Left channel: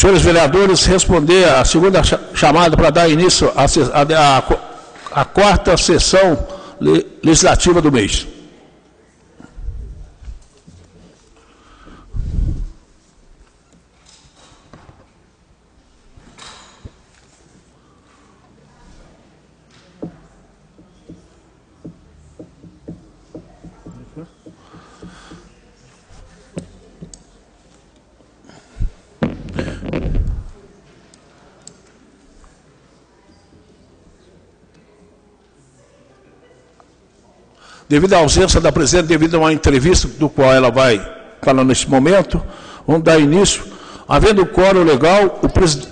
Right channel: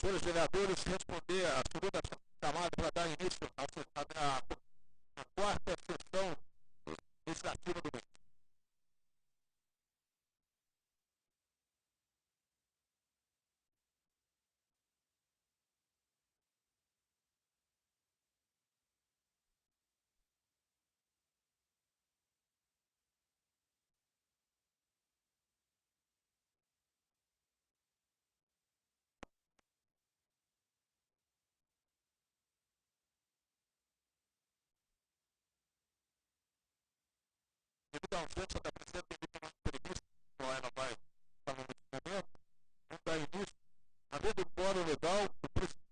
Senhores vereadores, responder a segunda chamada para dar início à quarta sessão legislativa do mês. Devido à ausência da presidente, devido a uma entrevista do qual ela vai falar nesse momento, vamos dar início. Havendo quórum legal, o presidente...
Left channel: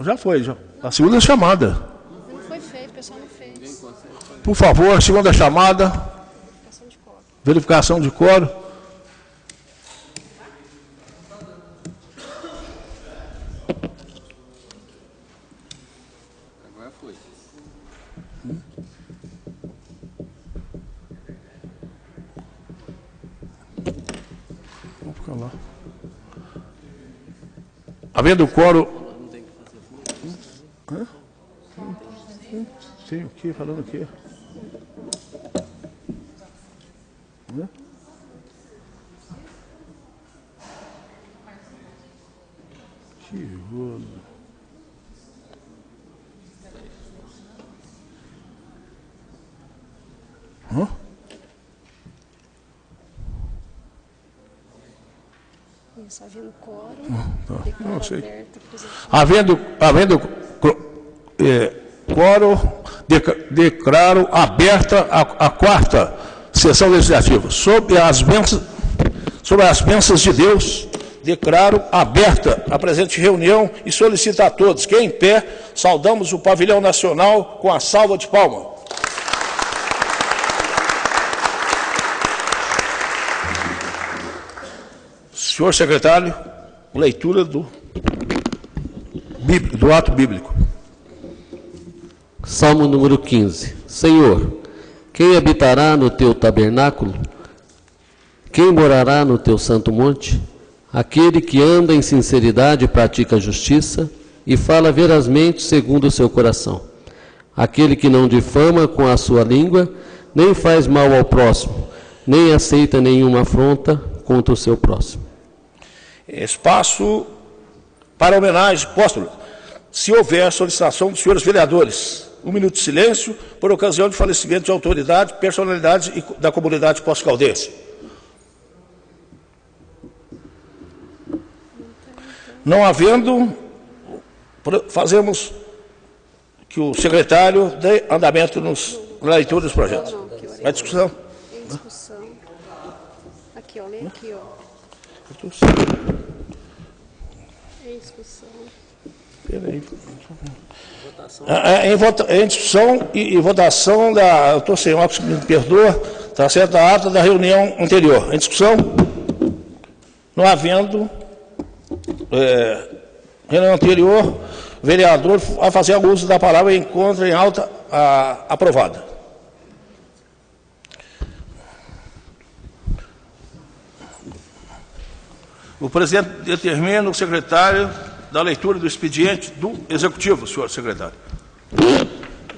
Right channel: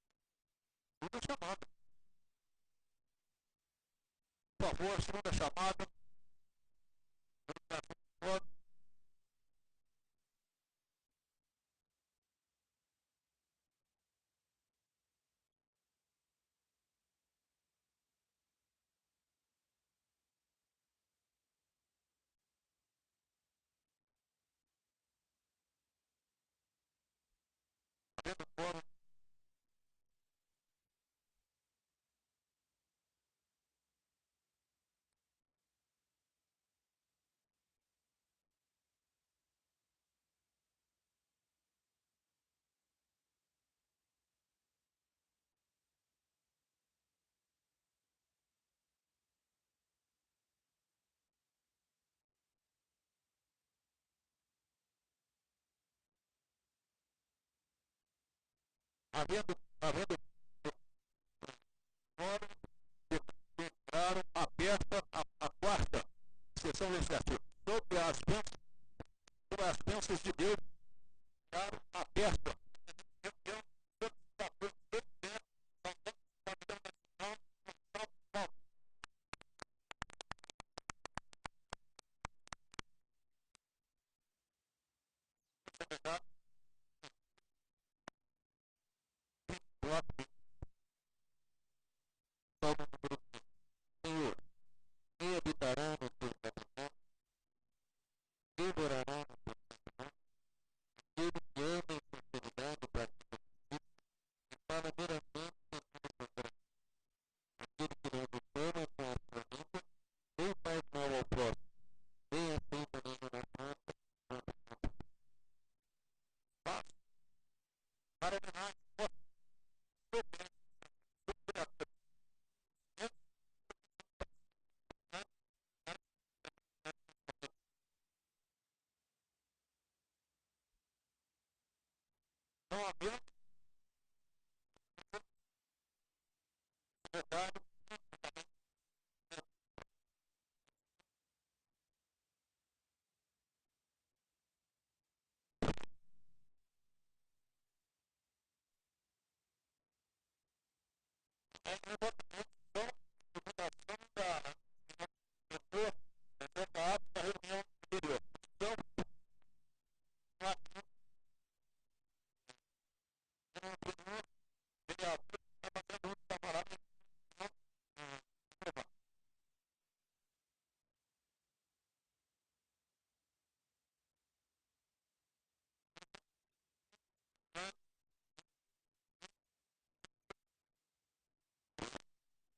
Já foi, já. A segunda chamada. Não foi feito, o pessoal não fez. Por favor, segunda chamada. Verificação de quórum. Havendo quórum... Sim, o que? Falando o quê? Que rolo. Isso, havendo quórum, não sei. Aberto, Havendo quórum, declaro aberta a quarta sessão legislativa. Sob as bênçãos de Deus, declaro aberta a presente reunião e solicito a todos que, em pé, saudamos o pavilhão nacional com a salva de palmas. Senhor secretário, leitura do ato bíblico. Salmo número 15. Senhor, quem habitará no teu tabernáculo? Quem morará no teu santo monte? Aquele que anda em sinceridade e pratica a justiça e fala verazmente segundo o seu coração. Aquele que não difama com a sua língua, nem faz mal ao próximo, nem aceita nenhuma afronta contra o seu próximo. Espaço para homenagem póstuma. Se houver solicitação dos senhores vereadores, 1 minuto de silêncio por ocasião de falecimento de autoridade, personalidade da comunidade pós-caldense. Não havendo, fazemos que o secretário dê andamento na leitura dos projetos. A discussão. Em discussão. Aqui, ó, lê aqui, ó. Em discussão. Em discussão e votação da... Eu estou sem óculos, me perdoa, está certo, a ata da reunião anterior. Em discussão, não havendo reunião anterior, o vereador vai fazer o uso da palavra e encontra em alta aprovada. O presidente determina o secretário da leitura do expediente do Executivo, senhor secretário.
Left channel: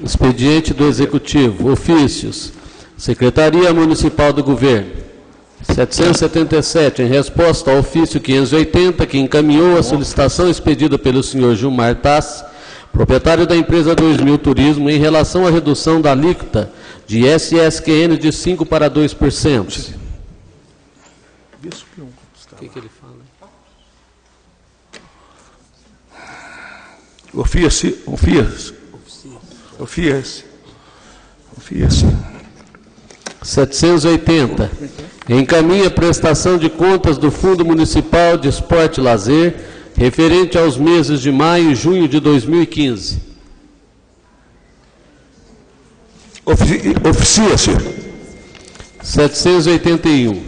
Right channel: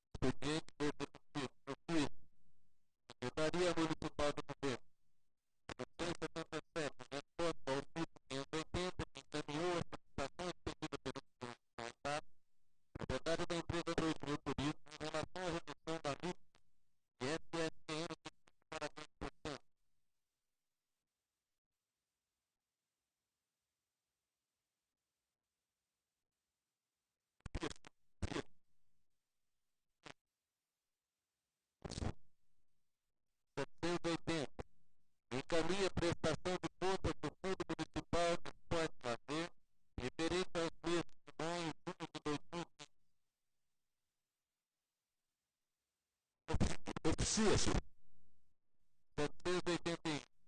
Expediente do Executivo. Ofícios. Secretaria Municipal do Governo. 777, em resposta ao ofício 580, que encaminhou a solicitação expedida pelo senhor Gilmar Tassi, proprietário da empresa 2000 Turismo, em relação à redução da alíquota de SSQN de 5% para 2%. O que ele fala? Ofício. 780. Encaminha a prestação de contas do Fundo Municipal de Esporte e Lazer, referente aos meses de maio e junho de 2015. Oficia-se. 781.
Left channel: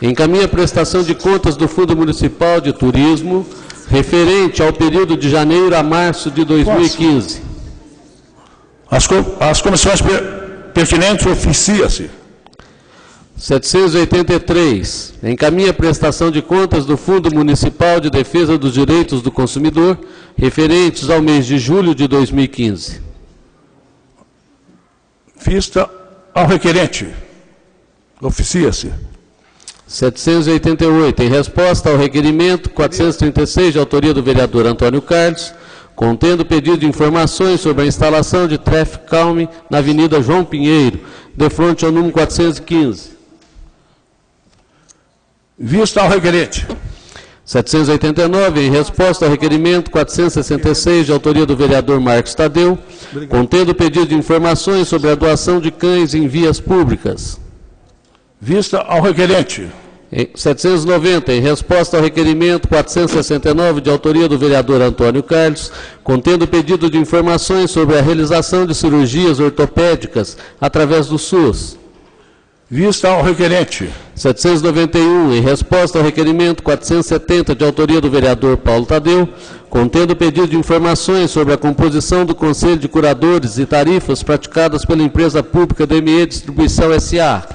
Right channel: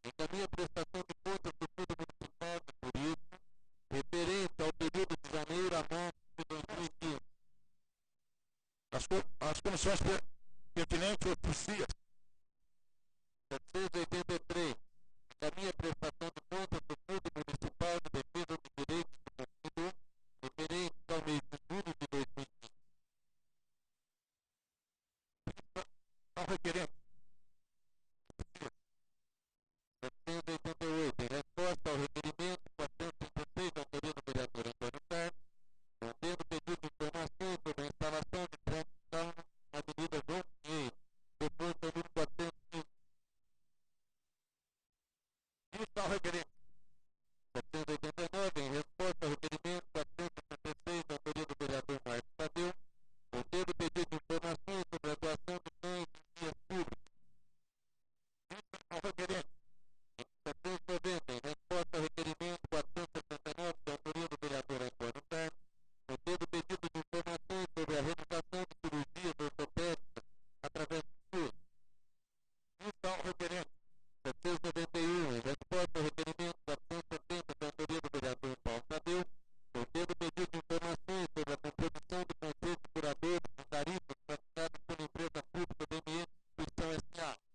Encaminha a prestação de contas do Fundo Municipal de Turismo, referente ao período de janeiro a março de 2015. As comissões pertinentes, oficia-se. 783. Encaminha a prestação de contas do Fundo Municipal de Defesa dos Direitos do Consumidor, referentes ao mês de julho de 2015. Vista ao requerente. Oficia-se. 788. Em resposta ao requerimento 436, de autoria do vereador Antônio Carlos, contendo pedido de informações sobre a instalação de traffic calming na Avenida João Pinheiro, de frente ao número 415. Vista ao requerente. 789, em resposta ao requerimento 466, de autoria do vereador Marcos Tadeu, contendo pedido de informações sobre a doação de cães em vias públicas. Vista ao requerente. 790, em resposta ao requerimento 469, de autoria do vereador Antônio Carlos, contendo pedido de informações sobre a realização de cirurgias ortopédicas através do SUS. Vista ao requerente. 791, em resposta ao requerimento 470, de autoria do vereador Paulo Tadeu, contendo pedido de informações sobre a composição do Conselho de Curadores e tarifas praticadas pela empresa pública DME Distribuição S.A.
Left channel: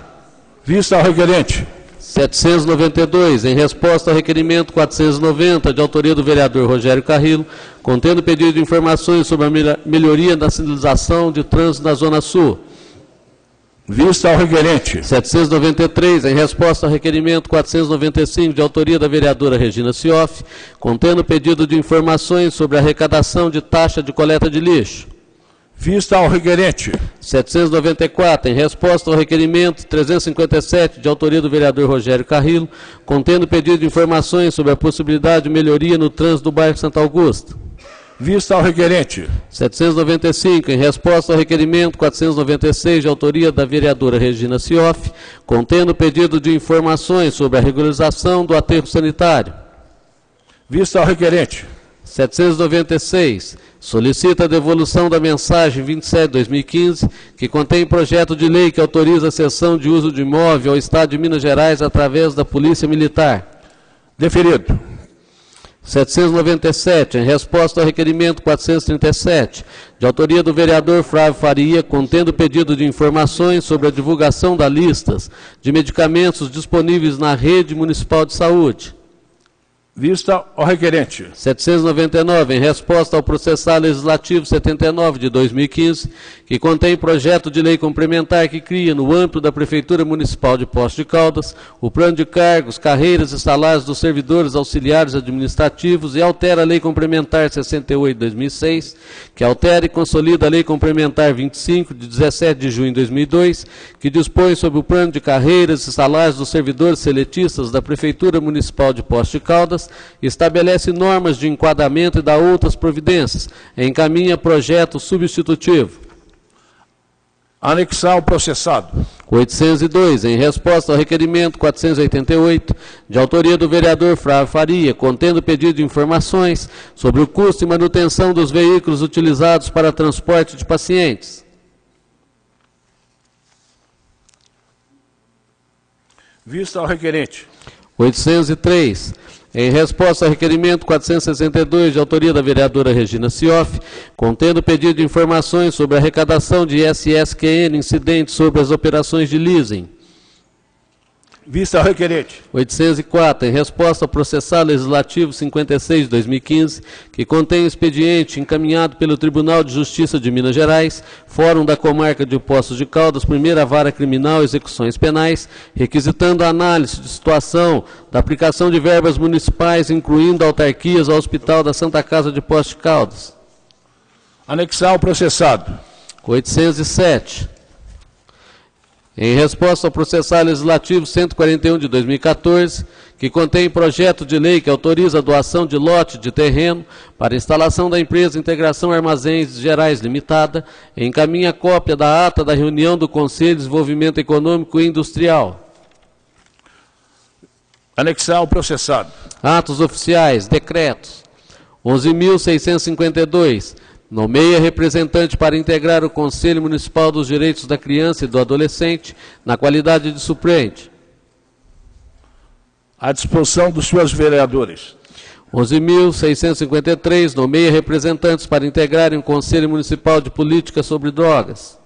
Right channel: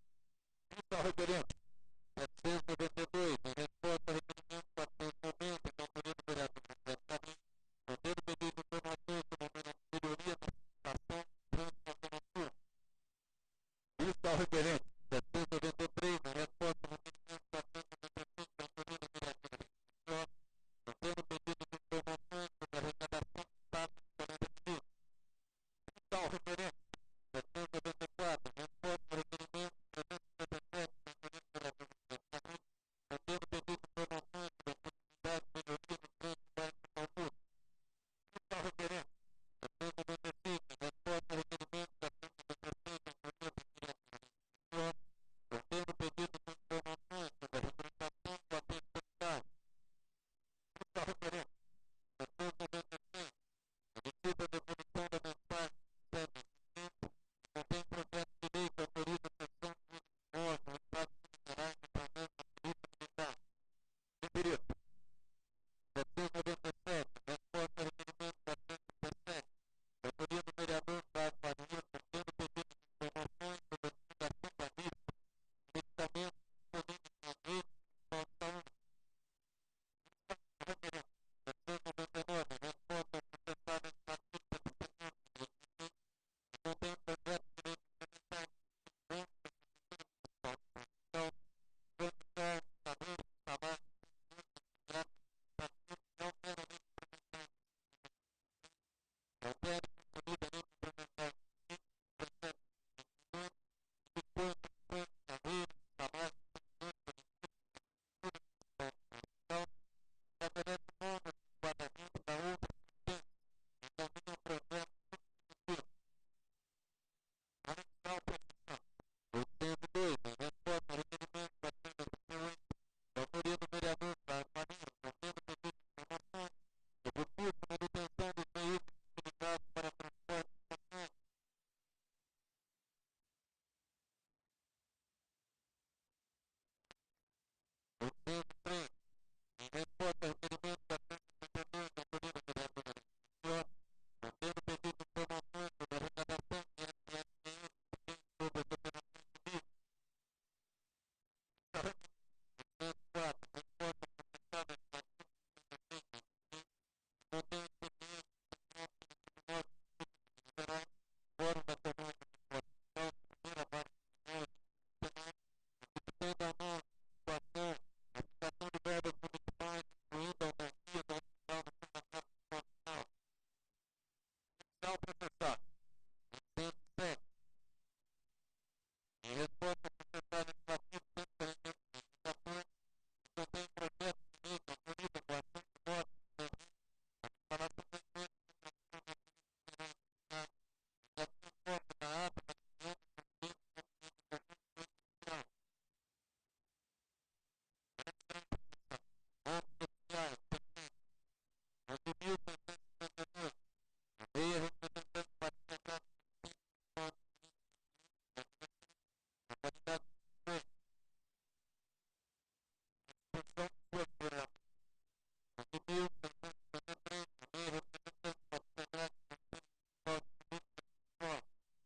Vista ao requerente. 792, em resposta ao requerimento 490, de autoria do vereador Rogério Carrillo, contendo pedido de informações sobre a melhoria da sinalização de trânsito na Zona Sul. Vista ao requerente. 793, em resposta ao requerimento 495, de autoria da vereadora Regina Cioff, contendo pedido de informações sobre a arrecadação de taxa de coleta de lixo. Vista ao requerente. 794, em resposta ao requerimento 357, de autoria do vereador Rogério Carrillo, contendo pedido de informações sobre a possibilidade de melhoria no trânsito do bairro Santa Augusta. Vista ao requerente. 795, em resposta ao requerimento 496, de autoria da vereadora Regina Cioff, contendo pedido de informações sobre a regularização do aterro sanitário. Vista ao requerente. 796, solicita a devolução da mensagem 27/2015, que contém projeto de lei que autoriza a cessão de uso de imóvel ao Estado de Minas Gerais através da Polícia Militar. Deferido. 797, em resposta ao requerimento 437, de autoria do vereador Flávio Faria, contendo pedido de informações sobre a divulgação das listas de medicamentos disponíveis na rede municipal de saúde. Vista ao requerente. 799, em resposta ao processal legislativo 79 de 2015, que contém projeto de lei complementar que cria, no âmbito da Prefeitura Municipal de Poços de Caldas, o plano de cargos, carreiras e salários dos servidores auxiliares administrativos e altera a Lei Complementar 68 de 2006, que altera e consolida a Lei Complementar 25 de 17 de junho de 2002, que dispõe sobre o plano de carreiras e salários dos servidores seletistas da Prefeitura Municipal de Poços de Caldas, estabelece normas de enquadramento e dá outras providências, encaminha projeto substitutivo. Anexar ao processado. 802, em resposta ao requerimento 488, de autoria do vereador Flávio Faria, contendo pedido de informações sobre o custo e manutenção dos veículos utilizados para transporte de pacientes. Vista ao requerente. 803, em resposta ao requerimento 462, de autoria da vereadora Regina Cioff, contendo pedido de informações sobre a arrecadação de ISSQN incidentes sobre as operações de leasing. Vista ao requerente. 804, em resposta ao processal legislativo 56 de 2015, que contém expediente encaminhado pelo Tribunal de Justiça de Minas Gerais, Fórum da Comarca de Poços de Caldas, Primeira Vara Criminal e Execuções Penais, requisitando a análise de situação da aplicação de verbas municipais, incluindo autarquias ao Hospital da Santa Casa de Poços de Caldas. Anexar ao processado. 807. Em resposta ao processal legislativo 141 de 2014, que contém projeto de lei que autoriza a doação de lote de terreno para instalação da empresa Integração Armazéns Gerais Limitada, encaminha cópia da ata da reunião do Conselho de Desenvolvimento Econômico e Industrial. Anexar ao processado. Atos oficiais, decretos. 11.652. Nomeia representante para integrar o Conselho Municipal dos Direitos da Criança e do Adolescente, na qualidade de suplente. À disposição dos senhores vereadores. 11.653, nomeia representantes para integrarem o Conselho Municipal de Política sobre Drogas.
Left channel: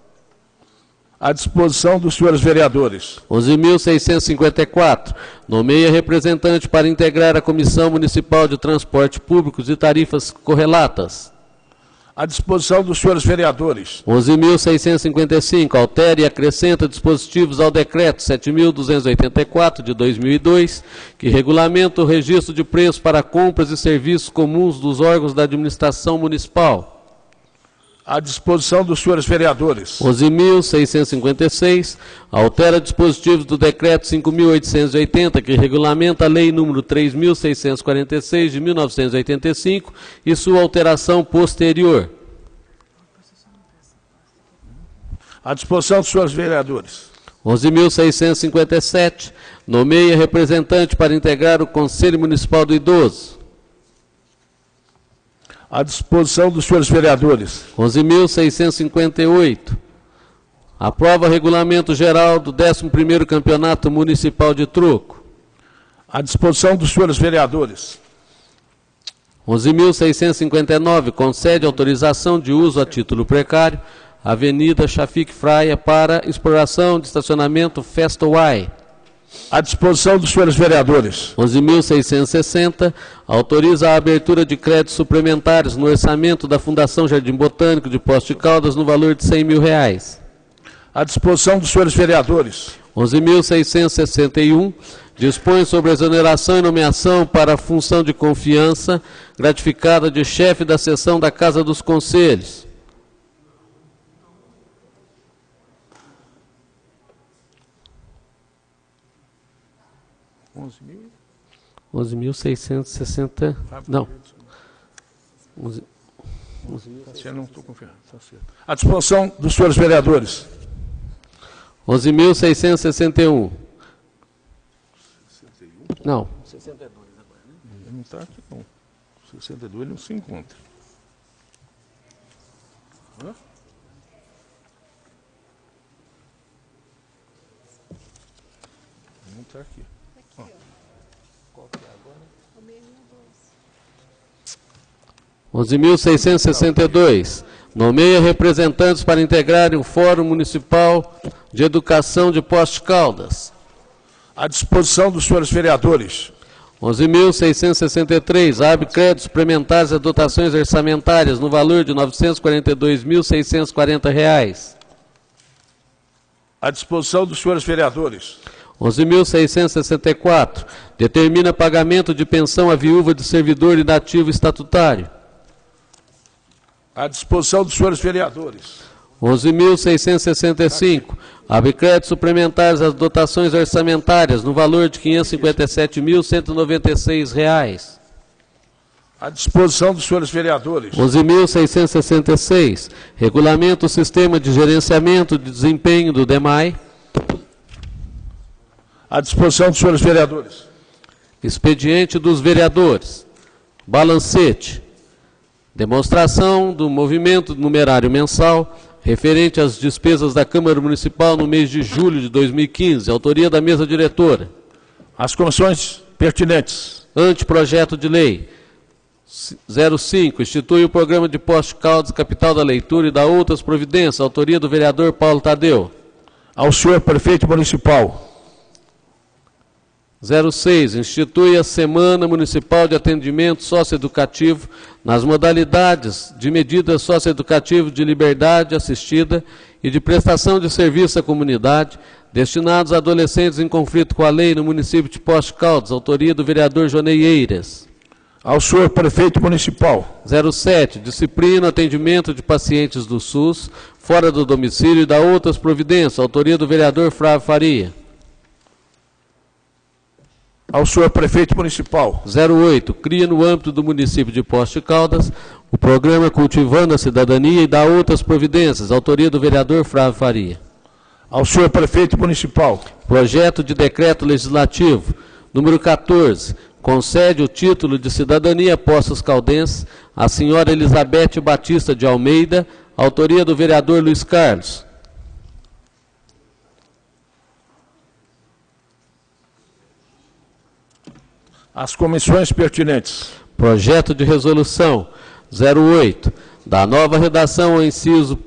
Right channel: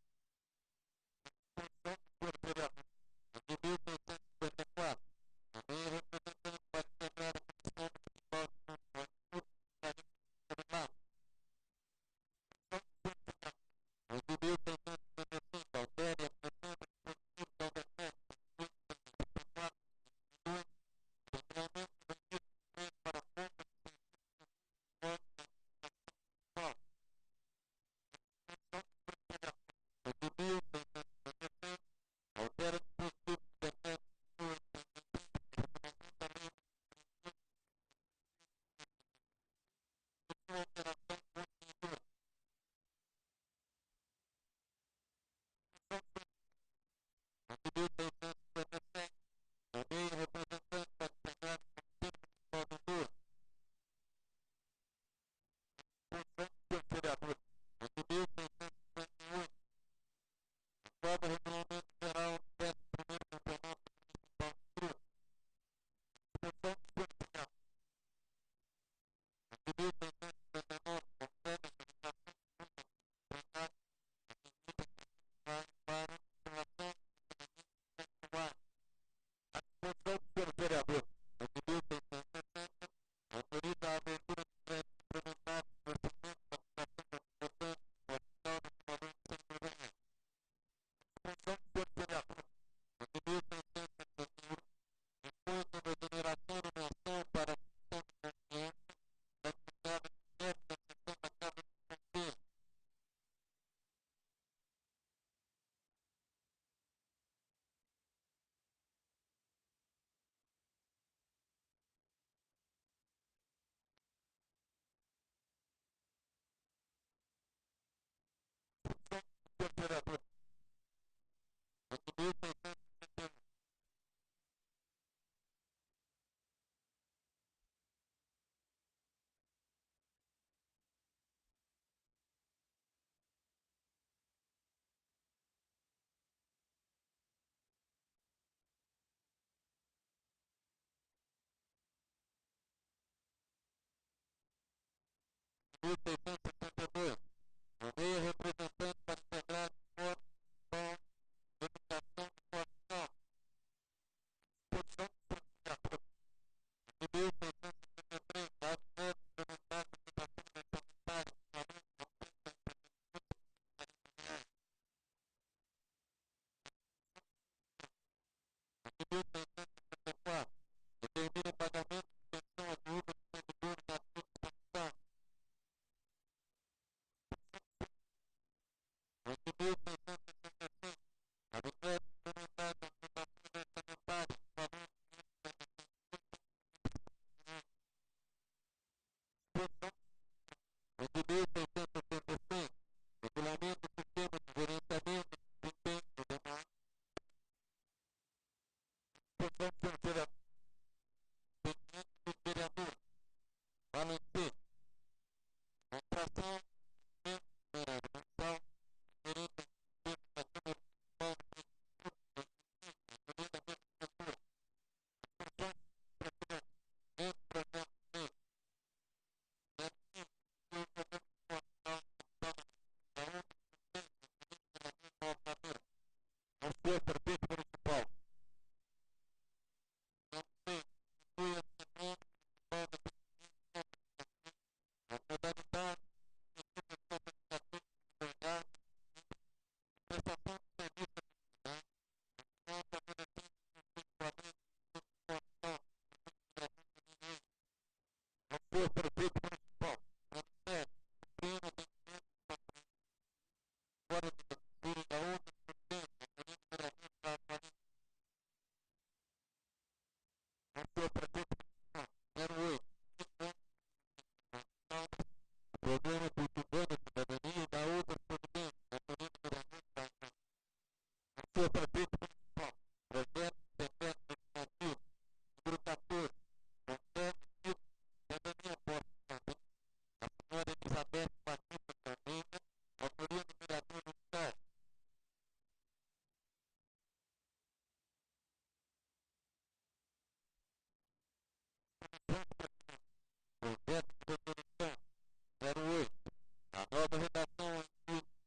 À disposição dos senhores vereadores. 11.654. Nomeia representante para integrar a Comissão Municipal de Transporte Públicos e Tarifas Correlatas. À disposição dos senhores vereadores. 11.655. Altera e acrescenta dispositivos ao Decreto 7.284, de 2002, que regulamenta o registro de preços para compras e serviços comuns dos órgãos da administração municipal. À disposição dos senhores vereadores. 11.656. Altera dispositivos do Decreto 5.880, que regulamenta a Lei número 3.646, de 1985, e sua alteração posterior. À disposição dos senhores vereadores. 11.657. Nomeia representante para integrar o Conselho Municipal do Idoso. À disposição dos senhores vereadores. 11.658. Aprova regulamento geral do 11º Campeonato Municipal de Troco. À disposição dos senhores vereadores. 11.659. Concede autorização de uso a título precário Avenida Chafik Fraia para exploração de estacionamento Festoway. À disposição dos senhores vereadores. 11.660. Autoriza a abertura de créditos suplementares no orçamento da Fundação Jardim Botânico de Poços de Caldas no valor de R$100 mil. À disposição dos senhores vereadores. 11.661. Dispõe sobre a exoneração e nomeação para a função de confiança gratificada de chefe da seção da Casa dos Conselhos. 11.660. Não. 11. Não estou confiando. Está certo. À disposição dos senhores vereadores. 11.661. Não. 62 agora, né? Não está aqui, não. 62 não se encontra. Hã? Não está aqui. Qual que é agora? 11.662. Nomeia representantes para integrarem o Fórum Municipal de Educação de Poços de Caldas. À disposição dos senhores vereadores. 11.663. Abre créditos suplementares a dotações orçamentárias no valor de R$ 942.640. À disposição dos senhores vereadores. 11.664. Determina pagamento de pensão à viúva de servidor inativo estatutário. À disposição dos senhores vereadores. 11.665. Abre créditos suplementares às dotações orçamentárias no valor de R$ 557.196. À disposição dos senhores vereadores. 11.666. Regulamenta o sistema de gerenciamento de desempenho do DEMAI. À disposição dos senhores vereadores. Expediente dos vereadores. Balancete. Demonstração do movimento numerário mensal referente às despesas da Câmara Municipal no mês de julho de 2015. Autoria da mesa diretora. As comissões pertinentes. Anteprojeto de lei. 05. Institui o programa de Poços de Caldas, capital da leitura, e dá outras providências. Autoria do vereador Paulo Tadeu. Ao senhor prefeito municipal. 06. Institui a Semana Municipal de Atendimento Socioeducativo nas modalidades de medidas socioeducativas de liberdade assistida e de prestação de serviço à comunidade, destinados a adolescentes em conflito com a lei no município de Poços de Caldas. Autoria do vereador Jonei Eiras. Ao senhor prefeito municipal. 07. Disciplina o atendimento de pacientes do SUS fora do domicílio e dá outras providências. Autoria do vereador Flávio Faria. Ao senhor prefeito municipal. 08. Cria no âmbito do município de Poços de Caldas o programa Cultivando a Cidadania e dá outras providências. Autoria do vereador Flávio Faria. Ao senhor prefeito municipal. Projeto de decreto legislativo número 14. Concede o título de cidadania Poços Caldenses à senhora Elizabeth Batista de Almeida. Autoria do vereador Luiz Carlos. As comissões pertinentes. Projeto de resolução 08. Da nova redação ao inciso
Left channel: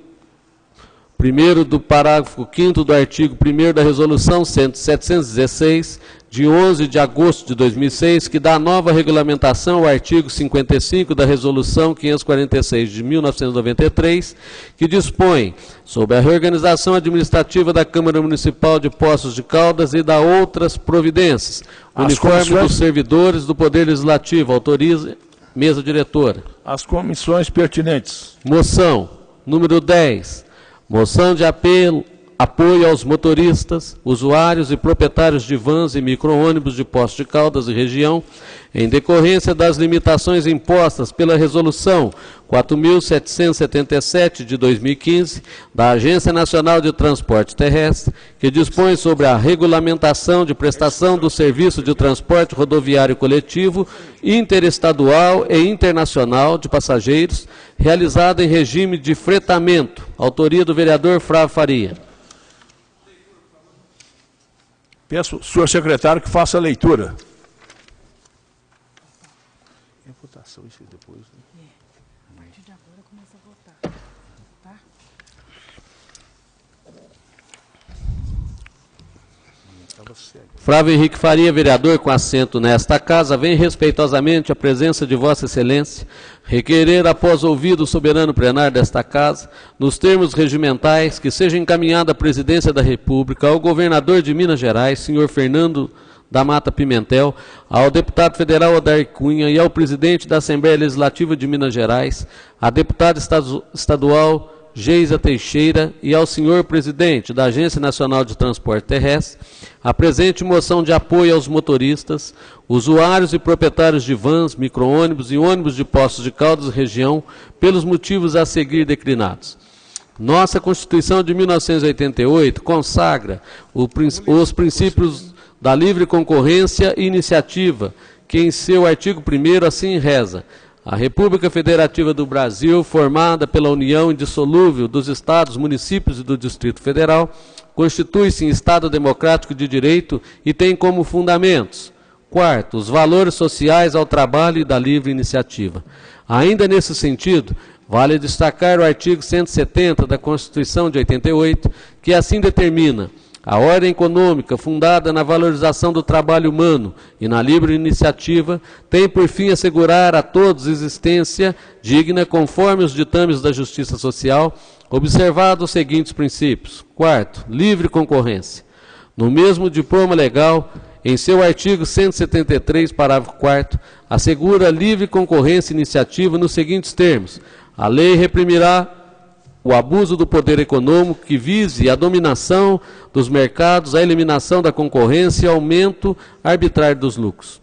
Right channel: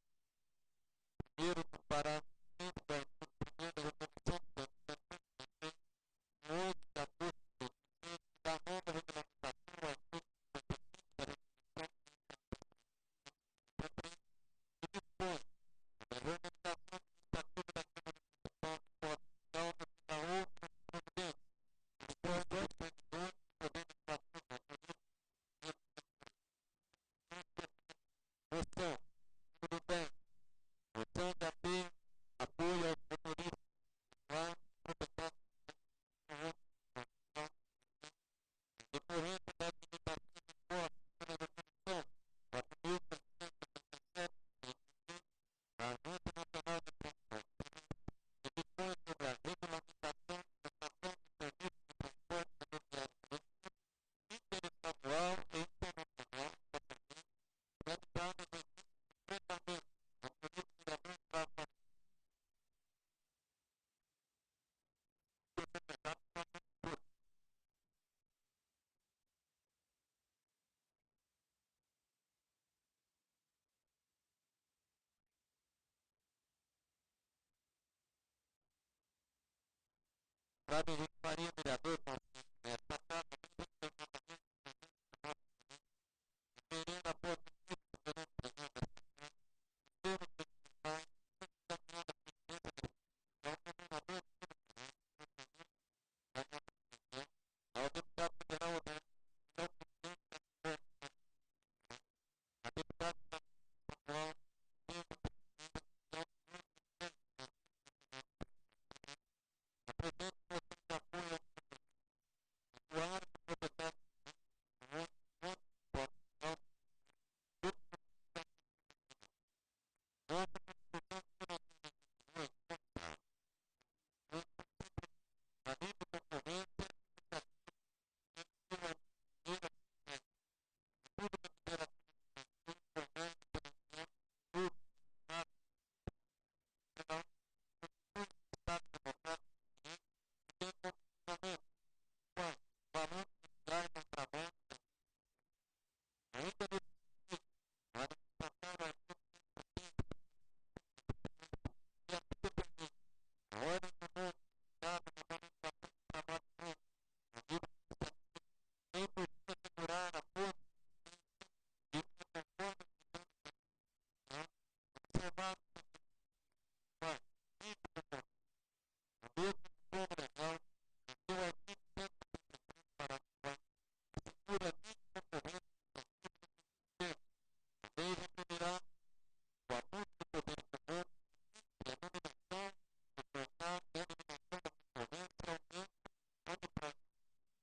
primeiro do parágrafo 5º do artigo 1º da Resolução 716, de 11 de agosto de 2006, que dá nova regulamentação ao artigo 55 da Resolução 546 de 1993, que dispõe sobre a reorganização administrativa da Câmara Municipal de Poços de Caldas e da outras providências. Uniforme dos servidores do Poder Legislativo. Autoriza mesa diretora. As comissões pertinentes. Moção número 10. Moção de apoio aos motoristas, usuários e proprietários de vans e micro-ônibus de Poços de Caldas e região, em decorrência das limitações impostas pela Resolução 4.777 de 2015, da Agência Nacional de Transporte Terrestre, que dispõe sobre a regulamentação de prestação do serviço de transporte rodoviário coletivo, interestadual e internacional de passageiros, realizada em regime de fretamento. Autoria do vereador Flávio Faria. Peço ao senhor secretário que faça a leitura. A partir de agora começa a votar, tá? Flávio Henrique Faria, vereador com assento nesta casa, vem respeitosamente à presença de Vossa Excelência, requerer, após ouvido o soberano plenário desta casa, nos termos regimentais, que seja encaminhada a presidência da República ao governador de Minas Gerais, senhor Fernando da Mata Pimentel, ao deputado federal Odair Cunha e ao presidente da Assembleia Legislativa de Minas Gerais, à deputada estadual Geisa Teixeira e ao senhor presidente da Agência Nacional de Transporte Terrestre, a presente moção de apoio aos motoristas, usuários e proprietários de vans, micro-ônibus e ônibus de Poços de Caldas e região, pelos motivos a seguir declinados. Nossa Constituição de 1988 consagra os princípios da livre concorrência e iniciativa, que em seu artigo 1º assim reza: a República Federativa do Brasil, formada pela união indissolúvel dos Estados, municípios e do Distrito Federal, constitui-se em Estado democrático de direito e tem como fundamentos: quarto, os valores sociais ao trabalho e da livre iniciativa. Ainda nesse sentido, vale destacar o artigo 170 da Constituição de 88, que assim determina: a ordem econômica, fundada na valorização do trabalho humano e na livre iniciativa, tem por fim assegurar a todos existência digna conforme os ditames da justiça social, observados os seguintes princípios. Quarto, livre concorrência. No mesmo diploma legal, em seu artigo 173, parágrafo 4º, assegura livre concorrência e iniciativa nos seguintes termos: a lei reprimirá o abuso do poder econômico que vise a dominação dos mercados, a eliminação da concorrência e aumento arbitrário dos lucros.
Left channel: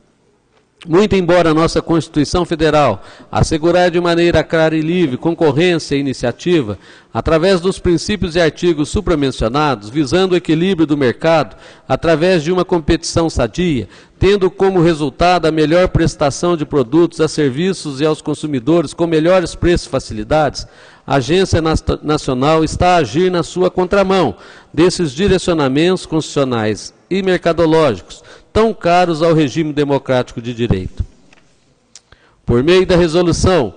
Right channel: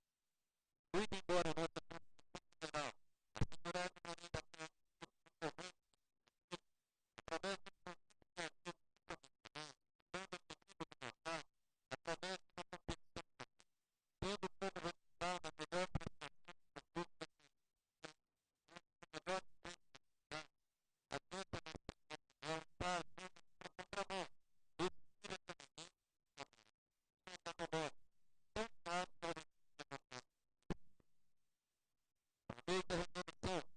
Muito embora a nossa Constituição Federal assegurar de maneira clara e livre concorrência e iniciativa, através dos princípios e artigos supramencionados, visando o equilíbrio do mercado, através de uma competição sadia, tendo como resultado a melhor prestação de produtos a serviços e aos consumidores com melhores preços e facilidades, a Agência Nacional está a agir na sua contramão desses direcionamentos constitucionais e mercadológicos, tão caros ao regime democrático de direito. Por meio da Resolução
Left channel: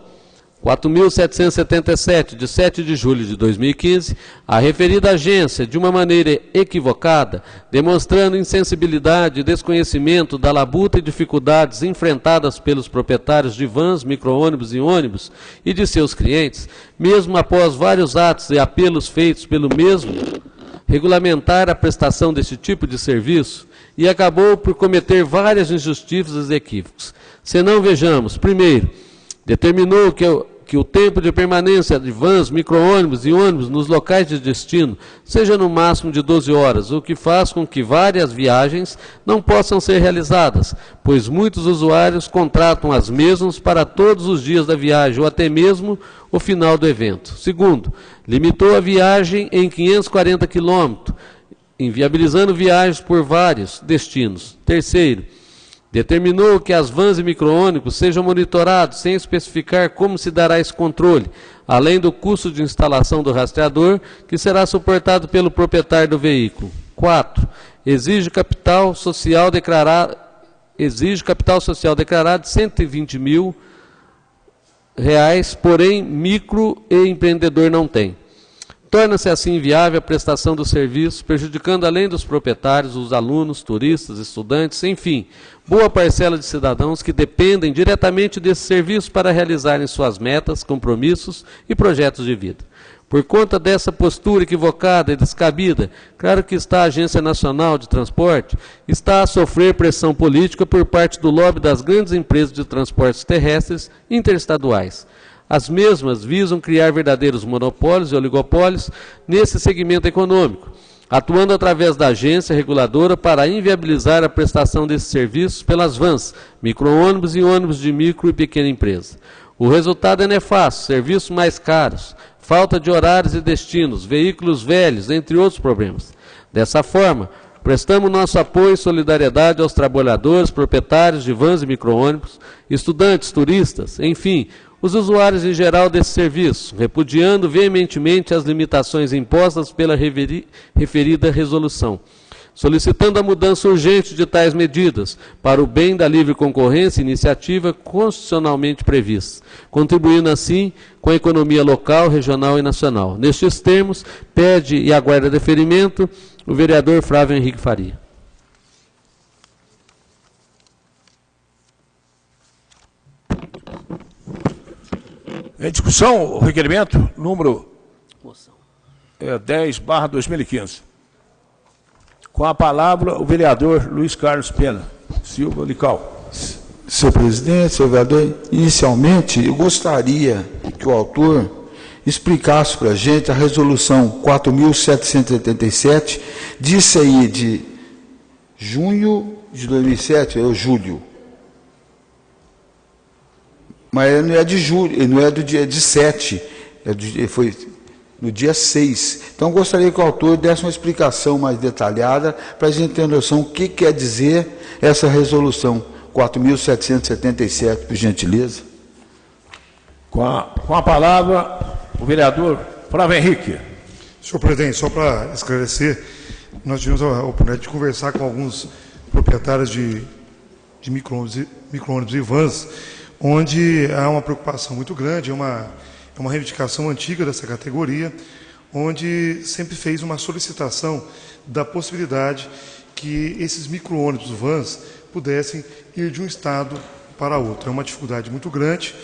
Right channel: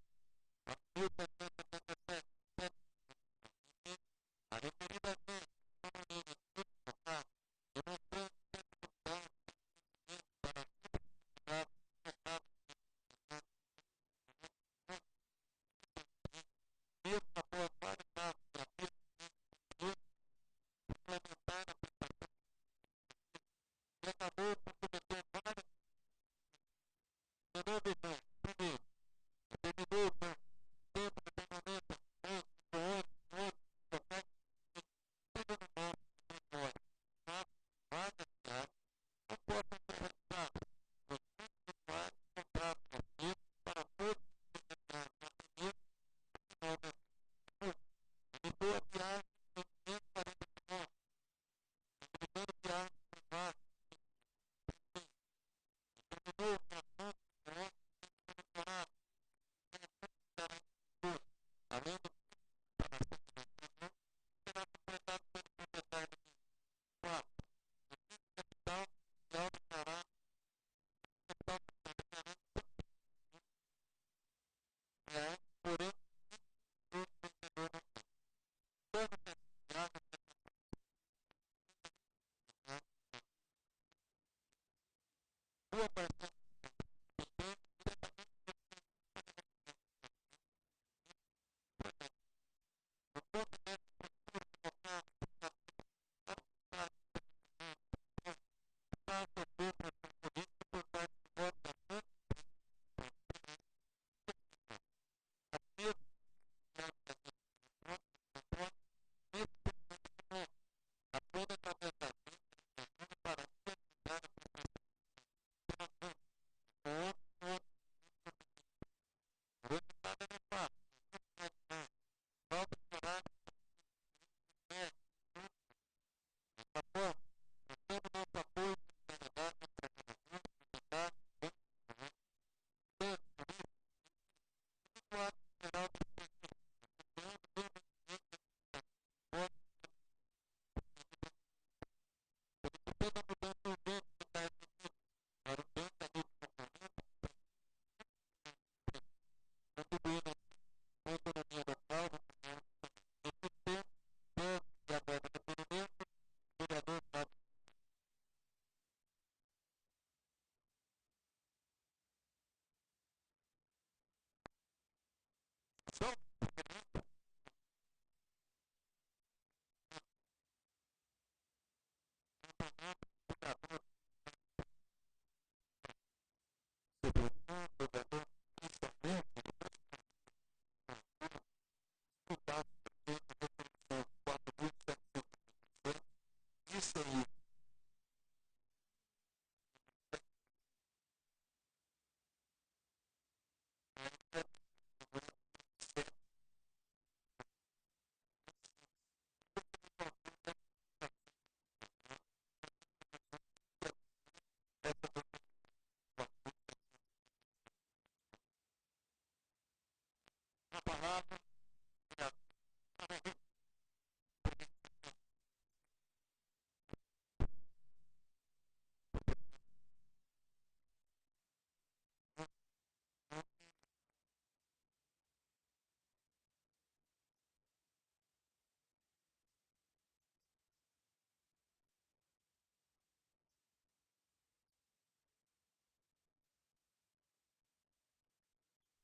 4.777, de 7 de julho de 2015, a referida agência, de uma maneira equivocada, demonstrando insensibilidade e desconhecimento da labuta e dificuldades enfrentadas pelos proprietários de vans, micro-ônibus e ônibus e de seus clientes, mesmo após vários atos e apelos feitos pelo mesmo, regulamentar a prestação desse tipo de serviço, e acabou por cometer várias injustiças e equívocos. Se não vejamos, primeiro, determinou que o tempo de permanência de vans, micro-ônibus e ônibus nos locais de destino seja no máximo de 12 horas, o que faz com que várias viagens não possam ser realizadas, pois muitos usuários contratam as mesmas para todos os dias da viagem ou até mesmo o final do evento. Segundo, limitou a viagem em 540 quilômetros, inviabilizando viagens por vários destinos. Terceiro, determinou que as vans e micro-ônibus sejam monitorados sem especificar como se dará esse controle, além do custo de instalação do rastreador, que será suportado pelo proprietário do veículo. 4. Exige capital social declarado de R$ 120 mil, porém micro e empreendedor não tem. Torna-se assim inviável a prestação do serviço, prejudicando além dos proprietários, os alunos, turistas, estudantes, enfim, boa parcela de cidadãos que dependem diretamente desse serviço para realizarem suas metas, compromissos e projetos de vida. Por conta dessa postura equivocada e descabida, claro que a Agência Nacional de Transporte está a sofrer pressão política por parte do lobby das grandes empresas de transportes terrestres interestaduais. As mesmas visam criar verdadeiros monopólios e oligopólios nesse segmento econômico, atuando através da agência reguladora para inviabilizar a prestação desses serviços pelas vans, micro-ônibus e ônibus de micro e pequena empresa. O resultado é nefasto: serviços mais caros, falta de horários e destinos, veículos velhos, entre outros problemas. Dessa forma, prestamos nosso apoio e solidariedade aos trabalhadores, proprietários de vans e micro-ônibus, estudantes, turistas, enfim, os usuários em geral desse serviço, repudiando veementemente as limitações impostas pela referida resolução, solicitando a mudança urgente de tais medidas para o bem da livre concorrência e iniciativa constitucionalmente prevista, contribuindo assim com a economia local, regional e nacional. Nestes termos, pede e aguarda deferimento o vereador Flávio Henrique Faria. Em discussão, o requerimento número 10/2015. Com a palavra, o vereador Luiz Carlos Pena Silva Lical. Senhor presidente, senhor vereador, inicialmente eu gostaria que o autor explicasse para a gente a resolução 4.787, disse aí de junho de 2007, ou julho. Mas não é de julho, não é do dia 7, foi no dia 6. Então, eu gostaria que o autor desse uma explicação mais detalhada para a gente ter noção o que quer dizer essa resolução 4.777, por gentileza. Com a palavra, o vereador Flávio Henrique. Senhor presidente, só para esclarecer, nós tivemos a oportunidade de conversar com alguns proprietários de micro-ônibus e vans, onde há uma preocupação muito grande, é uma reivindicação antiga dessa categoria, onde sempre fez uma solicitação da possibilidade que esses micro-ônibus, vans, pudessem ir de um estado para outro. É uma dificuldade muito grande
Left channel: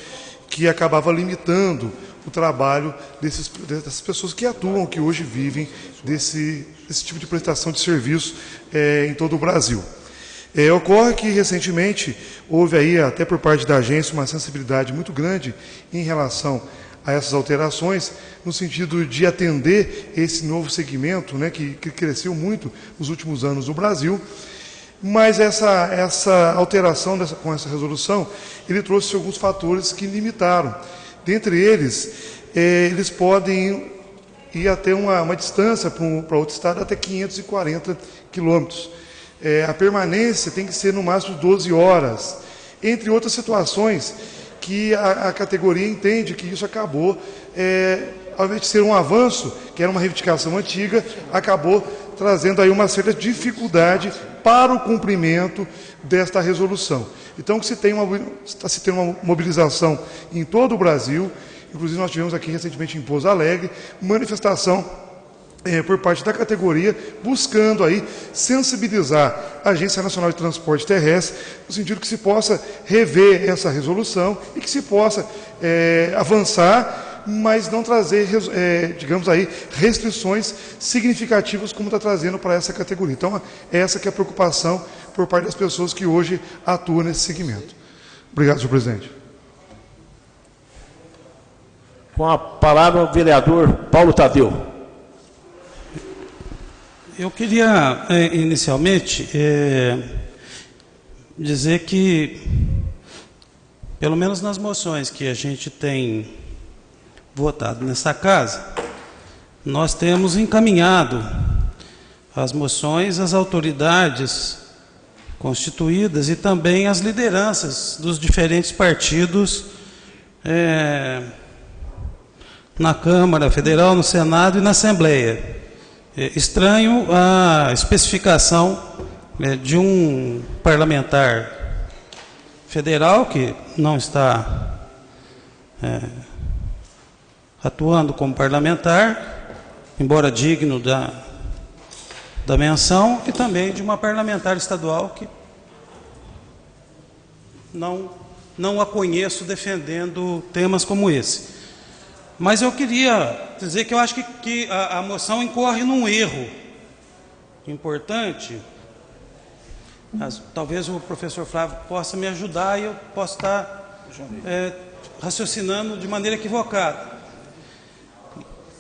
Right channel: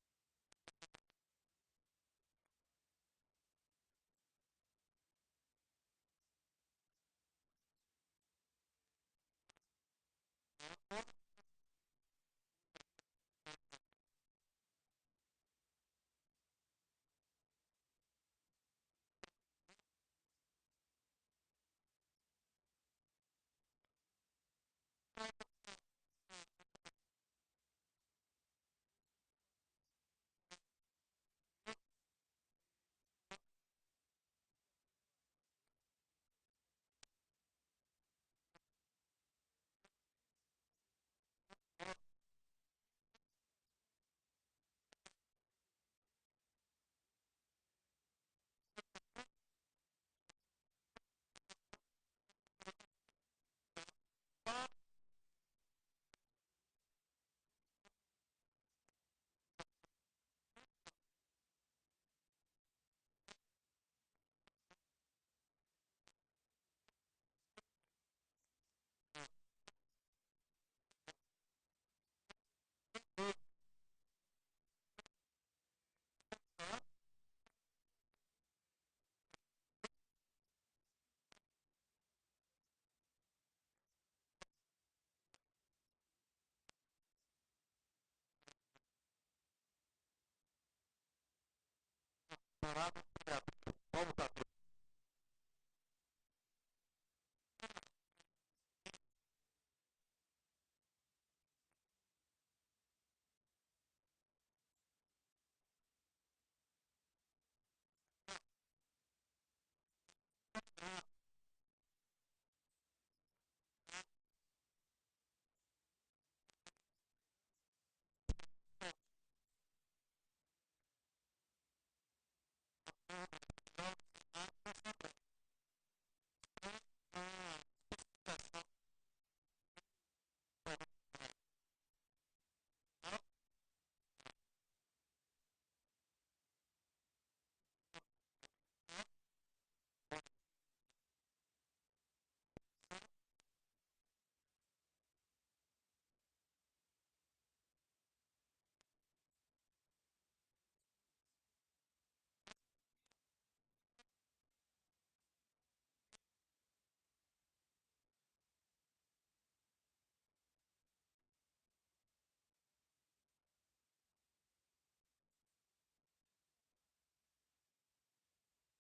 que acabava limitando o trabalho dessas pessoas que atuam, que hoje vivem desse tipo de prestação de serviço em todo o Brasil. Ocorre que, recentemente, houve aí, até por parte da agência, uma sensibilidade muito grande em relação a essas alterações, no sentido de atender esse novo segmento, né, que cresceu muito nos últimos anos no Brasil. Mas essa alteração com essa resolução, ele trouxe alguns fatores que limitaram. Dentre eles, eles podem ir até uma distância para outro estado até 540 quilômetros. A permanência tem que ser no máximo 12 horas, entre outras situações que a categoria entende que isso acabou, ao invés de ser um avanço, que era uma reivindicação antiga, acabou trazendo aí uma certa dificuldade para o cumprimento desta resolução. Então, está se tendo uma mobilização em todo o Brasil, inclusive nós tivemos aqui recentemente em Pouso Alegre, manifestação por parte da categoria, buscando aí sensibilizar a Agência Nacional de Transporte Terrestre, no sentido que se possa rever essa resolução e que se possa avançar, mas não trazer, digamos aí, restrições significativas como está trazendo para essa categoria. Então, essa que é a preocupação por parte das pessoas que hoje atuam nesse segmento. Obrigado, senhor presidente. Com a palavra, o vereador Paulo Tadeu. Eu queria, inicialmente, dizer que, pelo menos nas moções que a gente tem votado nessa casa, nós temos encaminhado as moções às autoridades constituídas e também às lideranças dos diferentes partidos na Câmara Federal, no Senado e na Assembleia. Estranho a especificação de um parlamentar federal que não está atuando como parlamentar embora digno da menção, e também de uma parlamentar estadual que não a conheço defendendo temas como esse. Mas eu queria dizer que eu acho que a moção incorre num erro importante. Talvez o professor Flávio possa me ajudar e eu possa estar raciocinando de maneira equivocada.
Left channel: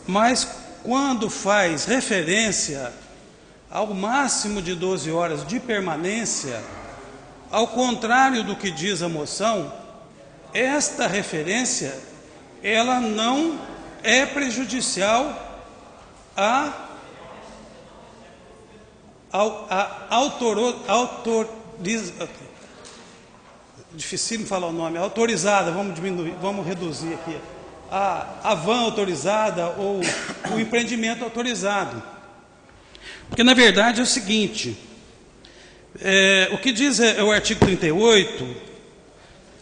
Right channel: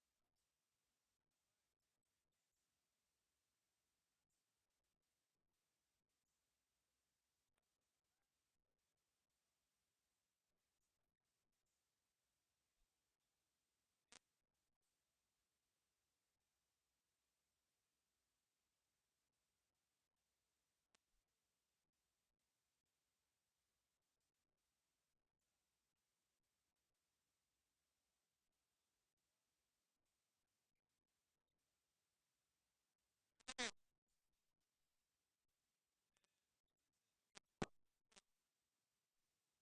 Mas quando faz referência ao máximo de 12 horas de permanência, ao contrário do que diz a moção, esta referência, ela não é prejudicial dificílimo falar o nome, autorizada, vamos reduzir aqui, a van autorizada ou o empreendimento autorizado. Porque, na verdade, é o seguinte, o que diz o artigo 38,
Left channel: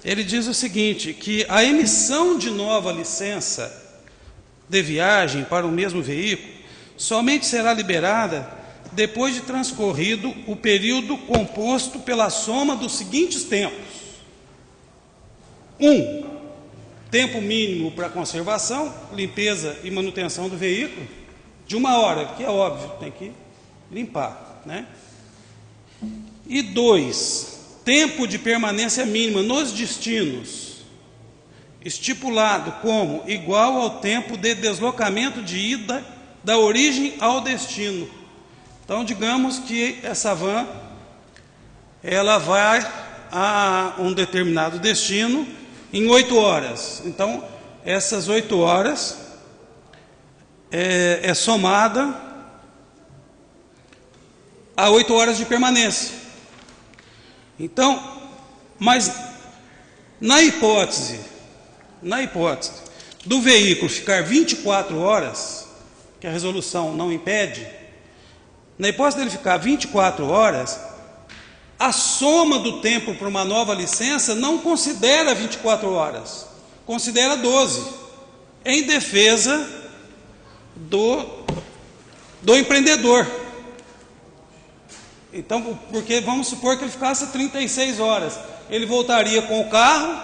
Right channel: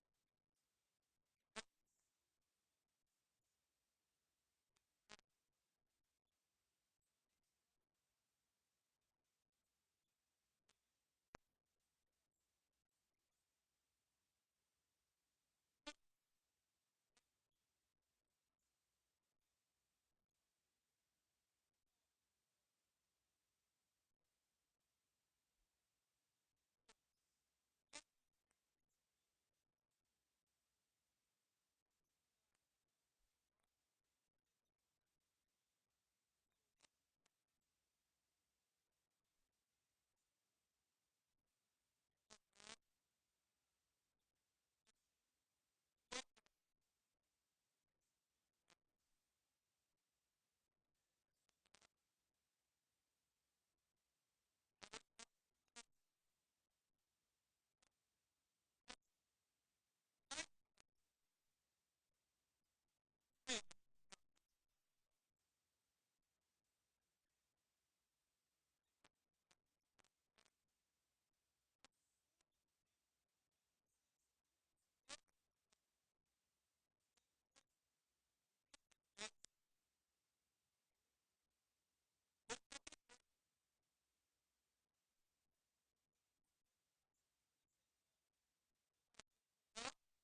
ele diz o seguinte, que a emissão de nova licença de viagem para o mesmo veículo somente será liberada depois de transcorrido o período composto pela soma dos seguintes tempos. 1. Tempo mínimo para conservação, limpeza e manutenção do veículo, de 1 hora, que é óbvio, tem que limpar, né? E 2. Tempo de permanência mínima nos destinos, estipulado como igual ao tempo de deslocamento de ida da origem ao destino. Então, digamos que essa van, ela vai a um determinado destino em 8 horas. Então, essas 8 horas é somada a 8 horas de permanência. Então, mas na hipótese do veículo ficar 24 horas, que a resolução não impede, na hipótese dele ficar 24 horas, a soma do tempo para uma nova licença não considera 24 horas, considera 12, em defesa do empreendedor. Então, porque vamos supor que ele ficasse 36 horas, ele voltaria com o carro,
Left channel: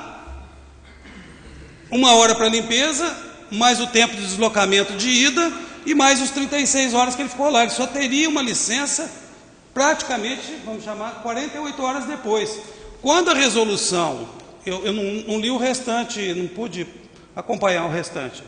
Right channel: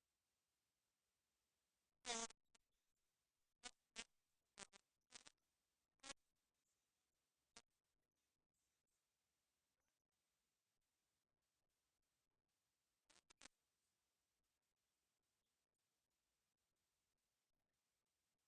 1 hora para limpeza, mais o tempo de deslocamento de ida e mais os 36 horas que ele ficou lá. Ele só teria uma licença praticamente, vamos chamar, 48 horas depois. Quando a resolução, eu não li o restante, não pude acompanhar o restante.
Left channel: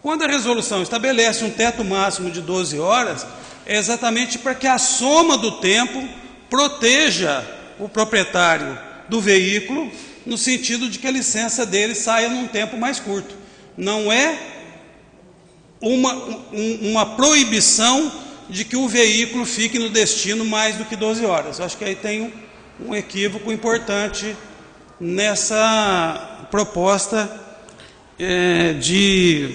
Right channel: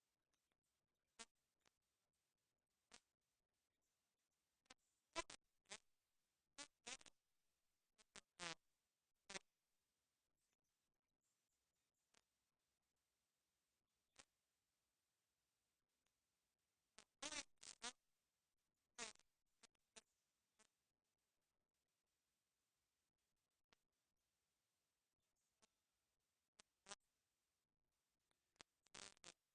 Quando a resolução estabelece um teto máximo de 12 horas, é exatamente para que a soma do tempo proteja o proprietário do veículo, no sentido de que a licença dele saia num tempo mais curto. Não é uma proibição de que o veículo fique no destino mais do que 12 horas. Eu acho que aí tem um equívoco importante nessa proposta de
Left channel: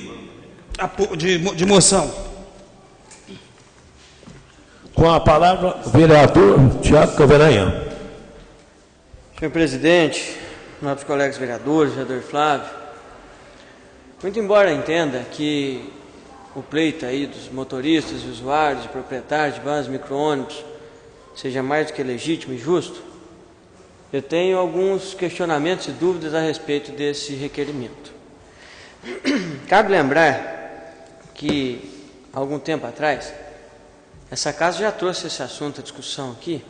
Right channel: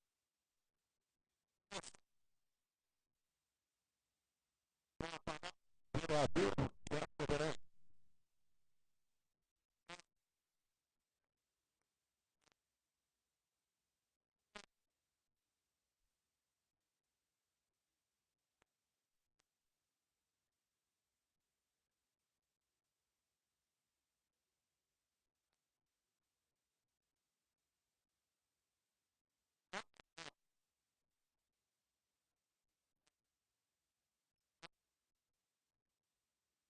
moção. Com a palavra, o vereador Tiago Caveranha. Senhor presidente, nobres colegas vereadores, vereador Flávio, muito embora entenda que o pleito aí dos motoristas e usuários e proprietários de vans e micro-ônibus seja mais do que legítimo e justo, eu tenho alguns questionamentos e dúvidas a respeito desse requerimento. Cabe lembrar que, há algum tempo atrás, essa casa já trouxe esse assunto à discussão aqui.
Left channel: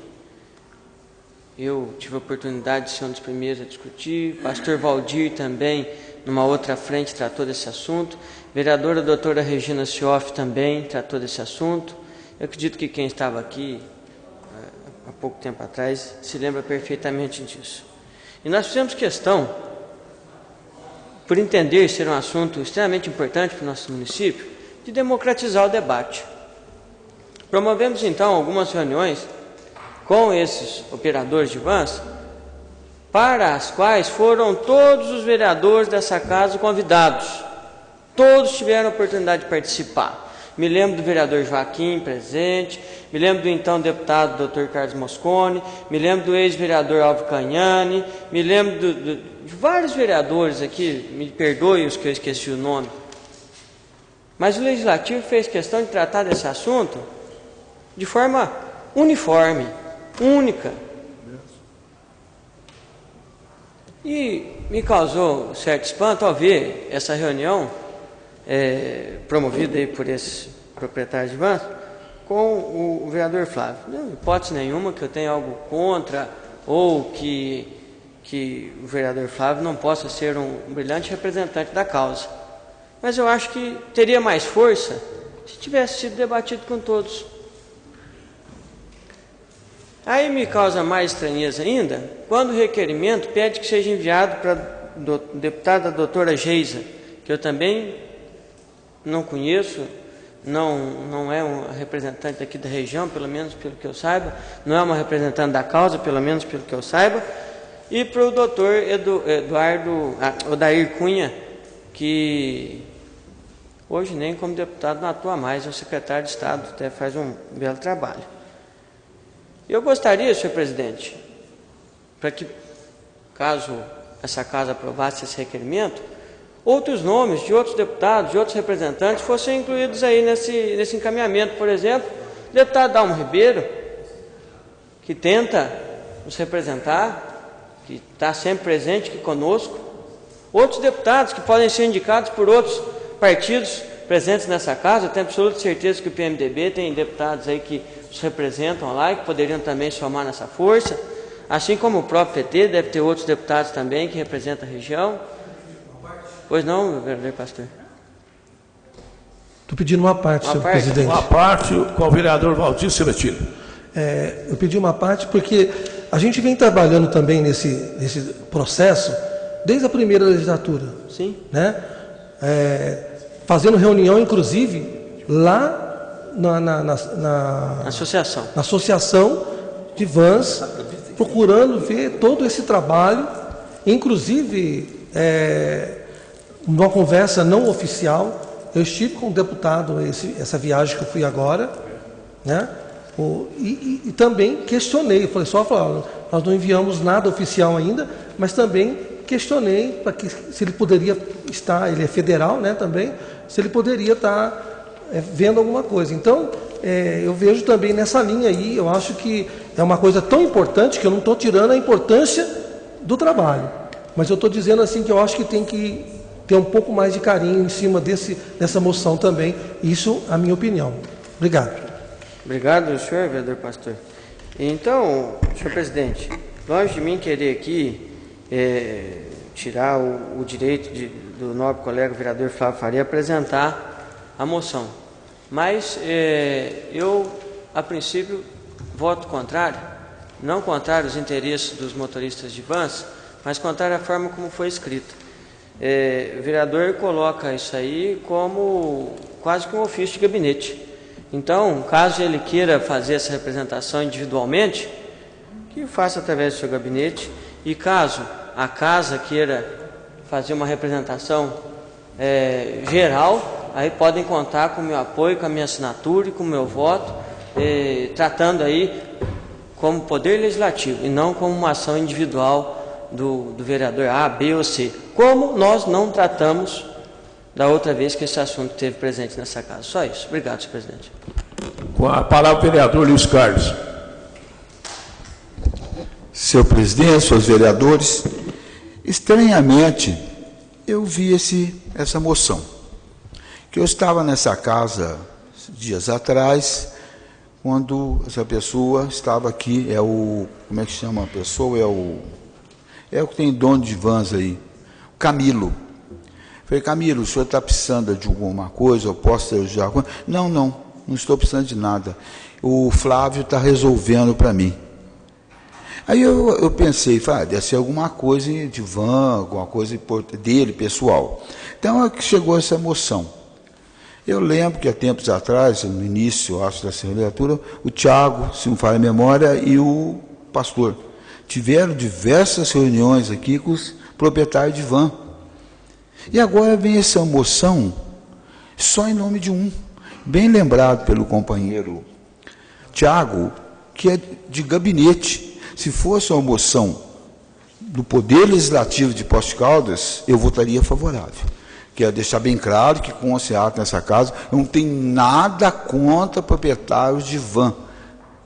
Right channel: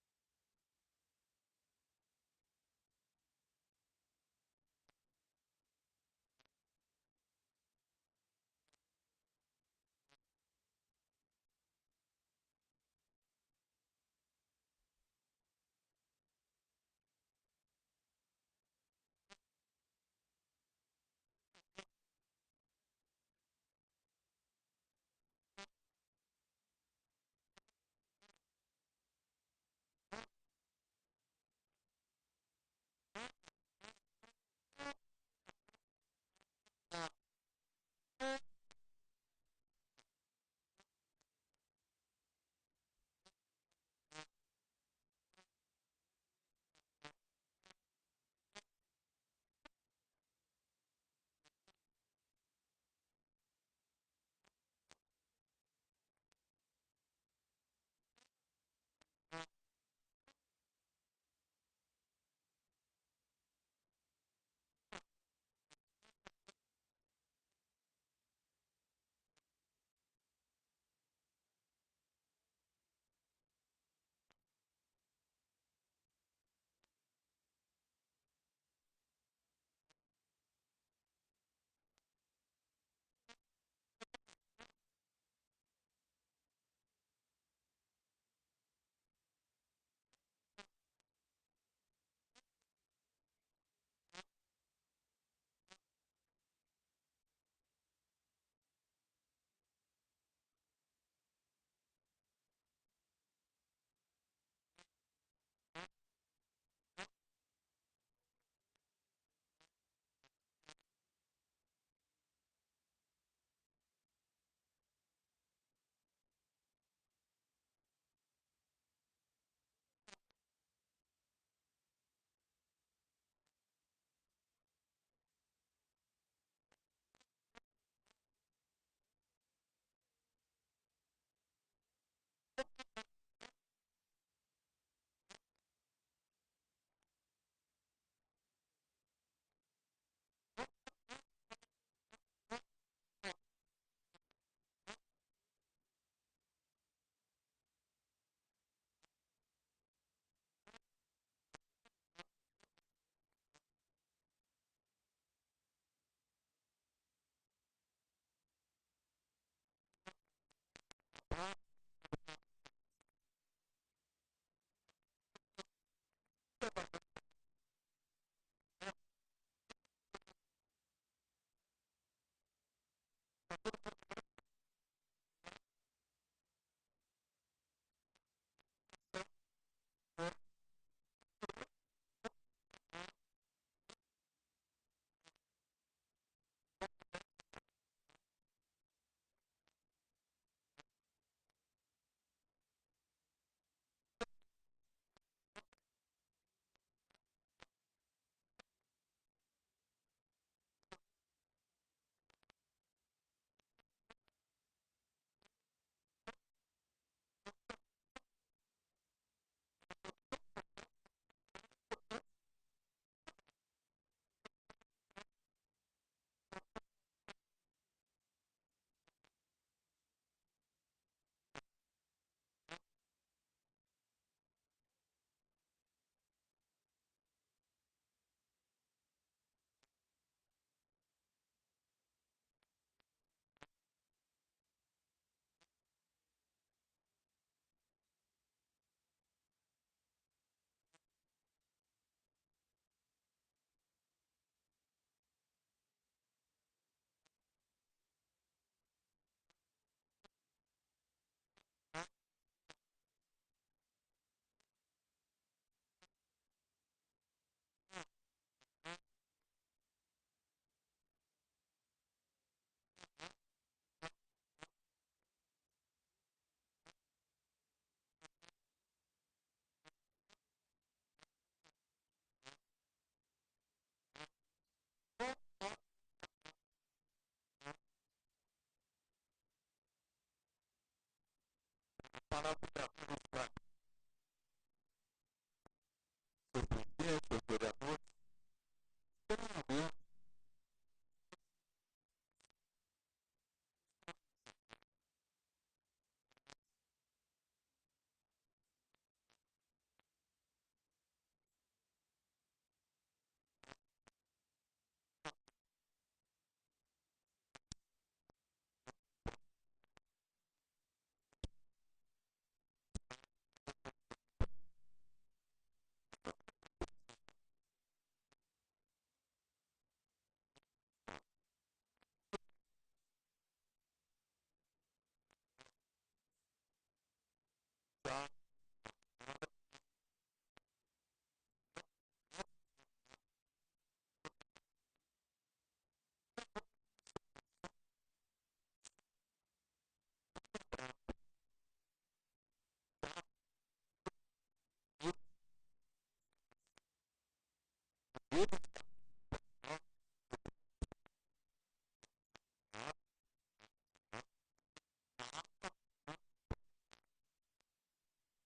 Eu tive a oportunidade de ser um dos primeiros a discutir, pastor Valdir também, numa outra frente, tratou desse assunto, vereadora doutora Regina Sioff também tratou desse assunto. Eu acredito que quem estava aqui há pouco tempo atrás se lembra perfeitamente disso. E nós fizemos questão, por entender ser um assunto extremamente importante para o nosso município, de democratizar o debate. Promovemos então algumas reuniões com esses operadores de vans, para as quais foram todos os vereadores dessa casa convidados. Todos tiveram a oportunidade de participar. Me lembro do vereador Joaquim presente, me lembro do então deputado Dr. Carlos Moscone, me lembro do ex-vereador Alvo Cagnani, me lembro de vários vereadores aqui, me perdoem os que eu esqueci o nome. Mas o Legislativo fez questão de tratar desse assunto de forma uniforme, única. E me causou certo espanto ao ver essa reunião promovida aí por esses proprietários de vans com o vereador Flávio. Não hipótese nenhuma que eu tenha algo contra ou que o vereador Flávio não possa ser um brilhante representante da causa. Mas eu acho que teria mais força se tivesse sido debatido com todos. Aí me causa mais estranheza ainda quando o requerimento pede que seja enviado para a deputada doutora Geisa, que eu também não conheço, não é uma representante aqui da região, pelo menos pelo que eu saiba, não é uma representante da causa, pelo menos pelo que eu saiba, e para o doutor Odair Cunha, que hoje nem como deputado não atua mais, é o secretário de Estado, até faz um belo trabalho. Eu gostaria, senhor presidente, para que, caso essa casa aprovasse esse requerimento, outros nomes de outros deputados, de outros representantes, fossem incluídos aí nesse encaminhamento. Por exemplo, o deputado Dalmo Ribeiro, que tenta nos representar, que está sempre presente aqui conosco, outros deputados que podem ser indicados por outros partidos presentes nessa casa. Eu tenho absoluta certeza que o PMDB tem deputados aí que os representam lá e que poderiam também somar nessa força, assim como o próprio PT deve ter outros deputados também que representam a região. Pois não, vereador Pastor? Estou pedindo uma parte, senhor presidente. Uma parte com o vereador Valdir Seletino. Eu pedi uma parte porque a gente vem trabalhando também nesse processo desde a primeira legislatura. Sim. Né? Fazendo reunião, inclusive, lá na associação de vans, procurando ver todo esse trabalho, inclusive numa conversa não oficial. Eu estive com o deputado essa viagem que eu fui agora, né? E também questionei, falei, nós não enviamos nada oficial ainda, mas também questionei para que se ele poderia estar, ele é federal, né, também, se ele poderia estar vendo alguma coisa. Então, eu vejo também nessa linha aí, eu acho que é uma coisa tão importante que eu não estou tirando a importância do trabalho, mas eu estou dizendo assim que eu acho que tem que ter um pouco mais de carinho em cima dessa moção também. Isso, a minha opinião. Obrigado. Obrigado, senhor vereador Pastor. Então, senhor presidente, longe de mim querer aqui tirar o direito do nobre colega vereador Flávio Faria apresentar a moção. Mas eu, a princípio, voto contrário, não contrário aos interesses dos motoristas de vans, mas contrário à forma como foi escrita. O vereador coloca isso aí como quase que um ofício de gabinete. Então, caso ele queira fazer essa representação individualmente, que faça através do seu gabinete, e caso a casa queira fazer uma representação geral, aí podem contar com o meu apoio, com a minha assinatura e com o meu voto, tratando aí como poder legislativo e não como uma ação individual do vereador A, B ou C, como nós não tratamos da outra vez que esse assunto esteve presente nessa casa. Só isso. Obrigado, senhor presidente. Com a palavra o vereador Luiz Carlos. Senhor presidente, senhores vereadores, estranhamente eu vi essa moção, que eu estava nessa casa dias atrás, quando essa pessoa estava aqui, como é que chama a pessoa? É o que tem dono de vans aí, Camilo. Falei, Camilo, o senhor está precisando de alguma coisa, eu posso te ajudar? Não estou precisando de nada. O Flávio está resolvendo para mim. Aí eu pensei, deve ser alguma coisa de van, alguma coisa dele, pessoal. Então, chegou essa moção. Eu lembro que há tempos atrás, no início, acho, dessa legislatura, o Tiago, se não falha a memória, e o pastor tiveram diversas reuniões aqui com os proprietários de van. E agora vem essa moção só em nome de um, bem lembrado pelo companheiro Tiago, que é de gabinete. Se fosse uma moção do Poder Legislativo de Poços de Caldas, eu votaria favorável. Quero deixar bem claro que, com esse ato nessa casa, eu não tenho nada contra proprietários de van.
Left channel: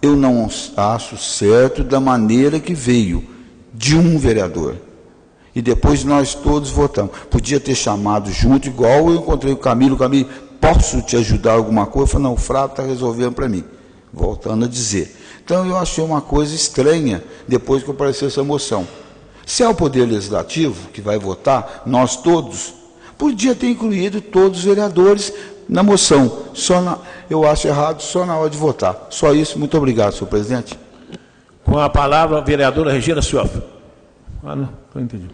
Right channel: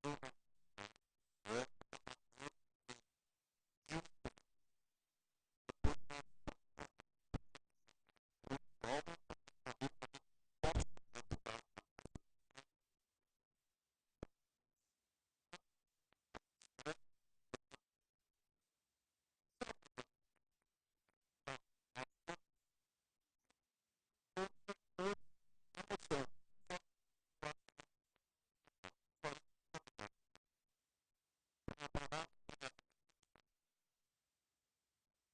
Eu não acho certo da maneira que veio, de um vereador. E depois nós todos votamos. Podia ter chamado junto, igual eu encontrei o Camilo. Camilo, posso te ajudar alguma coisa? Eu falei, não, o Flávio está resolvendo para mim. Voltando a dizer. Então, eu achei uma coisa estranha, depois que apareceu essa moção. Se é o Poder Legislativo que vai votar, nós todos, podia ter incluído todos os vereadores na moção. Eu acho errado só na hora de votar. Só isso. Muito obrigado, senhor presidente. Com a palavra, a vereadora Regina Cioff. Não entendi.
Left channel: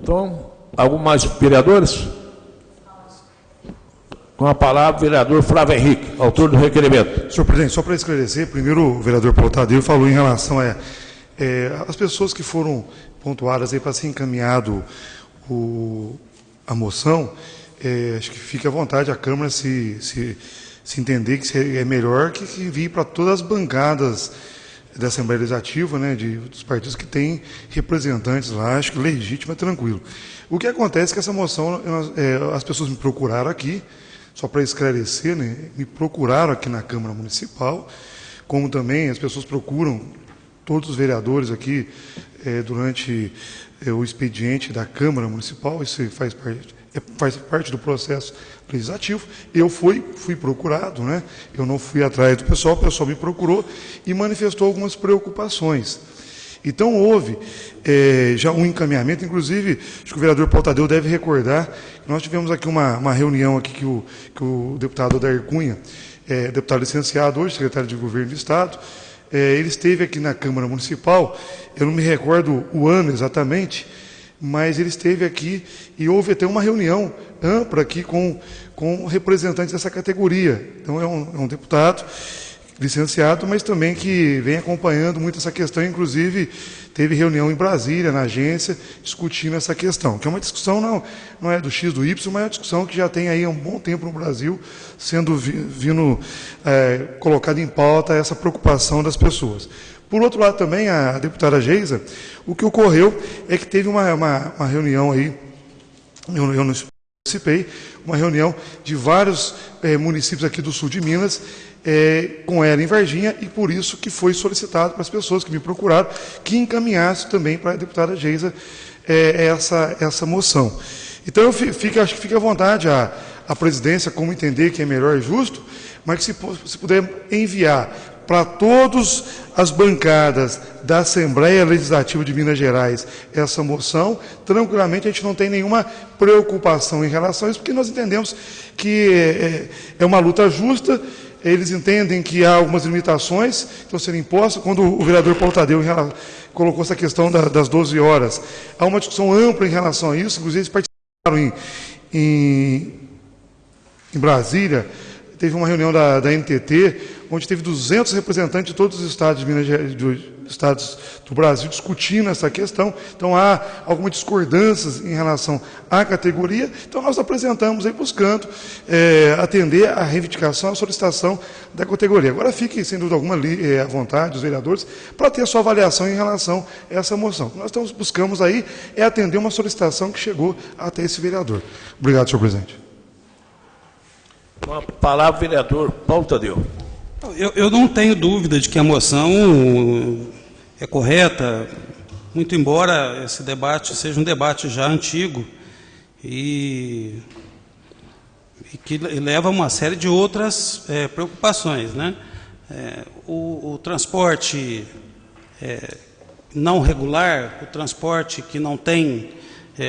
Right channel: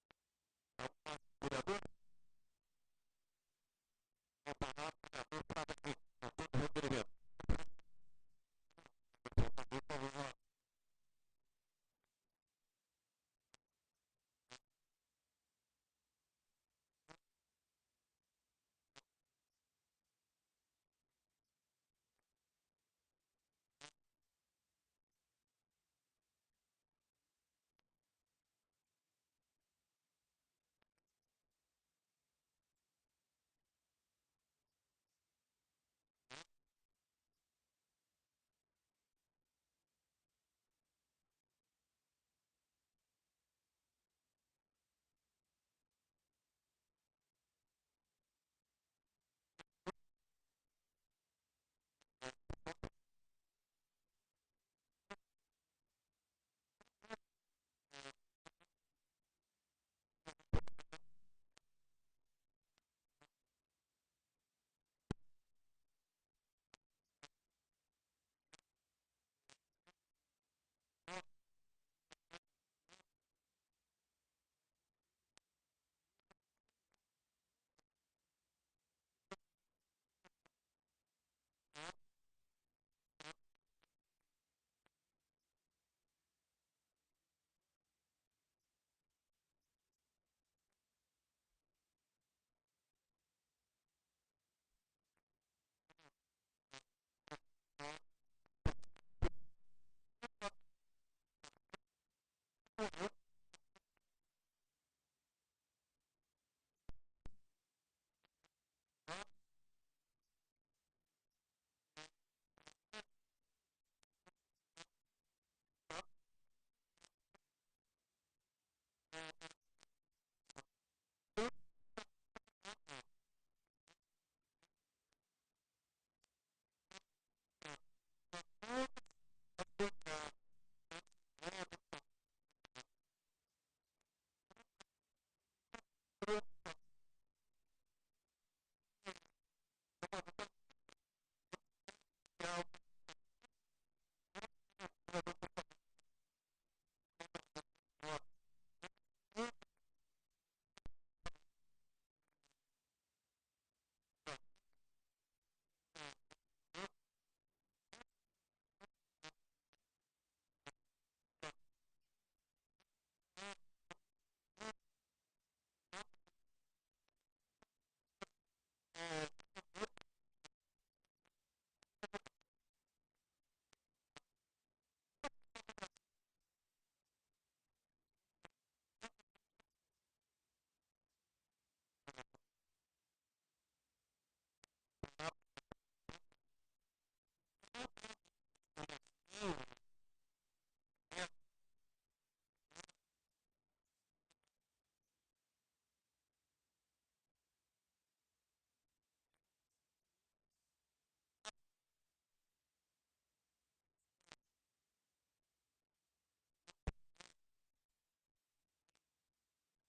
Então, algum mais vereadores? Com a palavra, o vereador Flávio Henrique, autor do requerimento. Senhor presidente, só para esclarecer, primeiro o vereador Paulo Tadeu falou em relação às pessoas que foram pontuadas aí para ser encaminhado a moção. Acho que fica à vontade a Câmara se entender que é melhor que envie para todas as bancadas da Assembleia Legislativa, né, dos partidos que têm representantes lá, acho que legítimo, é tranquilo. O que acontece é que essa moção, as pessoas me procuraram aqui, só para esclarecer, né, me procuraram aqui na Câmara Municipal, como também as pessoas procuram todos os vereadores aqui durante o expediente da Câmara Municipal, isso faz parte do processo legislativo. Eu fui procurado, né? Eu não fui atrás do pessoal, o pessoal me procurou e manifestou algumas preocupações. Então, houve já um encaminhamento, inclusive, acho que o vereador Paulo Tadeu deve recordar, que nós tivemos aqui uma reunião aqui que o deputado Odair Cunha, deputado licenciado hoje, secretário de Governo do Estado, ele esteve aqui na Câmara Municipal, eu não me recordo o ano exatamente, mas ele esteve aqui e houve até uma reunião ampla aqui com representantes dessa categoria. Então, é um deputado licenciado, mas também que vem acompanhando muito essa questão, inclusive teve reunião em Brasília, na agência, discutindo essa questão, que é uma discussão, não é do X do Y, mas é uma discussão que já tem aí há um bom tempo no Brasil, sendo colocada em pauta essa preocupação das pessoas. Por outro lado, também, a deputada Geisa, o que ocorreu é que teve uma reunião aí, eu não participei, uma reunião de vários municípios aqui do sul de Minas, com ela em Varginha, e por isso que foi solicitado para as pessoas que me procuraram, que encaminhasse também para a deputada Geisa essa moção. Então, acho que fica à vontade a presidência, como entender que é melhor e justo, mas que se puder enviar para todas as bancadas da Assembleia Legislativa de Minas Gerais essa moção, tranquilamente a gente não tem nenhuma preocupação em relação a isso, porque nós entendemos que é uma luta justa, eles entendem que há algumas limitações que estão sendo impostas. Quando o vereador Paulo Tadeu colocou essa questão das 12 horas, há uma discussão ampla em relação a isso, inclusive eles participaram em Brasília, teve uma reunião da NTT, onde teve 200 representantes de todos os estados estados do Brasil discutindo essa questão. Então, há algumas discordâncias em relação à categoria. Então, nós apresentamos aí buscando atender à reivindicação, à solicitação da categoria. Agora, fique, sem dúvida alguma, à vontade, os vereadores, para ter a sua avaliação em relação a essa moção. O que nós buscamos aí é atender uma solicitação que chegou até esse vereador. Obrigado, senhor presidente. Com a palavra, o vereador Paulo Tadeu. Eu não tenho dúvida de que a moção é correta, muito embora esse debate seja um debate já antigo e que leva a uma série de outras preocupações, né? O transporte não regular, o transporte que não tem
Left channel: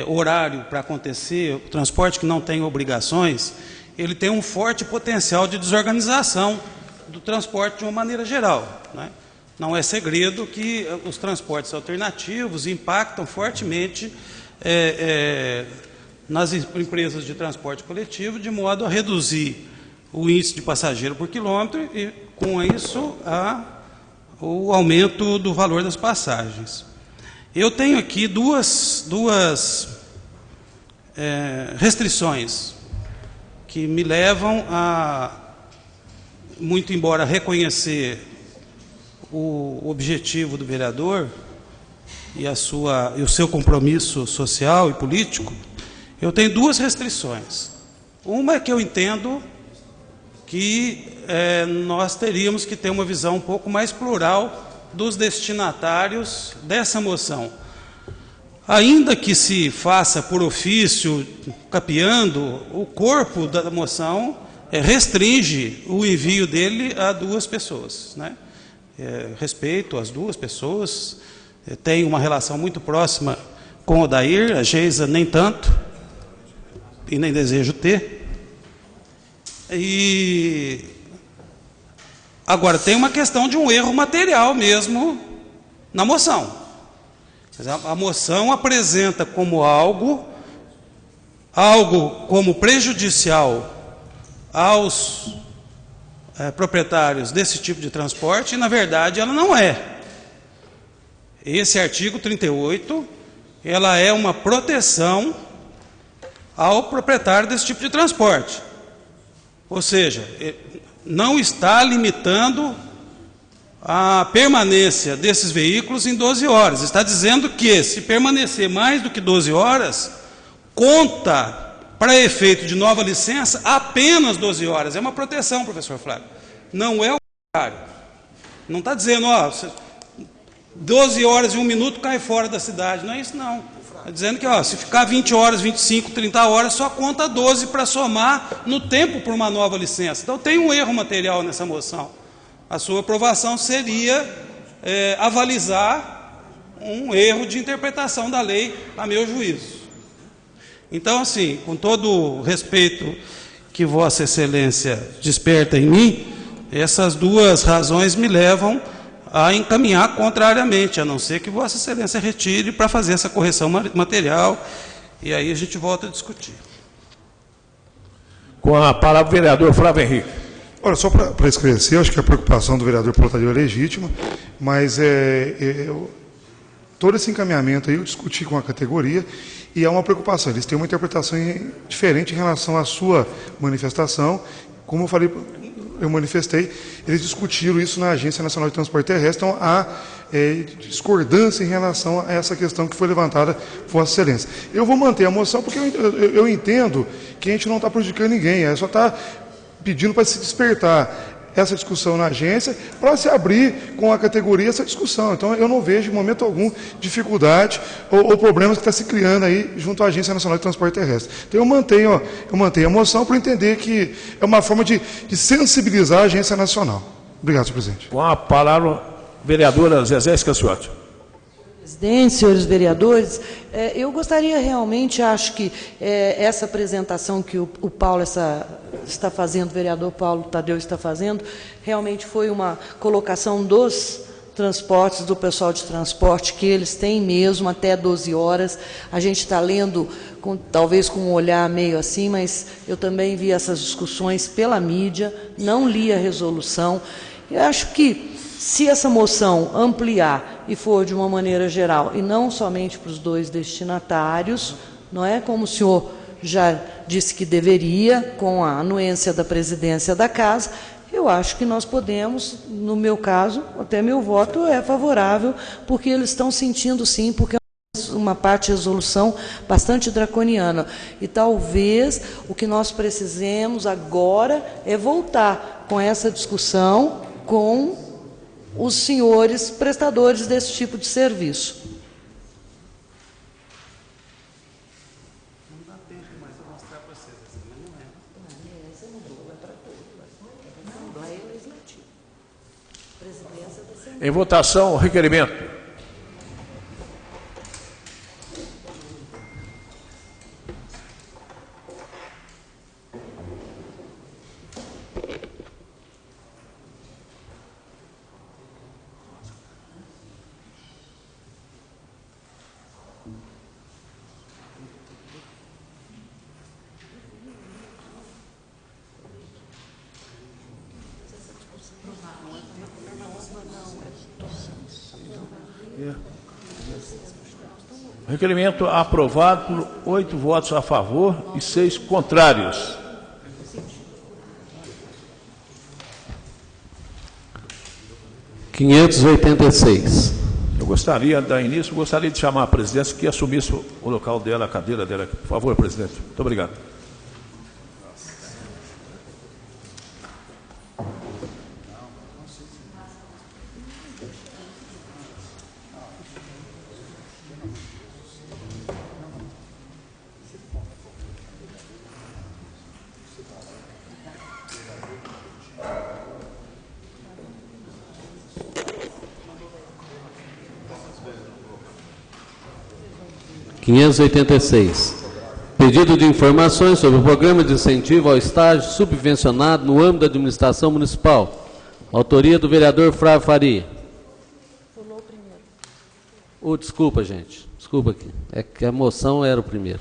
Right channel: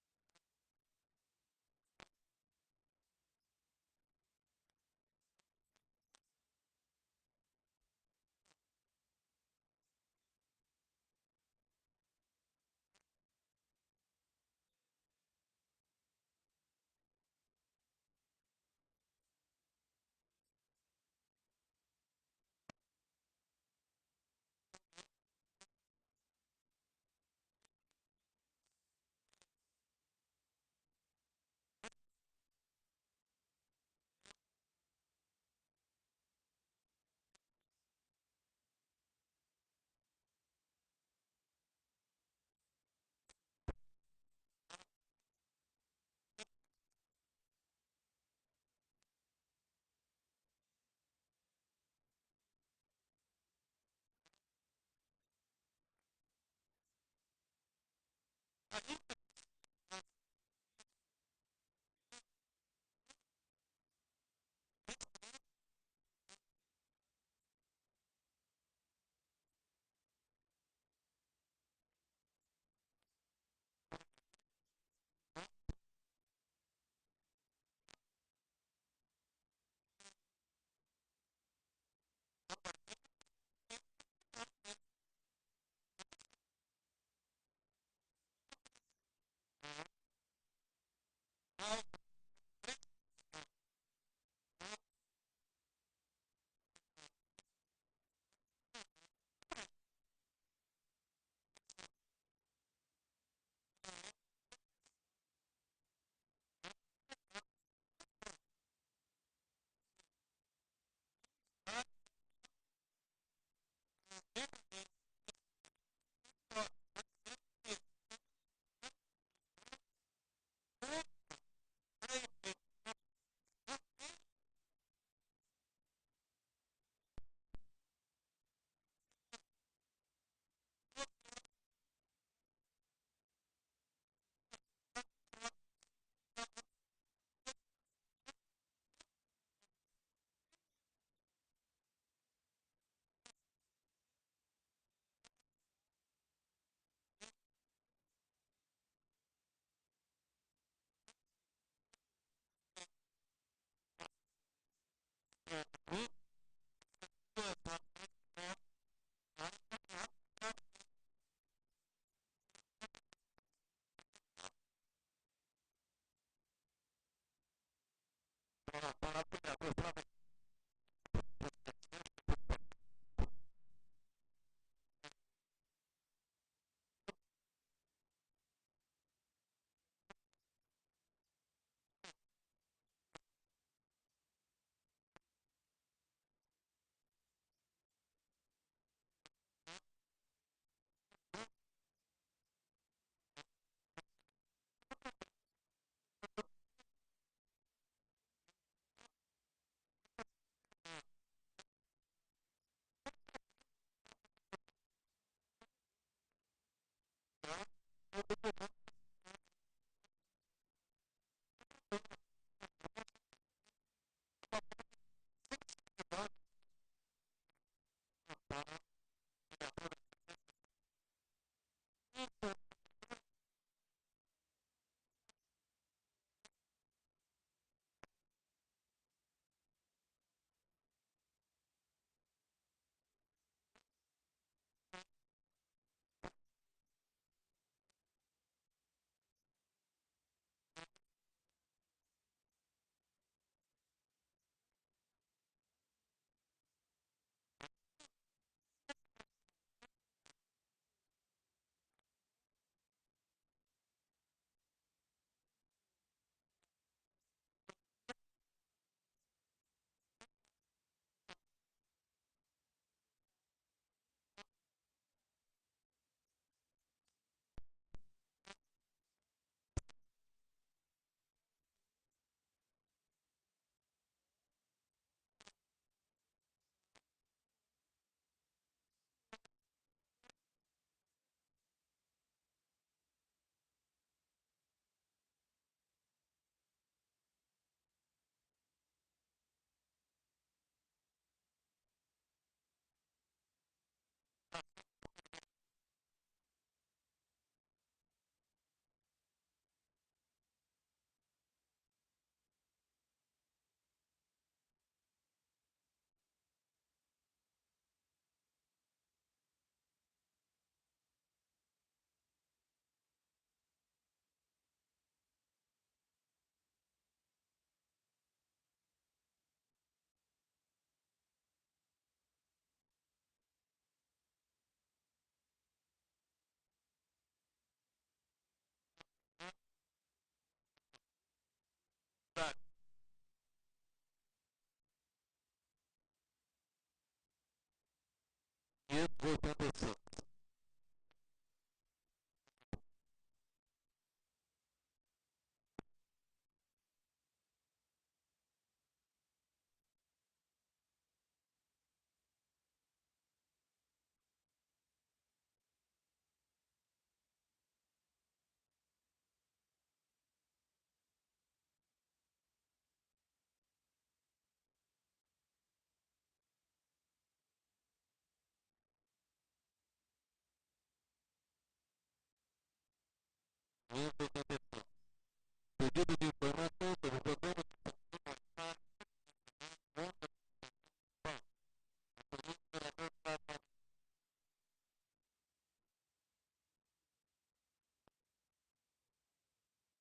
horário para acontecer, o transporte que não tem obrigações, ele tem um forte potencial de desorganização do transporte de uma maneira geral, né? Não é segredo que os transportes alternativos impactam fortemente nas empresas de transporte coletivo, de modo a reduzir o índice de passageiro por quilômetro e, com isso, o aumento do valor das passagens. Eu tenho aqui duas restrições que me levam a, muito embora reconhecer o objetivo do vereador e o seu compromisso social e político, Eu tenho duas restrições. Uma é que eu entendo que nós teríamos que ter uma visão um pouco mais plural dos destinatários dessa moção. Ainda que se faça por ofício, capeando, o corpo da moção restringe o envio dele a duas pessoas, né? Respeito às duas pessoas, tenho uma relação muito próxima com o Odair, a Geisa nem tanto, e nem desejo ter. E agora tem uma questão de um erro material mesmo na moção. A moção apresenta como algo como prejudicial aos proprietários desse tipo de transporte, e na verdade ela não é. Esse artigo 38, ela é uma proteção ao proprietário desse tipo de transporte. Ou seja, não está limitando a permanência desses veículos em 12 horas. Está dizendo que, se permanecer mais do que 12 horas, conta para efeito de nova licença apenas 12 horas. É uma proteção, professor Flávio. Não é o contrário. Não está dizendo, 12 horas e 1 minuto cai fora da cidade. Não é isso, não. Está dizendo que, se ficar 20 horas, 25, 30 horas, só conta 12 para somar no tempo por uma nova licença. Então, tem um erro material nessa moção. A sua aprovação seria avalizar um erro de interpretação da lei, a meu juízo. Então, assim, com todo o respeito que Vossa Excelência desperta em mim, essas duas razões me levam a encaminhar contrariamente, a não ser que Vossa Excelência retire para fazer essa correção material, e aí a gente volta a discutir. Com a palavra o vereador Flávio Henrique. Olha, só para esclarecer, acho que a preocupação do vereador Plotadeu é legítima, mas todo esse encaminhamento aí eu discuti com a categoria e é uma preocupação. Eles têm uma interpretação diferente em relação à sua manifestação. Como eu falei, eu manifestei, eles discutiram isso na Agência Nacional de Transporte Terrestre, então há discordância em relação a essa questão que foi levantada por Vossa Excelência. Eu vou manter a moção porque eu entendo que a gente não está prejudicando ninguém, só está pedindo para se despertar essa discussão na agência, para se abrir com a categoria essa discussão. Então, eu não vejo, em momento algum, dificuldade ou problemas que está se criando aí junto à Agência Nacional de Transporte Terrestre. Então, eu mantenho a moção para entender que é uma forma de sensibilizar a Agência Nacional. Obrigado, senhor presidente. Com a palavra, vereadora Zezé Scaciotti. Presidente, senhores vereadores, eu gostaria realmente, acho que essa apresentação que o Paulo está fazendo, o vereador Paulo Tadeu está fazendo, realmente foi uma colocação dos transportes, do pessoal de transporte, que eles têm mesmo até 12 horas. A gente está lendo, talvez com um olhar meio assim, mas eu também vi essas discussões pela mídia, não li a resolução. Eu acho que, se essa moção ampliar e for de uma maneira geral, e não somente para os dois destinatários, não é como o senhor já disse que deveria, com a anuência da presidência da Casa, eu acho que nós podemos, no meu caso, até meu voto é favorável, porque eles estão sentindo sim, porque é uma parte de resolução bastante draconiana. E talvez o que nós precisemos agora é voltar com essa discussão com os senhores prestadores desse tipo de serviço. Não dá tempo mais para mostrar para vocês, mas não é. Essa mudou, é para tudo. Não, lá é legislativo. Presidência da Assembleia. Em votação, o requerimento. Requerimento aprovado por 8 votos a favor e 6 contrários. (586) Eu gostaria, da início, gostaria de chamar a presidência que assumisse o local dela, a cadeira dela. Por favor, presidente. Muito obrigado. Pedido de informações sobre o programa de incentivo ao estágio subvencionado no âmbito da administração municipal. Autoria do vereador Flávio Faria. Pulou o primeiro. Desculpa, gente. Desculpa aqui. É que a moção era o primeiro.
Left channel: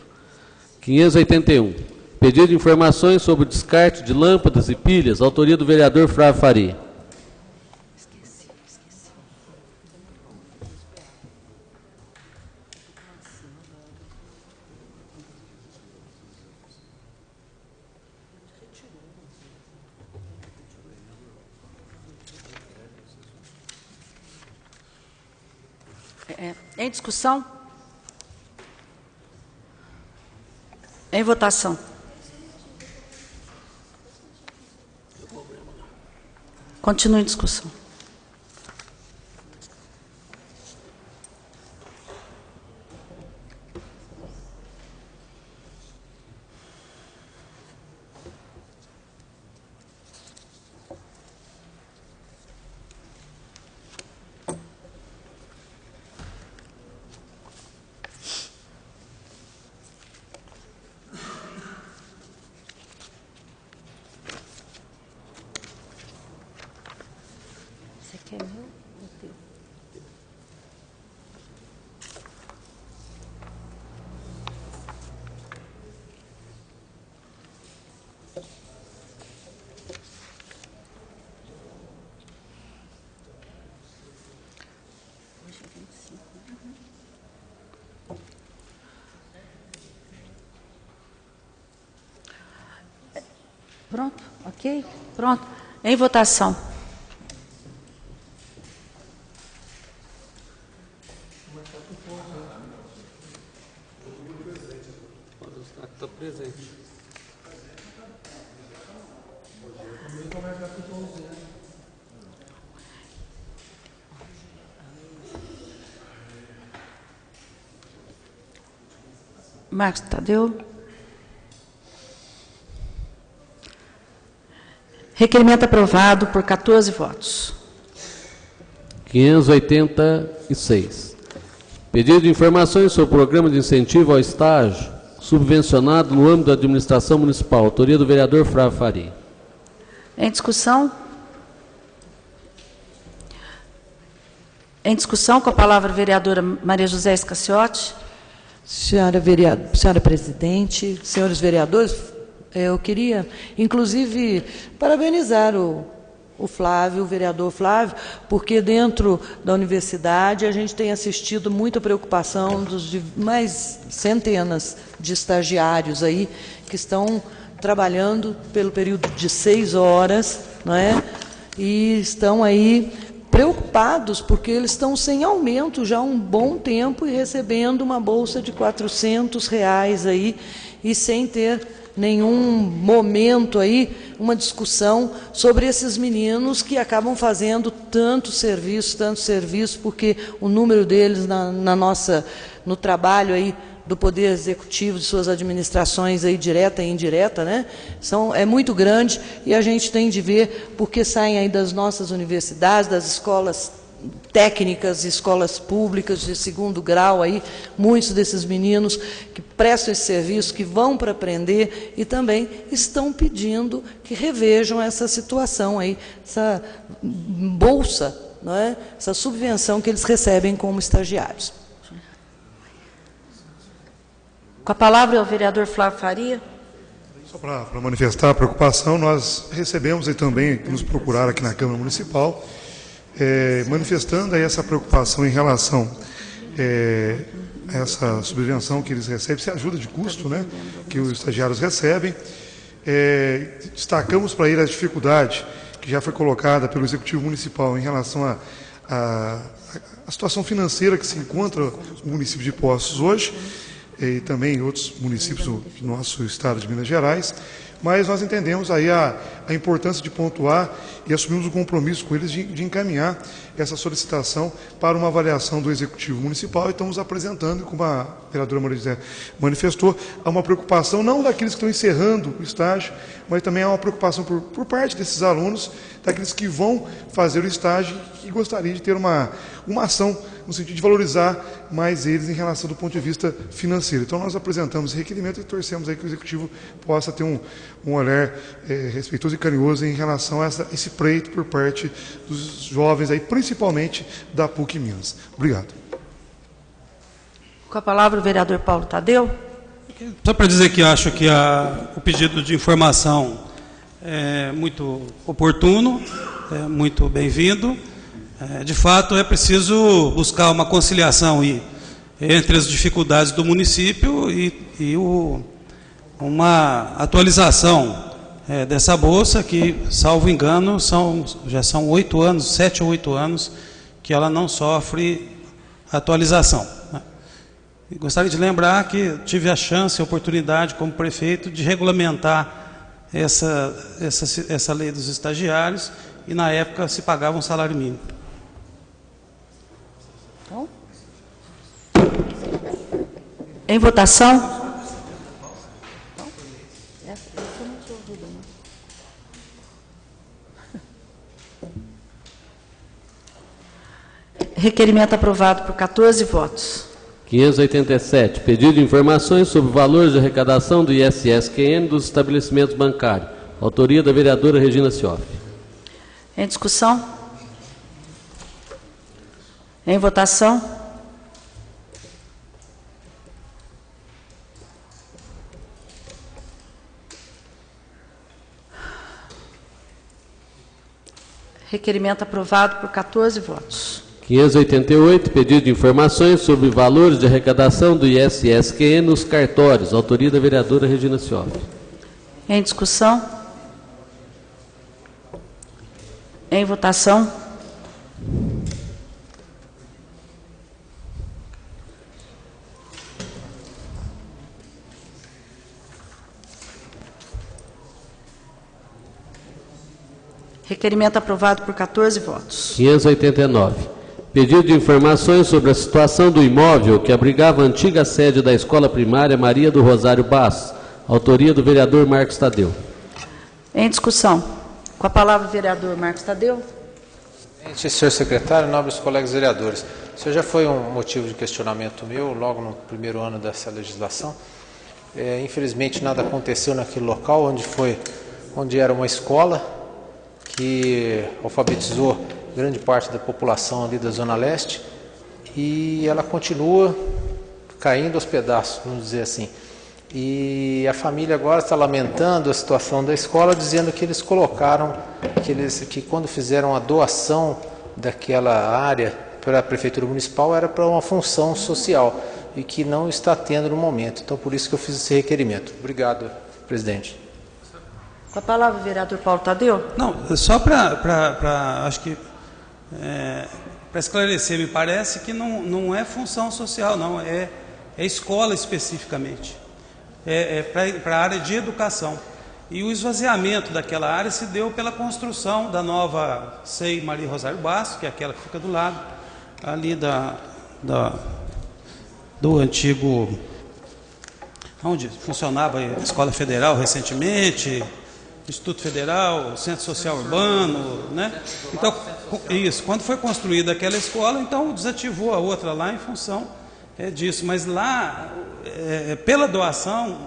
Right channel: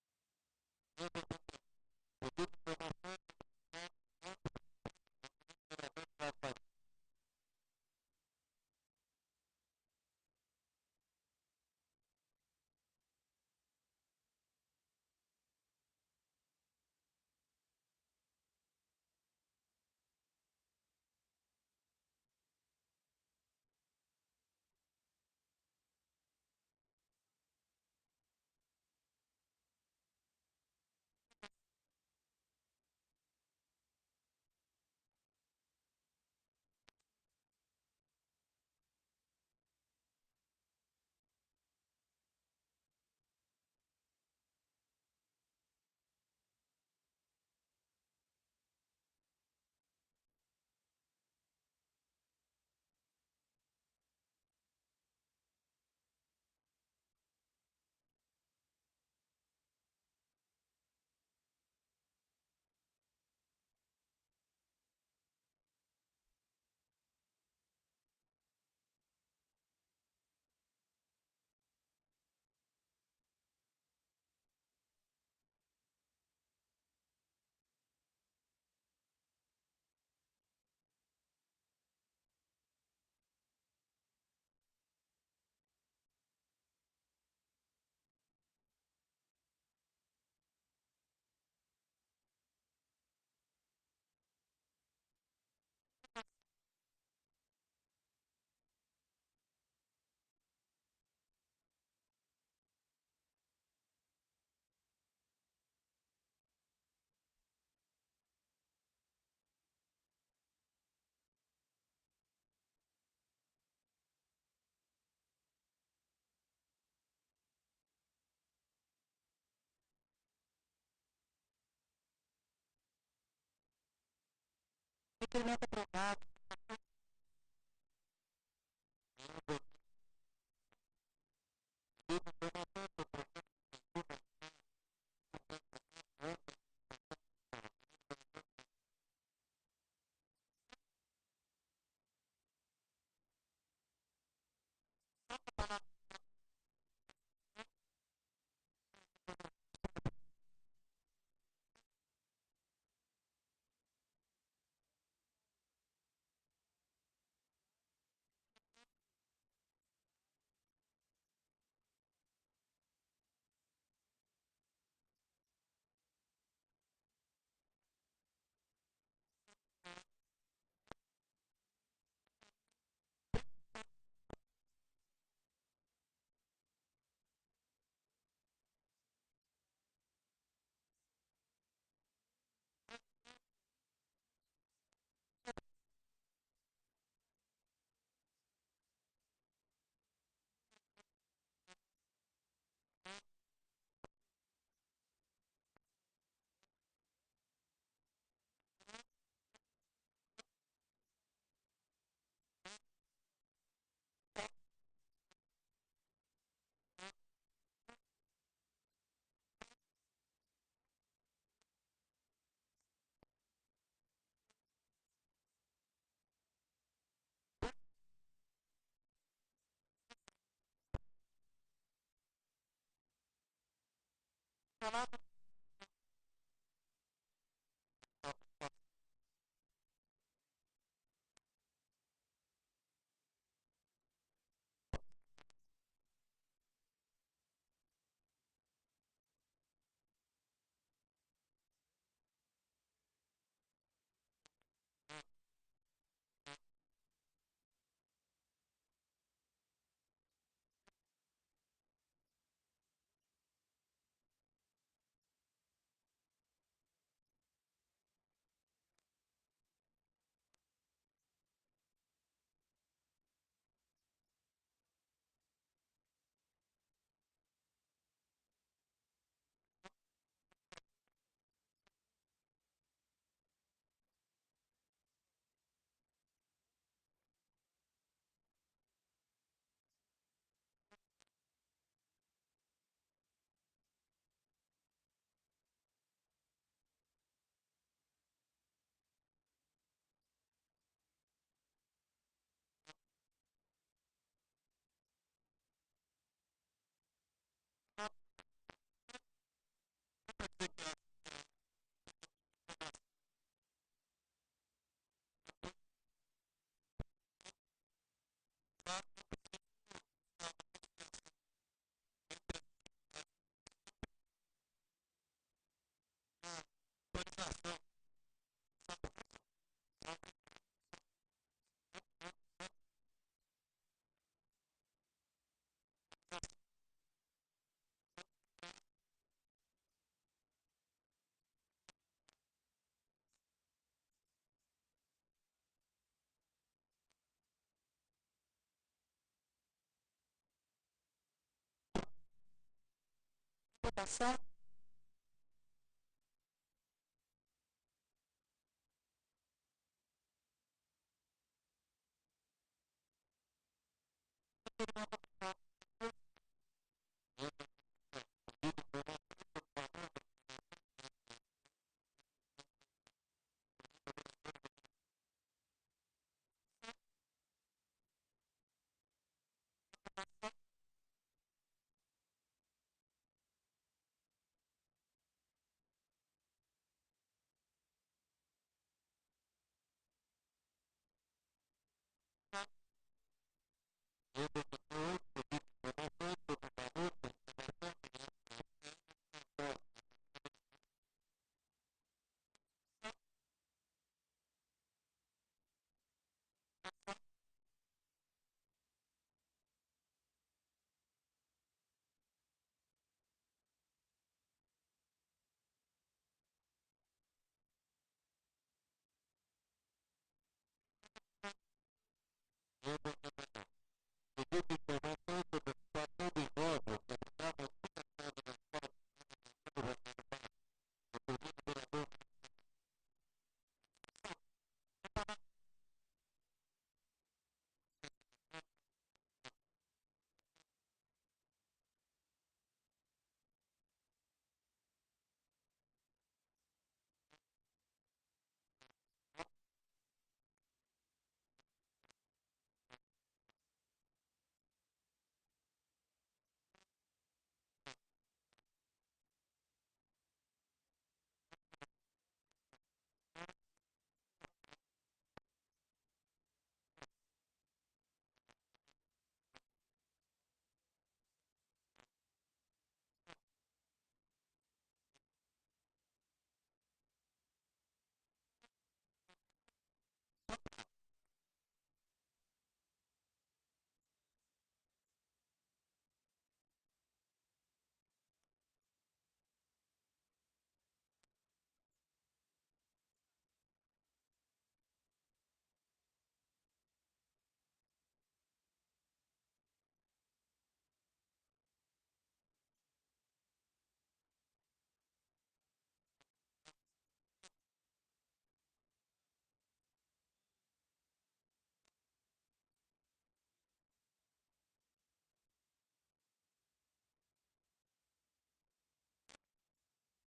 581. Pedido de informações sobre o descarte de lâmpadas e pilhas. Autoria do vereador Flávio Faria. Em discussão? Em votação. Continue em discussão. Pronto, ok? Pronto. Em votação. Está presente. Marcos Tadeu. Requerimento aprovado por 14 votos. 586. Pedido de informações sobre o programa de incentivo ao estágio subvencionado no âmbito da administração municipal. Autoria do vereador Flávio Faria. Em discussão? Em discussão, com a palavra a vereadora Maria José Escaciotti. Senhora presidente, senhores vereadores, eu queria, inclusive, parabenizar o Flávio, o vereador Flávio, porque dentro da universidade a gente tem assistido muita preocupação dos mais centenas de estagiários aí que estão trabalhando pelo período de 6 horas, não é? E estão aí preocupados porque eles estão sem aumento já há um bom tempo e recebendo uma bolsa de R$400 aí e sem ter nenhum momento aí, uma discussão sobre esses meninos que acabam fazendo tanto serviço, porque o número deles no trabalho aí do Poder Executivo, de suas administrações aí direta e indireta, né, é muito grande e a gente tem de ver porque saem aí das nossas universidades, das escolas técnicas, escolas públicas de 2º grau, aí, muitos desses meninos que prestam esse serviço, que vão para aprender e também estão pedindo que revejam essa situação aí, essa bolsa, não é? Essa subvenção que eles recebem como estagiários. Com a palavra o vereador Flávio Faria. Só para manifestar a preocupação, nós recebemos aí também, nos procuraram aqui na Câmara Municipal, manifestando aí essa preocupação em relação a essa subvenção que eles recebem, essa ajuda de custo, né, que os estagiários recebem. Destacamos para ele a dificuldade que já foi colocada pelo Executivo Municipal em relação a a situação financeira que se encontra o município de Poços hoje, e também outros municípios do nosso estado de Minas Gerais, mas nós entendemos aí a importância de pontuar e assumimos o compromisso com eles de encaminhar essa solicitação para uma avaliação do Executivo Municipal e estamos apresentando, como a vereadora Maria José manifestou, há uma preocupação não daqueles que estão encerrando o estágio, mas também há uma preocupação por parte desses alunos, daqueles que vão fazer o estágio e gostariam de ter uma ação no sentido de valorizar mais eles em relação do ponto de vista financeiro. Então, nós apresentamos esse requerimento e torcemos aí que o Executivo possa ter um olhar respeitoso e carinhoso em relação a esse pleito por parte dos jovens, aí, principalmente da PUC Minas. Obrigado. Com a palavra o vereador Paulo Tadeu. Só para dizer que acho que o pedido de informação é muito oportuno, é muito bem-vindo. De fato, é preciso buscar uma conciliação entre as dificuldades do município e uma atualização dessa bolsa que, salvo engano, já são 8 anos, 7 ou 8 anos, que ela não sofre atualização. E gostaria de lembrar que tive a chance, a oportunidade, como prefeito, de regulamentar essa lei dos estagiários e, na época, se pagava um salário mínimo. Em votação. Requerimento aprovado por 14 votos. 587. Pedido de informações sobre valores de arrecadação do ISS-QN dos estabelecimentos bancários. Autoria da vereadora Regina Cioff. Em discussão? Em votação? Requerimento aprovado por 14 votos. 588, pedido de informações sobre valores de arrecadação do ISS-QN nos cartórios. Autoria da vereadora Regina Cioff. Em discussão? Em votação? Requerimento aprovado por 14 votos. 589. Pedido de informações sobre a situação do imóvel que abrigava a antiga sede da Escola Primária Maria do Rosário Bastos. Autoria do vereador Marcos Tadeu. Em discussão. Com a palavra o vereador Marcos Tadeu. Senhor secretário, nobres colegas vereadores, isso já foi um motivo de questionamento meu logo no primeiro ano dessa legislação. Infelizmente nada aconteceu naquele local onde era uma escola que alfabetizou grande parte da população ali da Zona Leste e ela continua caindo aos pedaços, vamos dizer assim. E a família agora está lamentando a situação da escola, dizendo que eles colocaram, que quando fizeram a doação daquela área para a Prefeitura Municipal era para uma função social e que não está tendo no momento. Então, por isso que eu fiz esse requerimento. Obrigado, presidente. Com a palavra o vereador Paulo Tadeu. Não, só acho que para esclarecer, me parece que não é função social, não, é escola especificamente. Para a área de educação. E o esvaziamento daquela área se deu pela construção da nova SEI Maria Rosário Bastos, que é aquela que fica do lado, ali do antigo, onde funcionava a Escola Federal recentemente, Instituto Federal, Centro Social Urbano, né? Então, isso, quando foi construída aquela escola, então desativou a outra lá em função disso, mas lá, pela doação,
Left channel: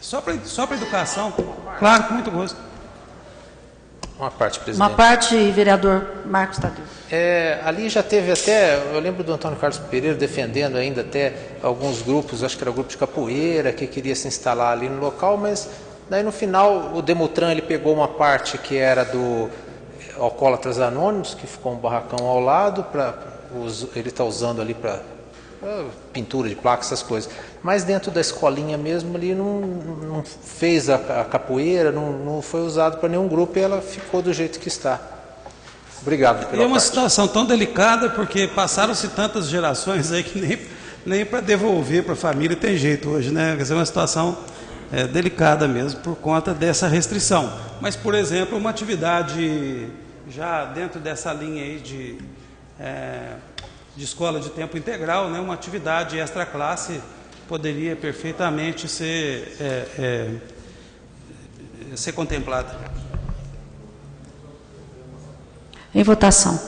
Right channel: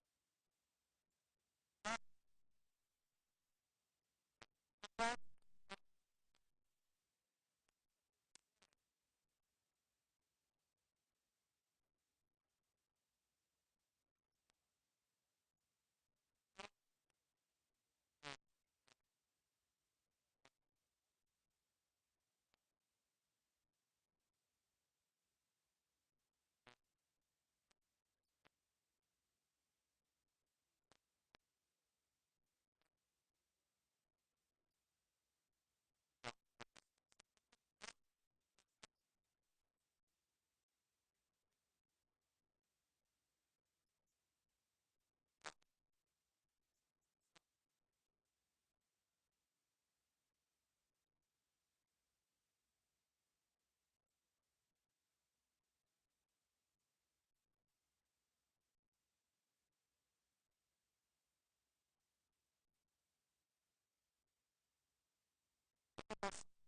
só para educação, claro, com muito gosto. Uma parte, presidente. Uma parte, vereador Marcos Tadeu. Ali já teve até, eu lembro do Antônio Carlos Pereira defendendo ainda até alguns grupos, acho que era o grupo de capoeira, que queria se instalar ali no local, mas daí no final o Demutran ele pegou uma parte que era do Alcoólatras Anônimos, que ficou um barracão ao lado, ele está usando ali para pintura de placa, essas coisas. Mas dentro da escolinha mesmo ali não fez a capoeira, não foi usado para nenhum grupo e ela ficou do jeito que está. Obrigado pela É uma parte. situação tão delicada, porque passaram-se tantas gerações aí que nem para devolver para a família tem jeito hoje, né? Quer dizer, é uma situação delicada mesmo, por conta dessa restrição. Mas, por exemplo, uma atividade já dentro dessa linha aí de escola de tempo integral, né? Uma atividade extra-classe poderia perfeitamente ser contemplada. Em votação.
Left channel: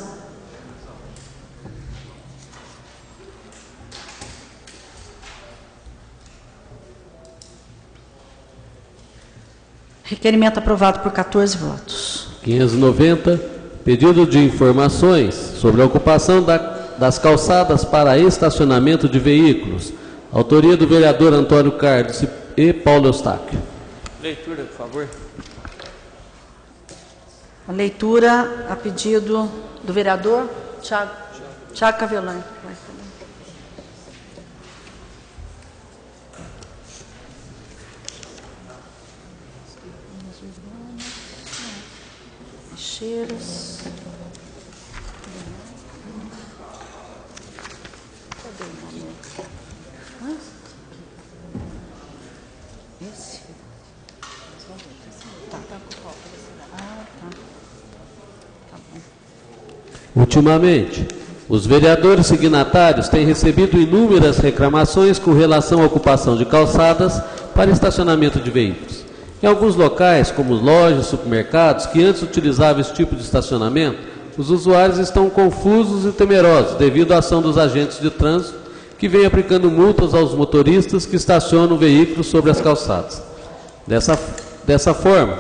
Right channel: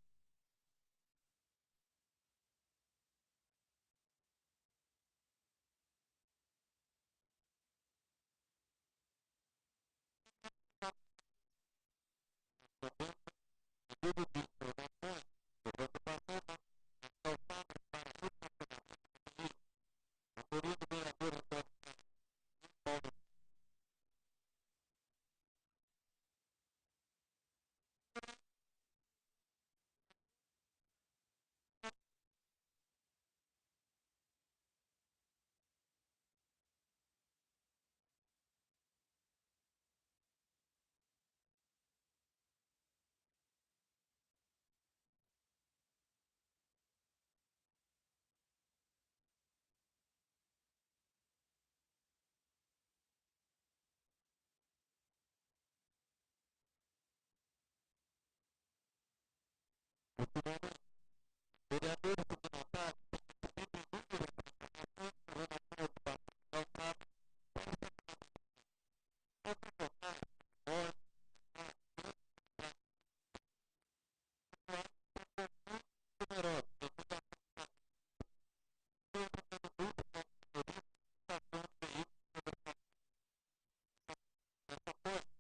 Requerimento aprovado por 14 votos. 590, pedido de informações sobre a ocupação das calçadas para estacionamento de veículos. Autoria do vereador Antônio Carlos e Paulo Eustáquio. Leitura, por favor. A leitura a pedido do vereador Tiago Cavelani. Cheiros. Cadê o nome? Esse? Tá. Ultimamente, os vereadores signatários têm recebido inúmeras reclamações com relação à ocupação de calçadas para estacionamento de veículos. Em alguns locais, como lojas, supermercados, que antes utilizavam esse tipo de estacionamento, os usuários estão confusos e temerosos devido à ação dos agentes de trânsito que vêm aplicando multas aos motoristas que estacionam veículos sobre as calçadas. Dessa forma,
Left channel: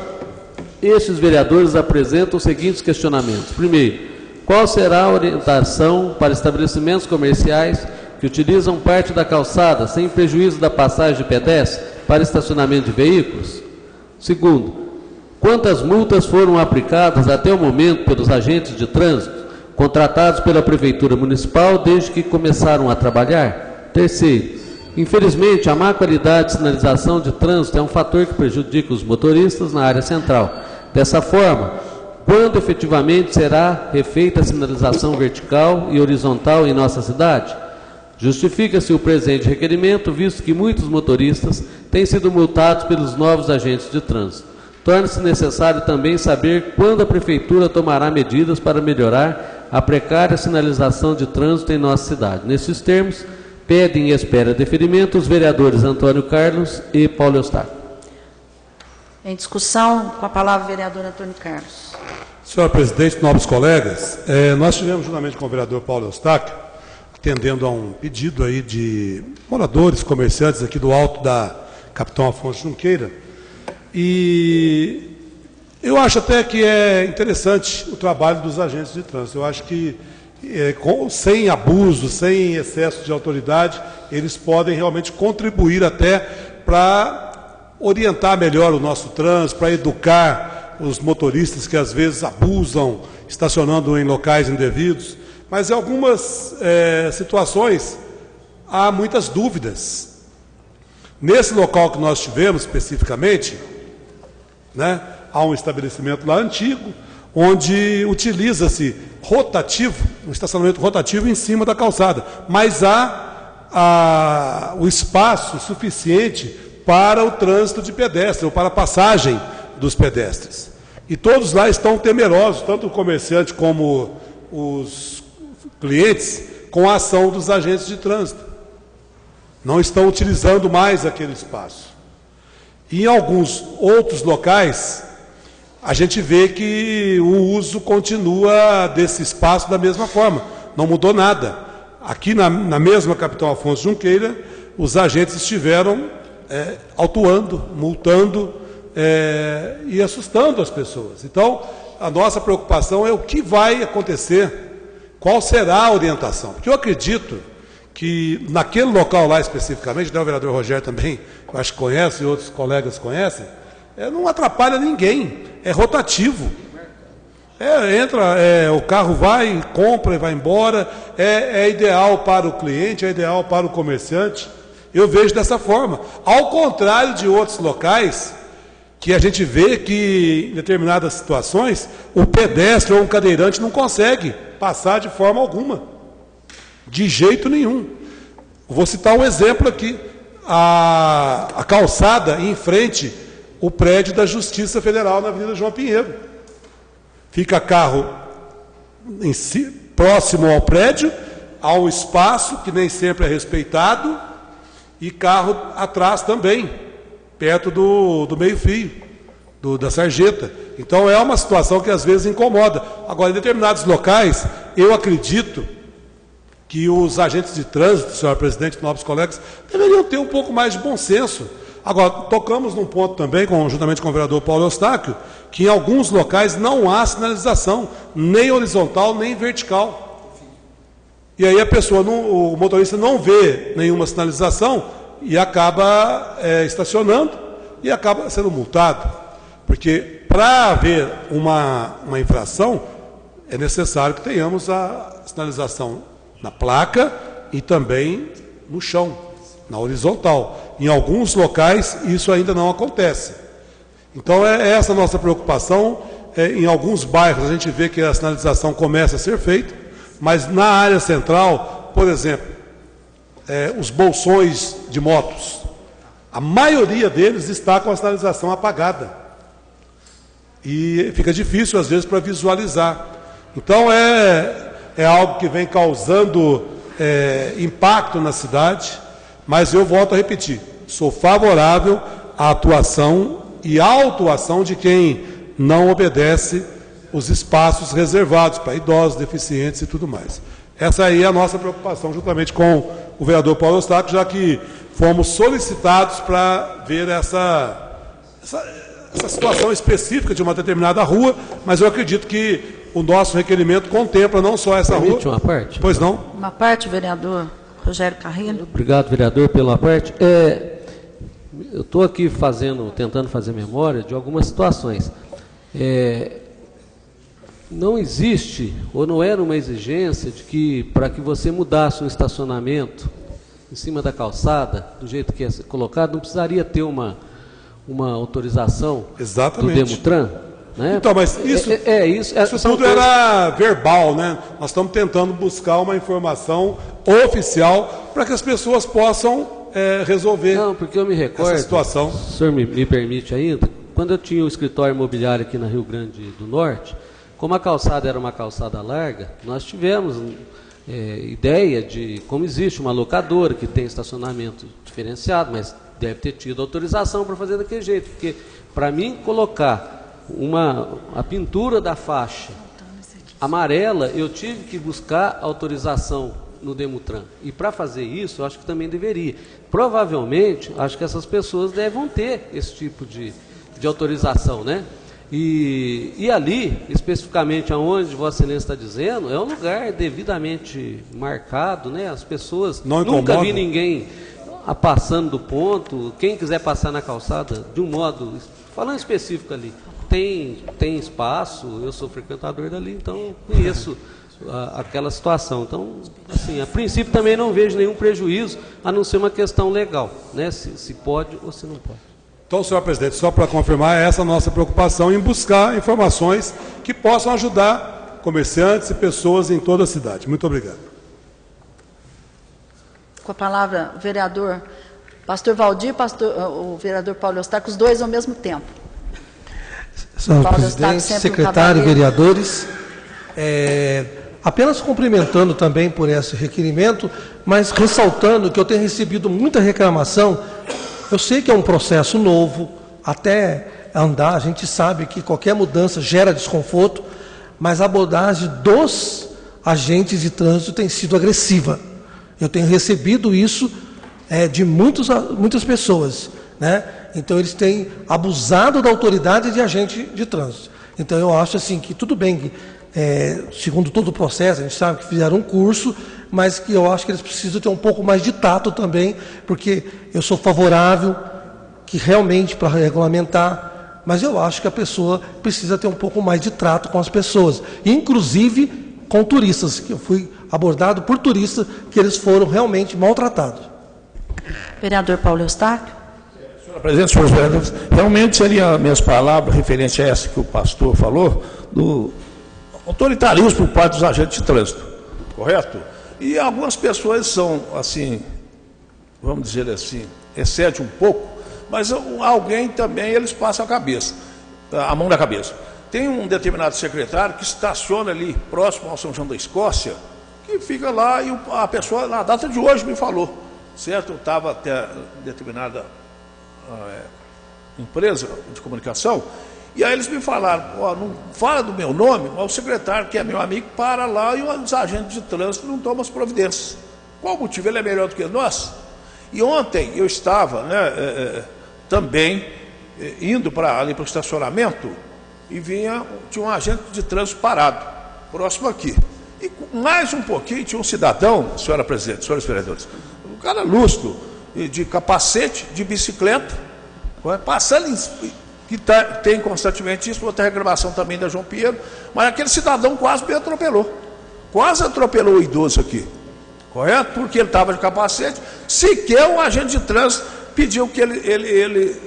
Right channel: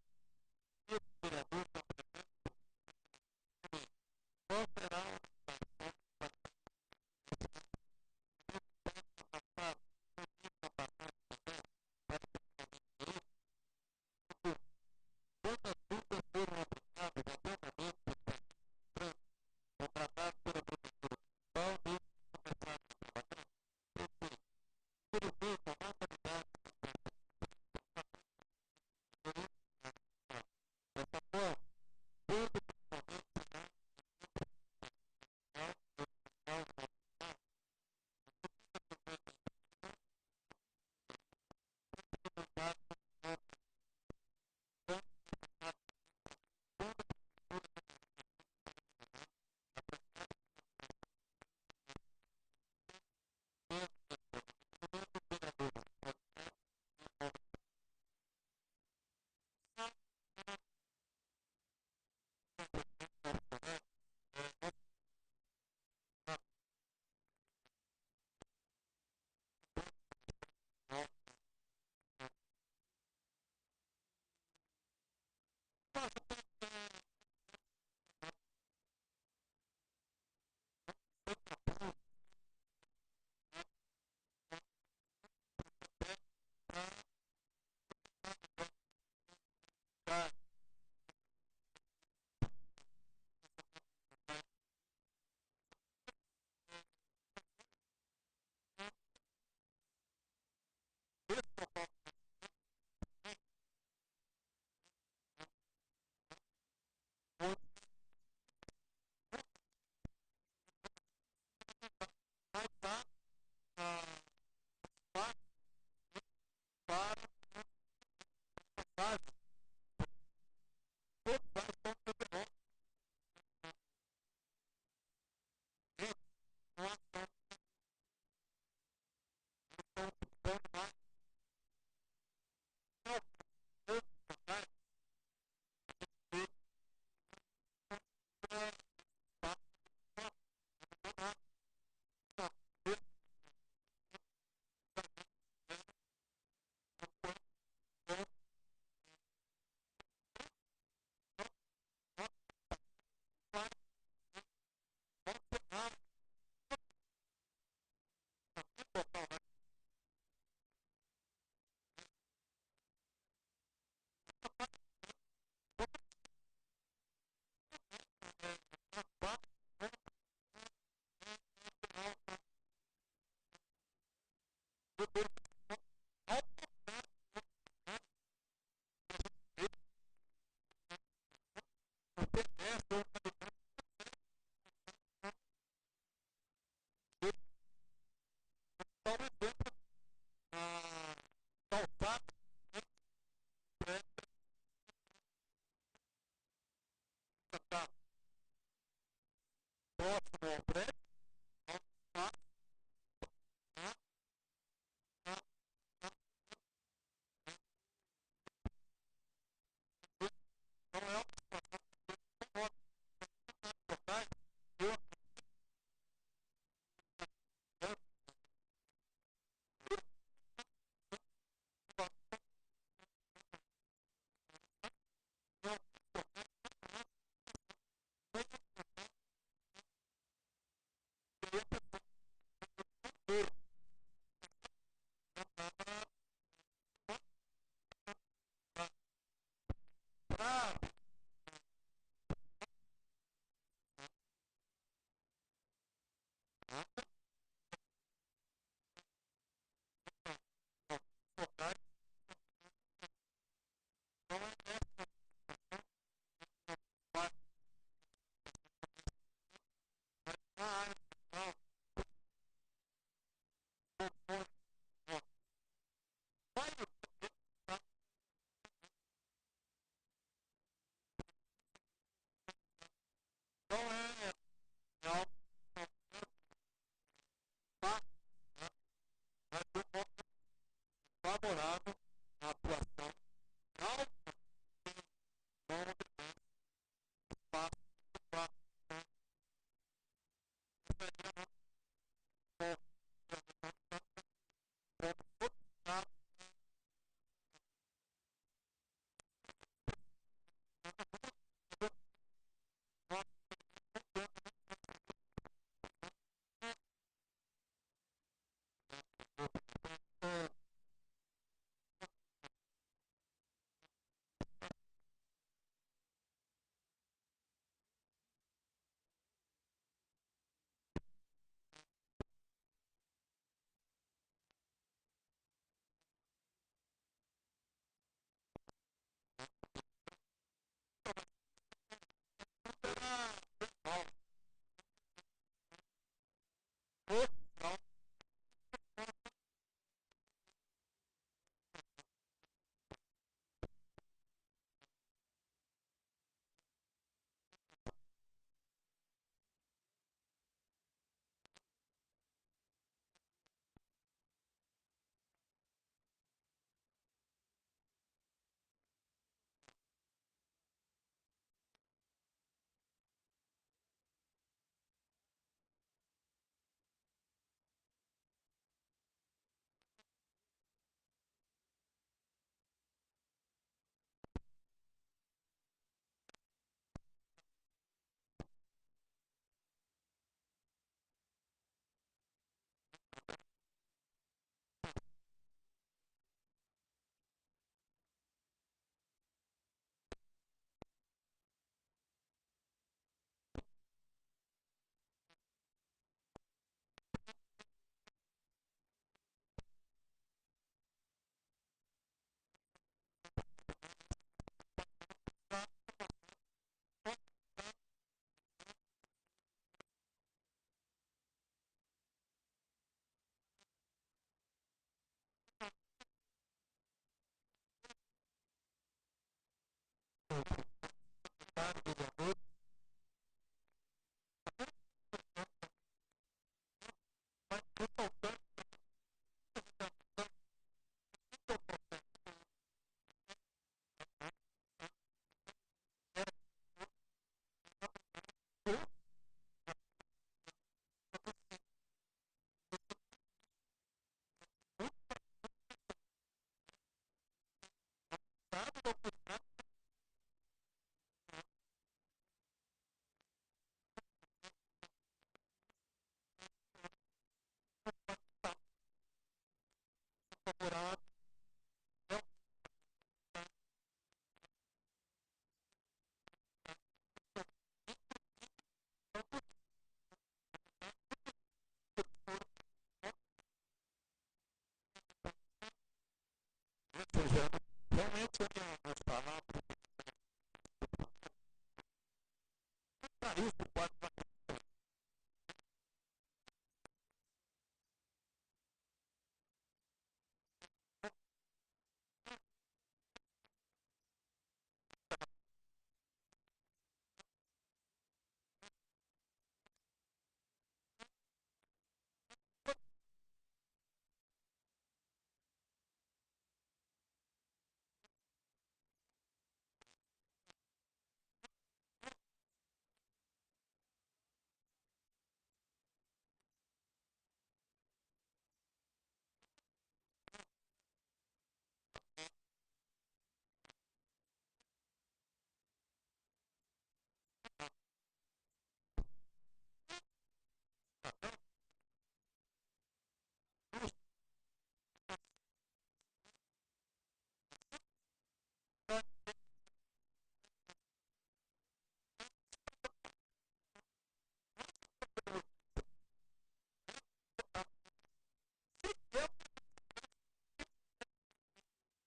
estes vereadores apresentam os seguintes questionamentos. Primeiro, qual será a orientação para estabelecimentos comerciais que utilizam parte da calçada sem prejuízo da passagem de pedestre para estacionamento de veículos? Segundo, quantas multas foram aplicadas até o momento pelos agentes de trânsito contratados pela Prefeitura Municipal desde que começaram a trabalhar? Terceiro, infelizmente, a má qualidade de sinalização de trânsito é um fator que prejudica os motoristas na área central. Dessa forma, quando efetivamente será refeita a sinalização vertical e horizontal em nossa cidade? Justifica-se o presente requerimento, visto que muitos motoristas têm sido multados pelos novos agentes de trânsito. Torna-se necessário também saber quando a Prefeitura tomará medidas para melhorar a precária sinalização de trânsito em nossa cidade. Nesses termos, pedem e espera deferimento os vereadores Antônio Carlos e Paulo Eustáquio. Em discussão, com a palavra o vereador Antônio Carlos. Senhora presidente, nobres colegas, nós tivemos juntamente com o vereador Paulo Eustáquio, atendendo a um pedido aí de moradores, comerciantes aqui do alto da Capitão Afonso Junqueira, e eu acho até que é interessante o trabalho dos agentes de trânsito. Eu acho que sem abuso, sem excesso de autoridade, eles podem realmente contribuir até para orientar melhor o nosso trânsito, para educar os motoristas que às vezes abusam, estacionando em locais indevidos. Mas em algumas situações há muitas dúvidas. Nesse local que nós tivemos especificamente, né, há um estabelecimento lá antigo, onde utiliza-se um estacionamento rotativo em cima da calçada, mas há o espaço suficiente para o trânsito de pedestres, ou para a passagem dos pedestres. E todos lá estão temerosos, tanto o comerciante como os clientes, com a ação dos agentes de trânsito. Não estão utilizando mais aquele espaço. E em alguns outros locais, a gente vê que o uso continua desse espaço da mesma forma. Não mudou nada. Aqui na mesma Capitão Afonso Junqueira, os agentes estiveram autuando, multando e assustando as pessoas. Então, a nossa preocupação é o que vai acontecer. Qual será a orientação? Porque eu acredito que naquele local lá especificamente, o vereador Rogério também, eu acho que conhece, e outros colegas conhecem, não atrapalha ninguém, é rotativo. O carro vai, compra e vai embora, é ideal para o cliente, é ideal para o comerciante. Eu vejo dessa forma. Ao contrário de outros locais, que a gente vê que, em determinadas situações, o pedestre ou um cadeirante não consegue passar de forma alguma, de jeito nenhum. Vou citar um exemplo aqui, a calçada em frente ao prédio da Justiça Federal na Avenida João Pinheiro. Fica carro próximo ao prédio, há um espaço que nem sempre é respeitado, e carro atrás também, perto do meio-fio, da sarjeta. Então é uma situação que às vezes incomoda. Agora, em determinados locais, eu acredito que os agentes de trânsito, senhor presidente, nobres colegas, deveriam ter um pouco mais de bom senso. Agora, tocamos num ponto também, juntamente com o vereador Paulo Eustáquio, que em alguns locais não há sinalização, nem horizontal, nem vertical. E aí o motorista não vê nenhuma sinalização e acaba estacionando e acaba sendo multado. Porque para haver uma infração, é necessário que tenhamos a sinalização na placa e também no chão, na horizontal. Em alguns locais isso ainda não acontece. Então é essa a nossa preocupação. Em alguns bairros a gente vê que a sinalização começa a ser feita, mas na área central, por exemplo, os bolsões de motos, a maioria deles está com a sinalização apagada. E fica difícil, às vezes, para visualizar. Então, é algo que vem causando impacto na cidade, mas eu volto a repetir, sou favorável à atuação e à autuação de quem não obedece os espaços reservados para idosos, deficientes e tudo mais. Essa aí é a nossa preocupação, juntamente com o vereador Paulo Eustáquio, já que fomos solicitados para ver essa situação específica de uma determinada rua, mas eu acredito que o nosso requerimento contempla não só essa rua. Permite uma parte? Pois não? Uma parte, vereador Rogério Carrilho. Obrigado, vereador, pela parte. Eu estou aqui tentando fazer memória de algumas situações. Não existe, ou não era uma exigência de que, para que você mudasse um estacionamento em cima da calçada, do jeito que é colocado, não precisaria ter uma autorização do Demutran? Né? Então, mas isso tudo era verbal, né? Nós estamos tentando buscar uma informação oficial para que as pessoas possam resolver. Não, porque eu me recordo, essa situação. Se o senhor me permite ainda, quando eu tinha o escritório imobiliário aqui na Rio Grande do Norte, como a calçada era uma calçada larga, nós tivemos ideia de, como existe uma locadora que tem estacionamento diferenciado, mas deve ter tido autorização para fazer daquele jeito, porque para mim colocar a pintura da faixa amarela, eu tive que buscar autorização no Demutran. E para fazer isso, eu acho que também deveria. Provavelmente, acho que essas pessoas devem ter esse tipo de autorização, né? E ali, especificamente aonde Vossa Excelência está dizendo, é um lugar devidamente marcado, né? As pessoas, nunca vi ninguém passando do ponto. Quem quiser passar na calçada, de um modo, falando específico ali, tem espaço, eu sou frequentador dali, então conheço aquela situação. Então, assim, a princípio também não vejo nenhum prejuízo, a não ser uma questão legal, né? Se pode ou se não pode. Então, senhor presidente, só para confirmar, essa é a nossa preocupação em buscar informações que possam ajudar comerciantes e pessoas em toda a cidade. Muito obrigado. Com a palavra, vereador Pastor Valdir, o vereador Paulo Eustáquio, os dois ao mesmo tempo. Senhor presidente, secretário, vereadores, apenas cumprimentando também por esse requerimento, mas ressaltando que eu tenho recebido muita reclamação. Eu sei que é um processo novo, até andar, a gente sabe que qualquer mudança gera desconforto, mas a abordagem dos agentes de trânsito tem sido agressiva. Eu tenho recebido isso de muitas pessoas, né? Então eles têm abusado da autoridade de agente de trânsito. Então eu acho assim que tudo bem que, segundo todo o processo, a gente sabe que fizeram um curso, mas que eu acho que eles precisam ter um pouco mais de tato também, porque eu sou favorável que realmente para regulamentar, mas eu acho que a pessoa precisa ter um pouco mais de trato com as pessoas, inclusive com turistas, que eu fui abordado por turistas que eles foram realmente maltratados. Vereador Paulo Eustáquio. Senhor Presidente, senhores vereadores, realmente seria a minha palavra referente a essa que o pastor falou, do autoritarismo por parte dos agentes de trânsito, correto? E algumas pessoas são, assim, vamos dizer assim, excede um pouco, mas alguém também, eles passam a mão na cabeça. Tem um determinado secretário que estaciona ali próximo ao São João da Escócia, que fica lá e a pessoa, na data de hoje, me falou, certo? Eu estava até determinada empresa de comunicação, e aí eles me falaram, não fala do meu nome, mas o secretário, que é meu amigo, para lá e os agentes de trânsito não tomam as providências. Qual o motivo? Ele é melhor do que nós? E ontem eu estava também indo ali para o estacionamento e tinha um agente de trânsito parado, próximo aqui. E mais um pouquinho tinha um cidadão, senhora presidente, senhores vereadores, um cara lustro, de capacete, de bicicleta, passando, que tem constantemente isso, outra reclamação também da João Pinheiro, mas aquele cidadão quase me atropelou. Quase atropelou o idoso aqui, correto? Porque ele estava de capacete, sequer o agente de trânsito pediu que ele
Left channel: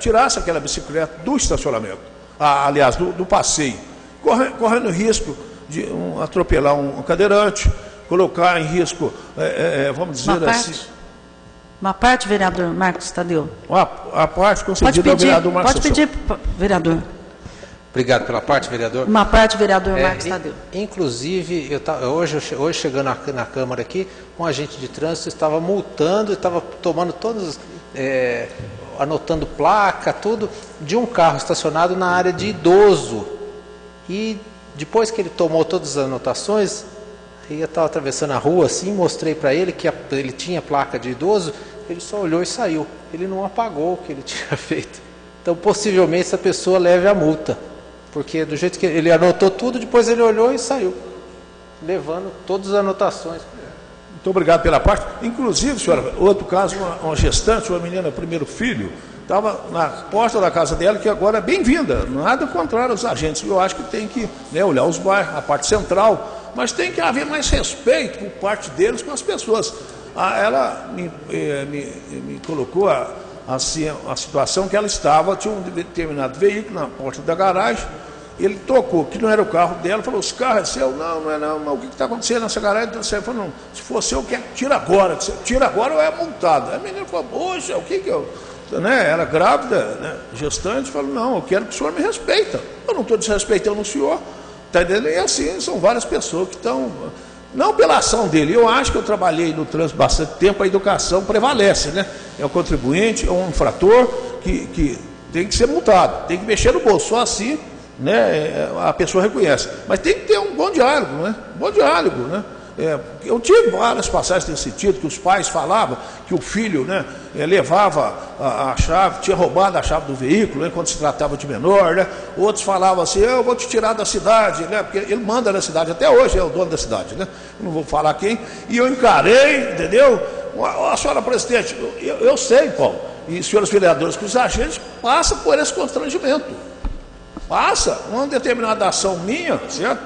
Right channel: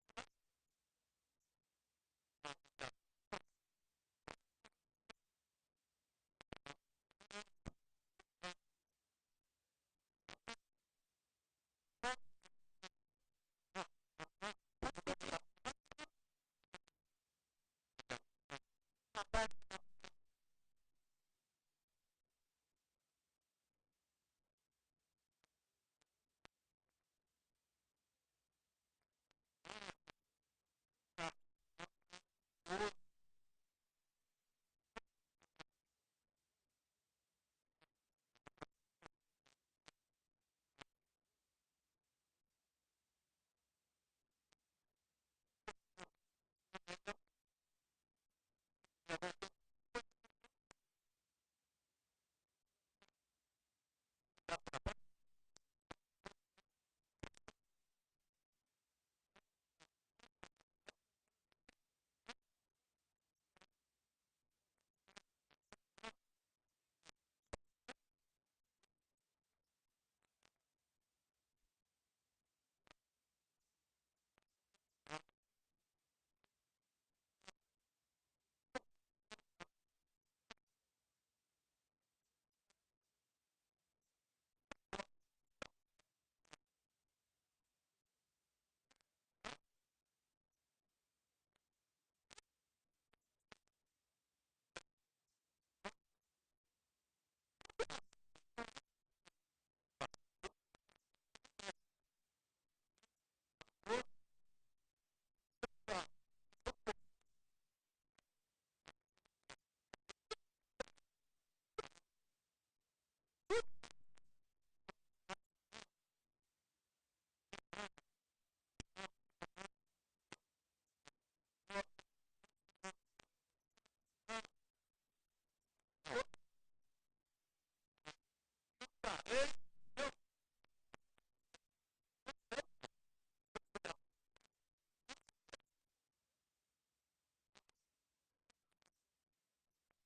tirasse aquela bicicleta do estacionamento, aliás, do passeio, correndo risco de atropelar um cadeirante, colocar em risco, vamos dizer assim... Uma parte, vereador Marcos Tadeu. A parte concedida ao vereador Marcos Pode pedir, vereador. Obrigado pela parte, vereador. Uma parte, vereador Marcos Tadeu. Inclusive, hoje chegando na Câmara aqui, um agente de trânsito estava multando, estava tomando anotando placa, tudo, de um carro estacionado na área de idoso. E depois que ele tomou todas as anotações, eu estava atravessando a rua assim, mostrei para ele que ele tinha placa de idoso, ele só olhou e saiu. Ele não apagou o que ele tinha feito. Então, possivelmente, essa pessoa leve a multa. Porque do jeito que ele anotou tudo, depois ele olhou e saiu, levando todas as anotações. Muito obrigado pela parte. Inclusive, senhora, outro caso, uma gestante, uma menina, primeiro filho, estava na porta da casa dela, que agora é bem-vinda, nada contrário aos agentes. Eu acho que tem que olhar os bairros, a parte central, mas tem que haver mais respeito por parte deles com as pessoas. Ela me colocou assim, a situação que ela estava, tinha um determinado veículo na porta da garagem, ele tocou, que não era o carro dela, falou, esse carro é seu? Não é não, mas o que está acontecendo nessa garagem? Então, você falou, não, se for seu, tira agora, tira agora ou é multado. Aí a menina falou, poxa, o que eu... Era grávida, gestante, falou, não, eu quero que o senhor me respeita. Eu não estou desrespeitando o senhor, está entendendo? E assim, são várias pessoas que estão, não pela ação dele, eu acho que eu trabalhei no trânsito bastante tempo, a educação prevalece, é o contribuinte, é um infrator que tem que ser multado, tem que mexer no bolso, só assim, a pessoa reconhece. Mas tem que ter um bom diálogo, bom diálogo, eu tive várias passagens nesse sentido, que os pais falavam que o filho levava a chave, tinha roubado a chave do veículo, quando se tratava de menor, outros falavam assim, eu vou te tirar da cidade, porque ele manda na cidade, até hoje é o dono da cidade, eu não vou falar quem, e eu encarei, entendeu? A senhora presidente, eu sei, Paulo, e senhores vereadores, que os agentes passam por esse constrangimento, passa uma determinada ação minha, certo?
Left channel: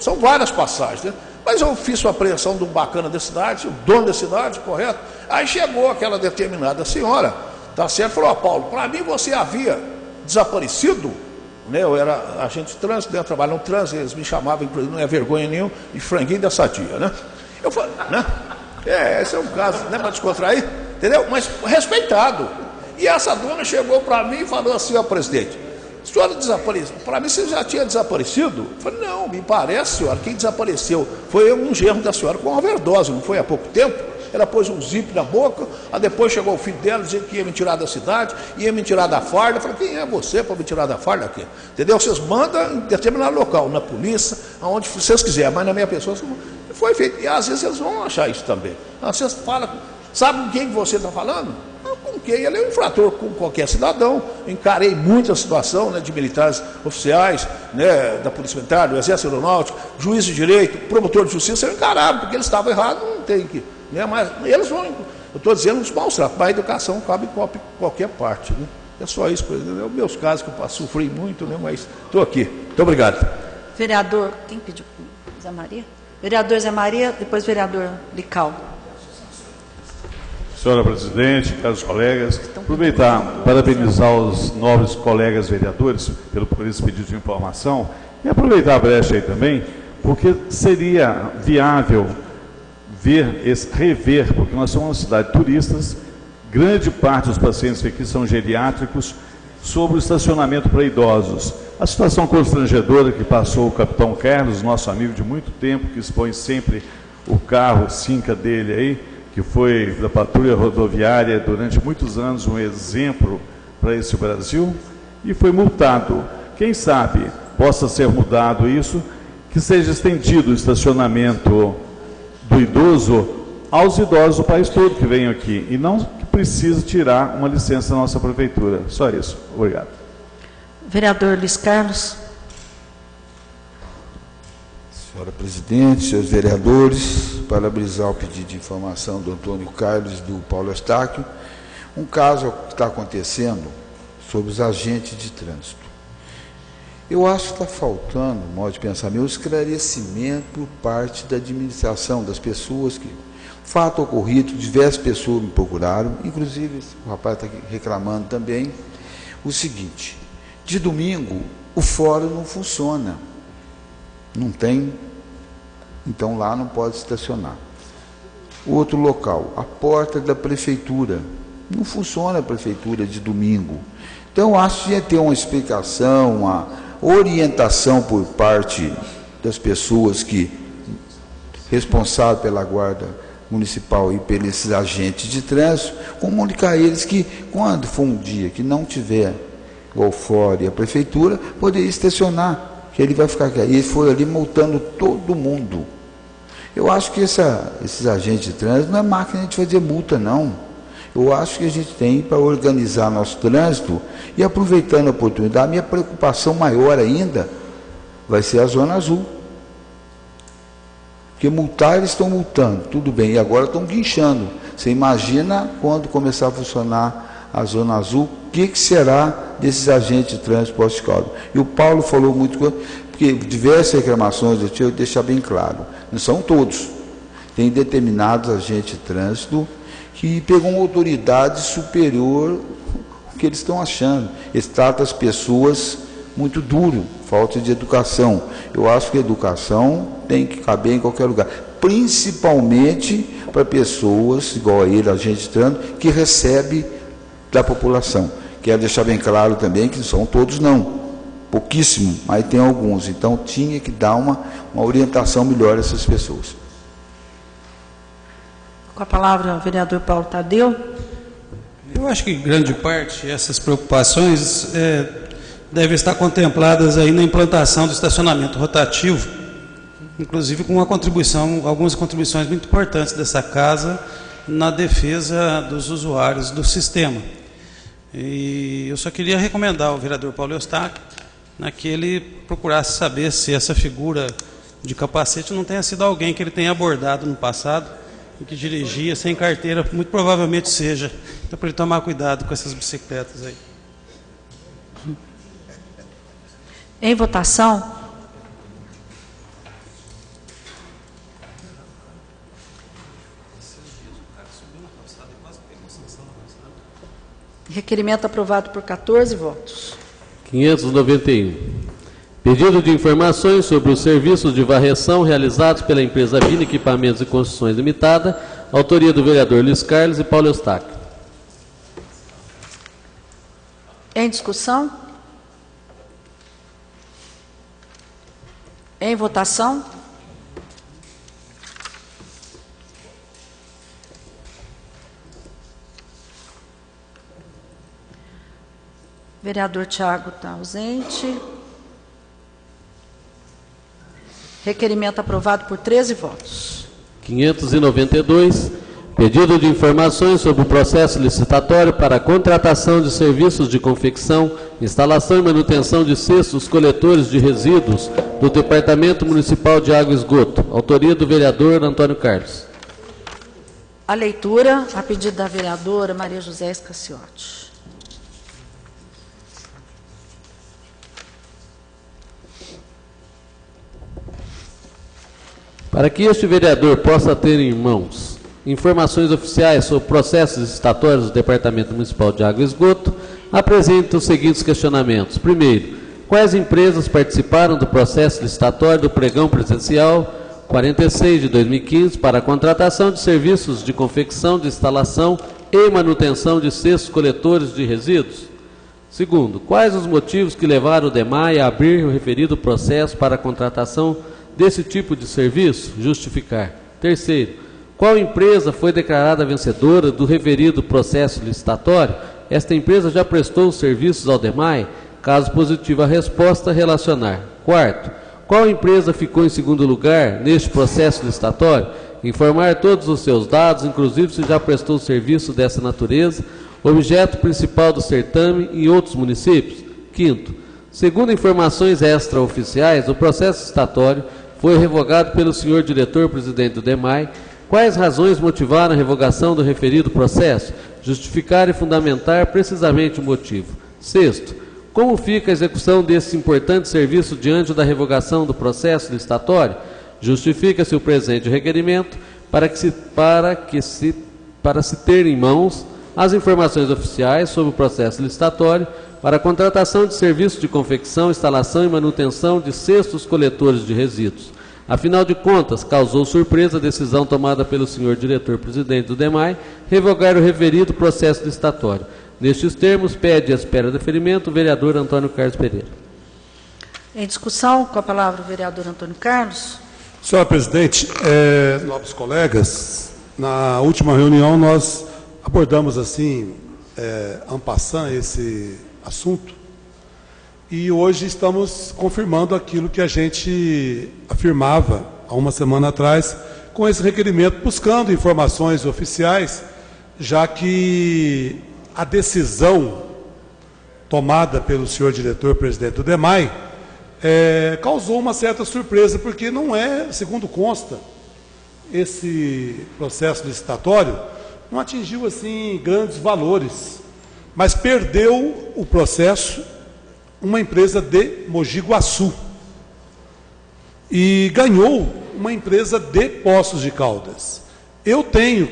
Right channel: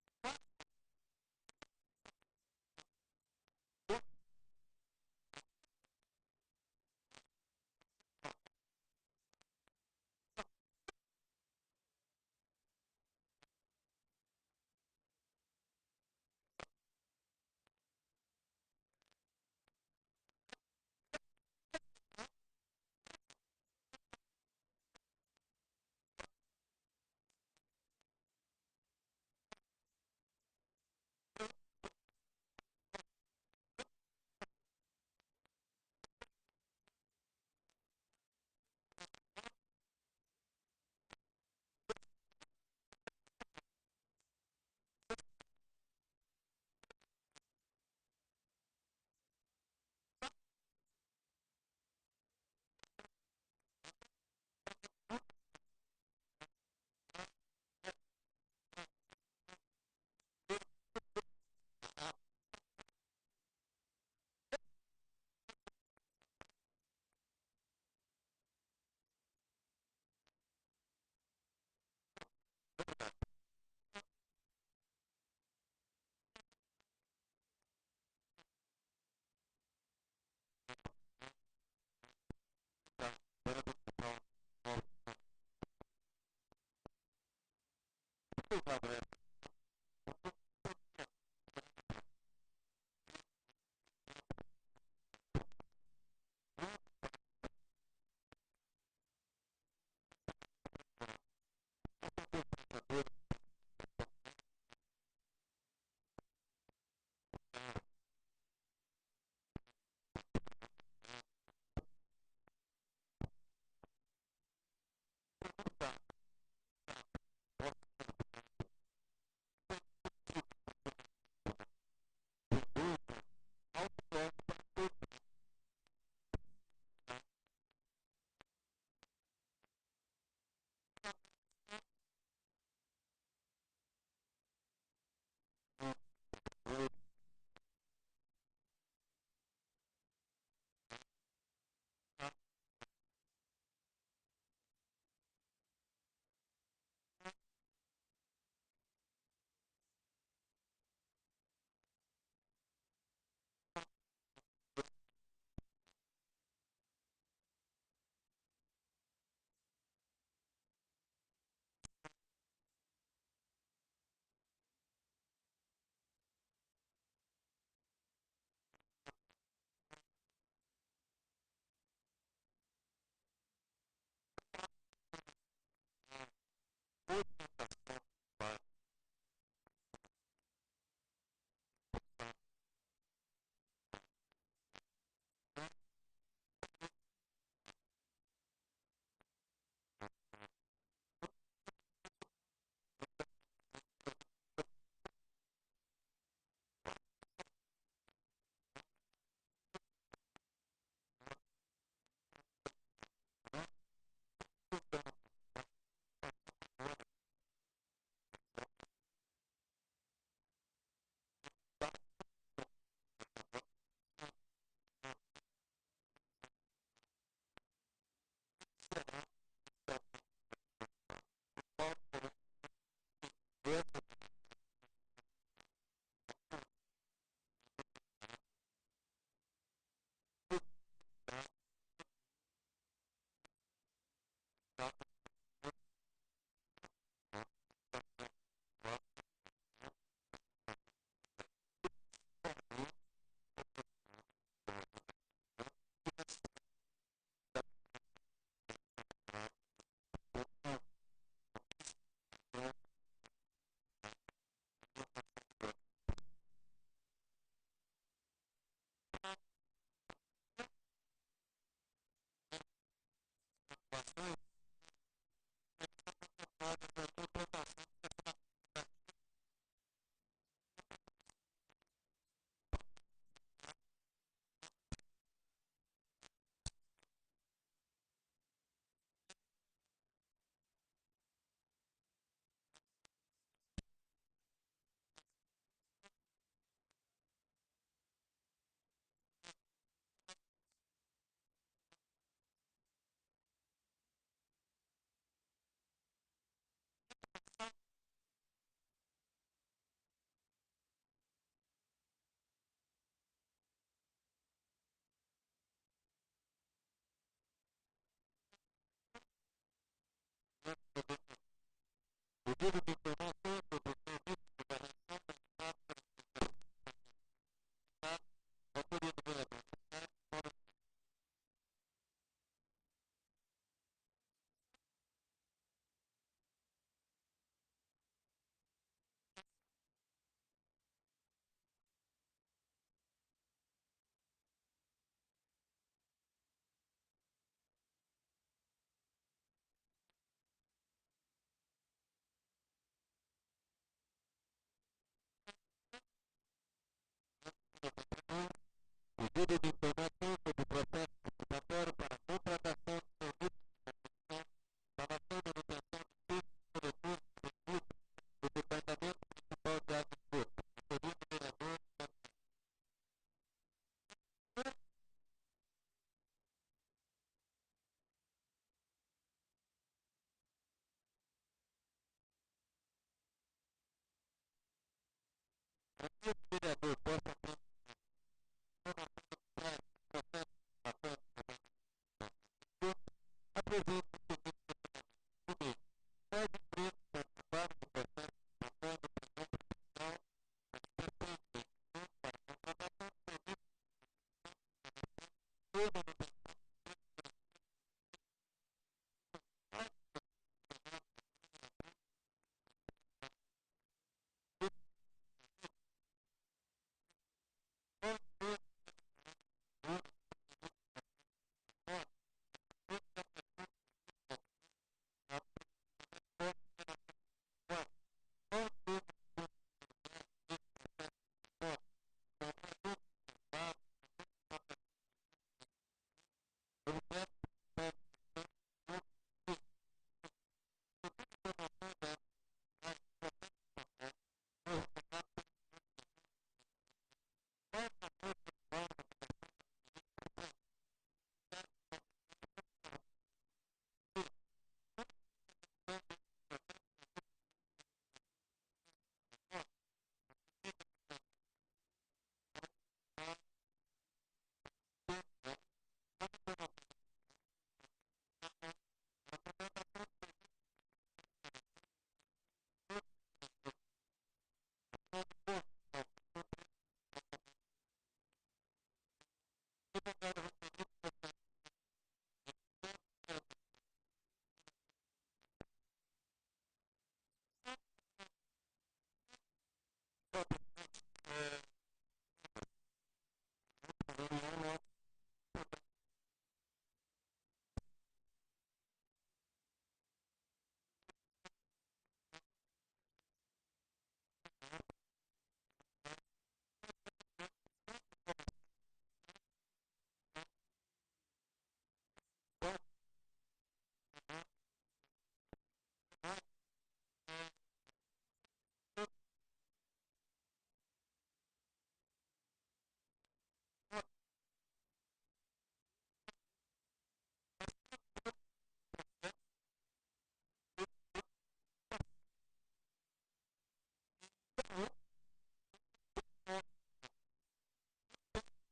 São várias passagens, mas eu fiz uma apreensão de um bacana da cidade, o dono da cidade, correto? Aí chegou aquela determinada senhora, tá certo? Falou, Paulo, para mim você havia desaparecido, eu era agente de trânsito, eu trabalhava no trânsito, eles me chamavam, inclusive, não é vergonha nenhuma, de franguinho da sadia, Eu falei, esse é um caso, para descontrair, entendeu? Mas respeitado. E essa dona chegou para mim e falou assim, ó, presidente, a senhora desapareceu, para mim você já tinha desaparecido? Eu falei, não, me parece, senhora, quem desapareceu foi um genro da senhora com overdose, não foi há pouco tempo? Ela pôs um zip na boca, aí depois chegou o filho dela dizendo que ia me tirar da cidade, ia me tirar da farda. Eu falei, quem é você para me tirar da farda aqui? Entendeu? Vocês mandam em determinado local, na polícia, aonde vocês quiserem, mas na minha pessoa foi feito. E às vezes eles vão achar isso também. Às vezes fala, sabe com quem você está falando? Com quem? Ele é um infrator com qualquer cidadão. Encarei muita situação de militares oficiais, da Polícia Militar, do Exército Aeronáutico, juiz de direito, promotor de justiça, eu encarava, porque eles estavam errados, não tem que. Mas eles vão, eu estou dizendo, os maus tratos, mas a educação cabe em qualquer parte. É só isso, é os meus casos que eu sofri muito, mas estou aqui. Muito obrigado. Vereador, quem pediu? Zé Maria? Vereador Zé Maria, depois vereador Lical. Senhora presidente, caros colegas, aproveitar para parabenizar os nobres colegas vereadores por esse pedido de informação e aproveitar a brecha aí também, porque seria viável rever, porque nós somos uma cidade de turistas, grande parte dos pacientes que aqui são geriátricos, sobre o estacionamento para idosos. A situação constrangedora que passou o capitão Carlos, nosso amigo de muito tempo, que expõe sempre o carro Cinca dele aí, que foi da patrulha rodoviária durante muitos anos um exemplo para esse Brasil, e foi multado. Quem sabe possa ser mudado isso, que seja estendido o estacionamento do idoso aos idosos do país todo que venham aqui, e não que precise tirar uma licença da nossa prefeitura. Só isso. Obrigado. Vereador Luiz Carlos. Senhora presidente, senhores vereadores, parabenizar o pedido de informação do Antônio Carlos e do Paulo Eustáquio. Um caso que está acontecendo sobre os agentes de trânsito. Eu acho que está faltando, no modo de pensar meu, esclarecimento por parte da administração, das pessoas que... Fato ocorrido, diversas pessoas me procuraram, inclusive o rapaz está reclamando também, o seguinte: de domingo o fórum não funciona, não tem, então lá não pode estacionar. Outro local, a porta da prefeitura, não funciona a prefeitura de domingo. Então eu acho que ia ter uma explicação, uma orientação por parte das pessoas que responsáveis pela guarda municipal e pelos agentes de trânsito, comunicar a eles que quando for um dia que não tiver o fórum e a prefeitura, poderia estacionar, que ele vai ficar aqui. E ele foi ali multando todo mundo. Eu acho que esses agentes de trânsito não é máquina de fazer multa, não. Eu acho que a gente tem para organizar nosso trânsito e, aproveitando a oportunidade, minha preocupação maior ainda vai ser a Zona Azul. Porque multar, eles estão multando, tudo bem, e agora estão guinchando. Você imagina quando começar a funcionar a Zona Azul, o que será desses agentes de trânsito pós-caldo? E o Paulo falou muito, porque diversas reclamações, eu deixar bem claro, não são todos. Tem determinados agentes de trânsito que pegam uma autoridade superior ao que eles estão achando. Eles tratam as pessoas muito duro, falta de educação. Eu acho que a educação tem que caber em qualquer lugar, principalmente para pessoas, igual a ele, agente de trânsito, que recebe da população. Quero deixar bem claro também que não são todos não, pouquíssimo, mas tem alguns. Então tinha que dar uma orientação melhor a essas pessoas. Com a palavra o vereador Paulo Tadeu. Eu acho que grande parte dessas preocupações devem estar contempladas aí na implantação do estacionamento rotativo, inclusive com algumas contribuições muito importantes dessa casa na defesa dos usuários do sistema. E eu só queria recomendar ao vereador Paulo Eustáquio que ele procurasse saber se essa figura de capacete não tenha sido alguém que ele tenha abordado no passado e que dirigia sem carteira, muito provavelmente seja. Então, para ele tomar cuidado com essas bicicletas aí. Em votação. Requerimento aprovado por 14 votos. 591. Pedido de informações sobre os serviços de varreção realizados pela empresa Vina Equipamentos e Construções Limitada, autoria do vereador Luiz Carlos e Paulo Eustáquio. Em discussão? Em votação? Vereador Tiago está ausente. Requerimento aprovado por 13 votos. 592. Pedido de informações sobre o processo licitatório para a contratação de serviços de confecção, instalação e manutenção de cestos coletores de resíduos do Departamento Municipal de Água e Esgoto. Autoria do vereador Antônio Carlos. A leitura, a pedido da vereadora Maria José Escaciotti. Para que este vereador possa ter em mãos informações oficiais sobre processos licitatórios do Departamento Municipal de Água e Esgoto, apresenta os seguintes questionamentos. Primeiro, quais empresas participaram do processo licitatório do pregão presencial 46 de 2015 para a contratação de serviços de confecção, de instalação e manutenção de cestos coletores de resíduos? Segundo, quais os motivos que levaram o DEMAI a abrir o referido processo para a contratação desse tipo de serviço? Justificar. Terceiro, qual empresa foi declarada vencedora do referido processo licitatório? Esta empresa já prestou os serviços ao DEMAI? Caso positiva a resposta, relacionar. Quarto, qual empresa ficou em segundo lugar neste processo licitatório? Informar todos os seus dados, inclusive se já prestou serviço dessa natureza, objeto principal do certame em outros municípios. Quinto, segundo informações extraoficiais, o processo licitatório foi revogado pelo senhor diretor-presidente do DEMAI. Quais razões motivaram a revogação do referido processo? Justificar e fundamentar precisamente o motivo. Sexto, como fica a execução desse importante serviço diante da revogação do processo licitatório? Justifica-se o presente requerimento para se ter em mãos as informações oficiais sobre o processo licitatório para a contratação de serviços de confecção, instalação e manutenção de cestos coletores de resíduos. Afinal de contas, causou surpresa a decisão tomada pelo senhor diretor-presidente do DEMAI revogar o referido processo licitatório. Nestes termos, pede à espera do deferimento o vereador Antônio Carlos Pereira. Em discussão, com a palavra o vereador Antônio Carlos. Senhora presidente, nobres colegas, na última reunião nós abordamos assim, en passant, esse assunto, e hoje estamos confirmando aquilo que a gente afirmava há uma semana atrás, com esse requerimento, buscando informações oficiais, já que a decisão tomada pelo senhor diretor-presidente do DEMAI causou uma certa surpresa, porque não é, segundo consta, esse processo licitatório não atingiu assim grandes valores, mas perdeu o processo uma empresa de Mogi Guaçu e ganhou uma empresa de Poços de Caldas. Eu tenho,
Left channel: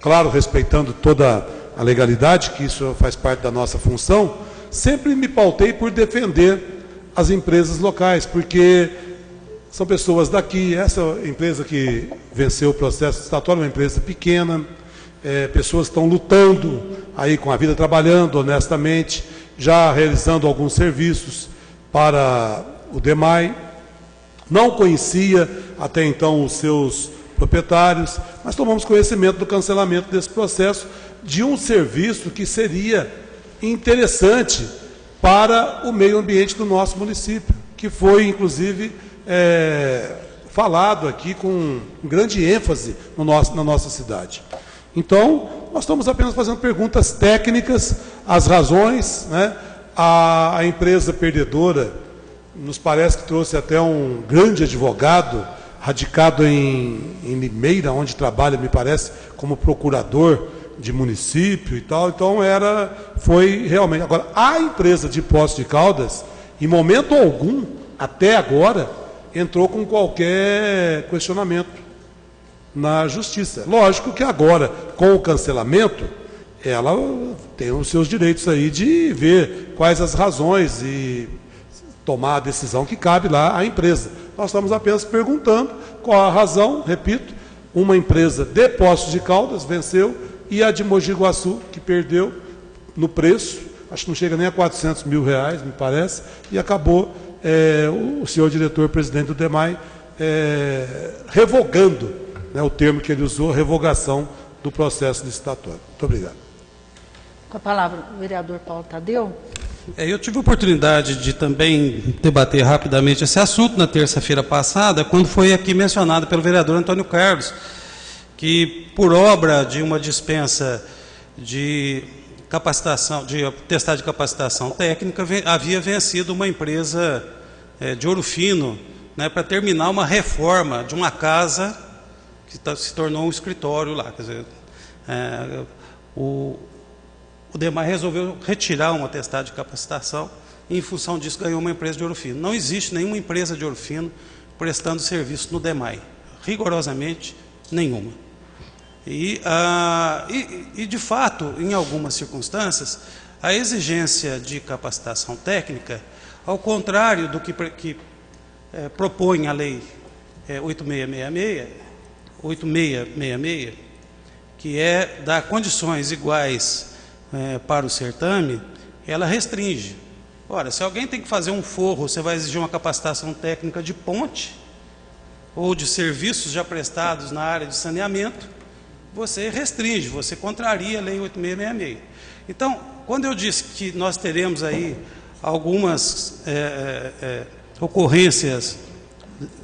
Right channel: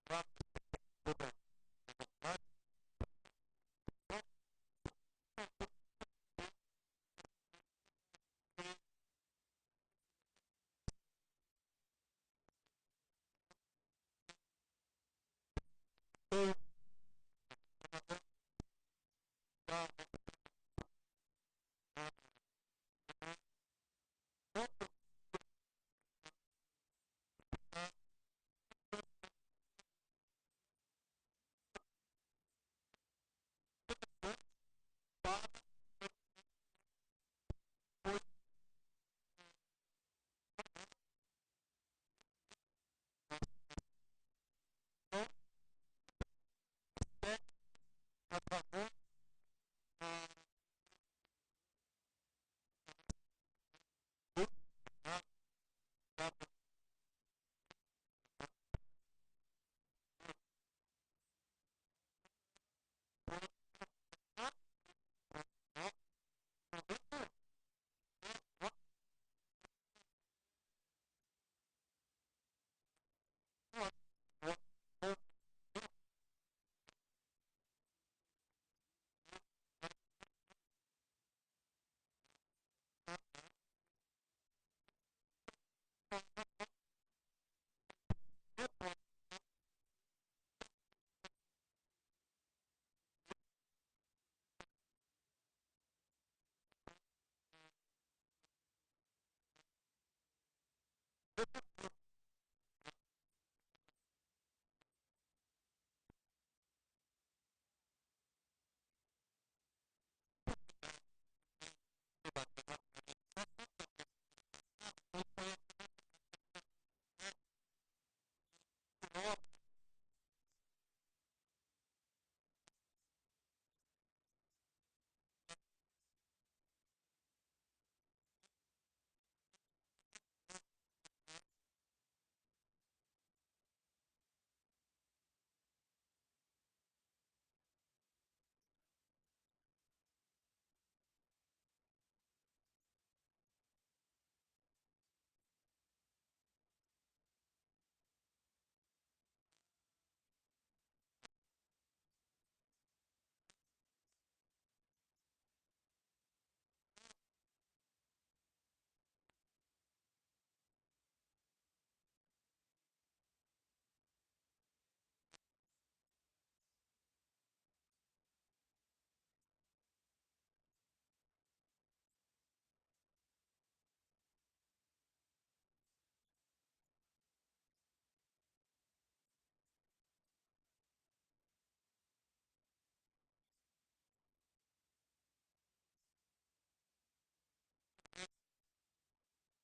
claro, respeitando toda a legalidade, que isso faz parte da nossa função, sempre me pautei por defender as empresas locais, porque são pessoas daqui. Essa empresa que venceu o processo licitatório é uma empresa pequena, pessoas estão lutando aí com a vida, trabalhando honestamente, já realizando alguns serviços para o DEMAI. Não conhecia até então os seus proprietários, mas tomamos conhecimento do cancelamento desse processo, de um serviço que seria interessante para o meio ambiente do nosso município, que foi, inclusive, falado aqui com grande ênfase na nossa cidade. Então, nós estamos apenas fazendo perguntas técnicas, as razões, né? A empresa perdedora, nos parece que trouxe até um grande advogado, radicado em Limeira, onde trabalha, me parece, como procurador de município e tal. Então, foi realmente... Agora, a empresa de Poços de Caldas, em momento algum, até agora, entrou com qualquer questionamento na justiça. Lógico que agora, com o cancelamento, ela tem os seus direitos aí de ver quais as razões e tomar a decisão que cabe lá à empresa. Nós estamos apenas perguntando qual a razão. Repito, uma empresa de Poços de Caldas venceu e a de Mogi Guaçu, que perdeu no preço, acho que não chega nem a R$400 mil, me parece, e acabou o senhor diretor-presidente do DEMAI revogando, né, o termo que ele usou, revogação do processo licitatório. Muito obrigado. Com a palavra o vereador Paulo Tadeu. Eu tive a oportunidade de também debater rapidamente esse assunto na terça-feira passada, quando foi aqui mencionado pelo vereador Antônio Carlos, que por obra de uma dispensa de capacitação, de atestado de capacitação técnica, havia vencido uma empresa de Ouro Fino, né, para terminar uma reforma de uma casa que se tornou um escritório lá. Quer dizer, o DEMAI resolveu retirar um atestado de capacitação e, em função disso, ganhou uma empresa de Ouro Fino. Não existe nenhuma empresa de Ouro Fino prestando serviço no DEMAI, rigorosamente nenhuma. E, de fato, em algumas circunstâncias, a exigência de capacitação técnica, ao contrário do que propõe a lei 8666, que é dar condições iguais para o certame, ela restringe. Ora, se alguém tem que fazer um forro, você vai exigir uma capacitação técnica de ponte ou de serviços já prestados na área de saneamento, você restringe, você contraria a lei 8666. Então, quando eu disse que nós teremos aí algumas ocorrências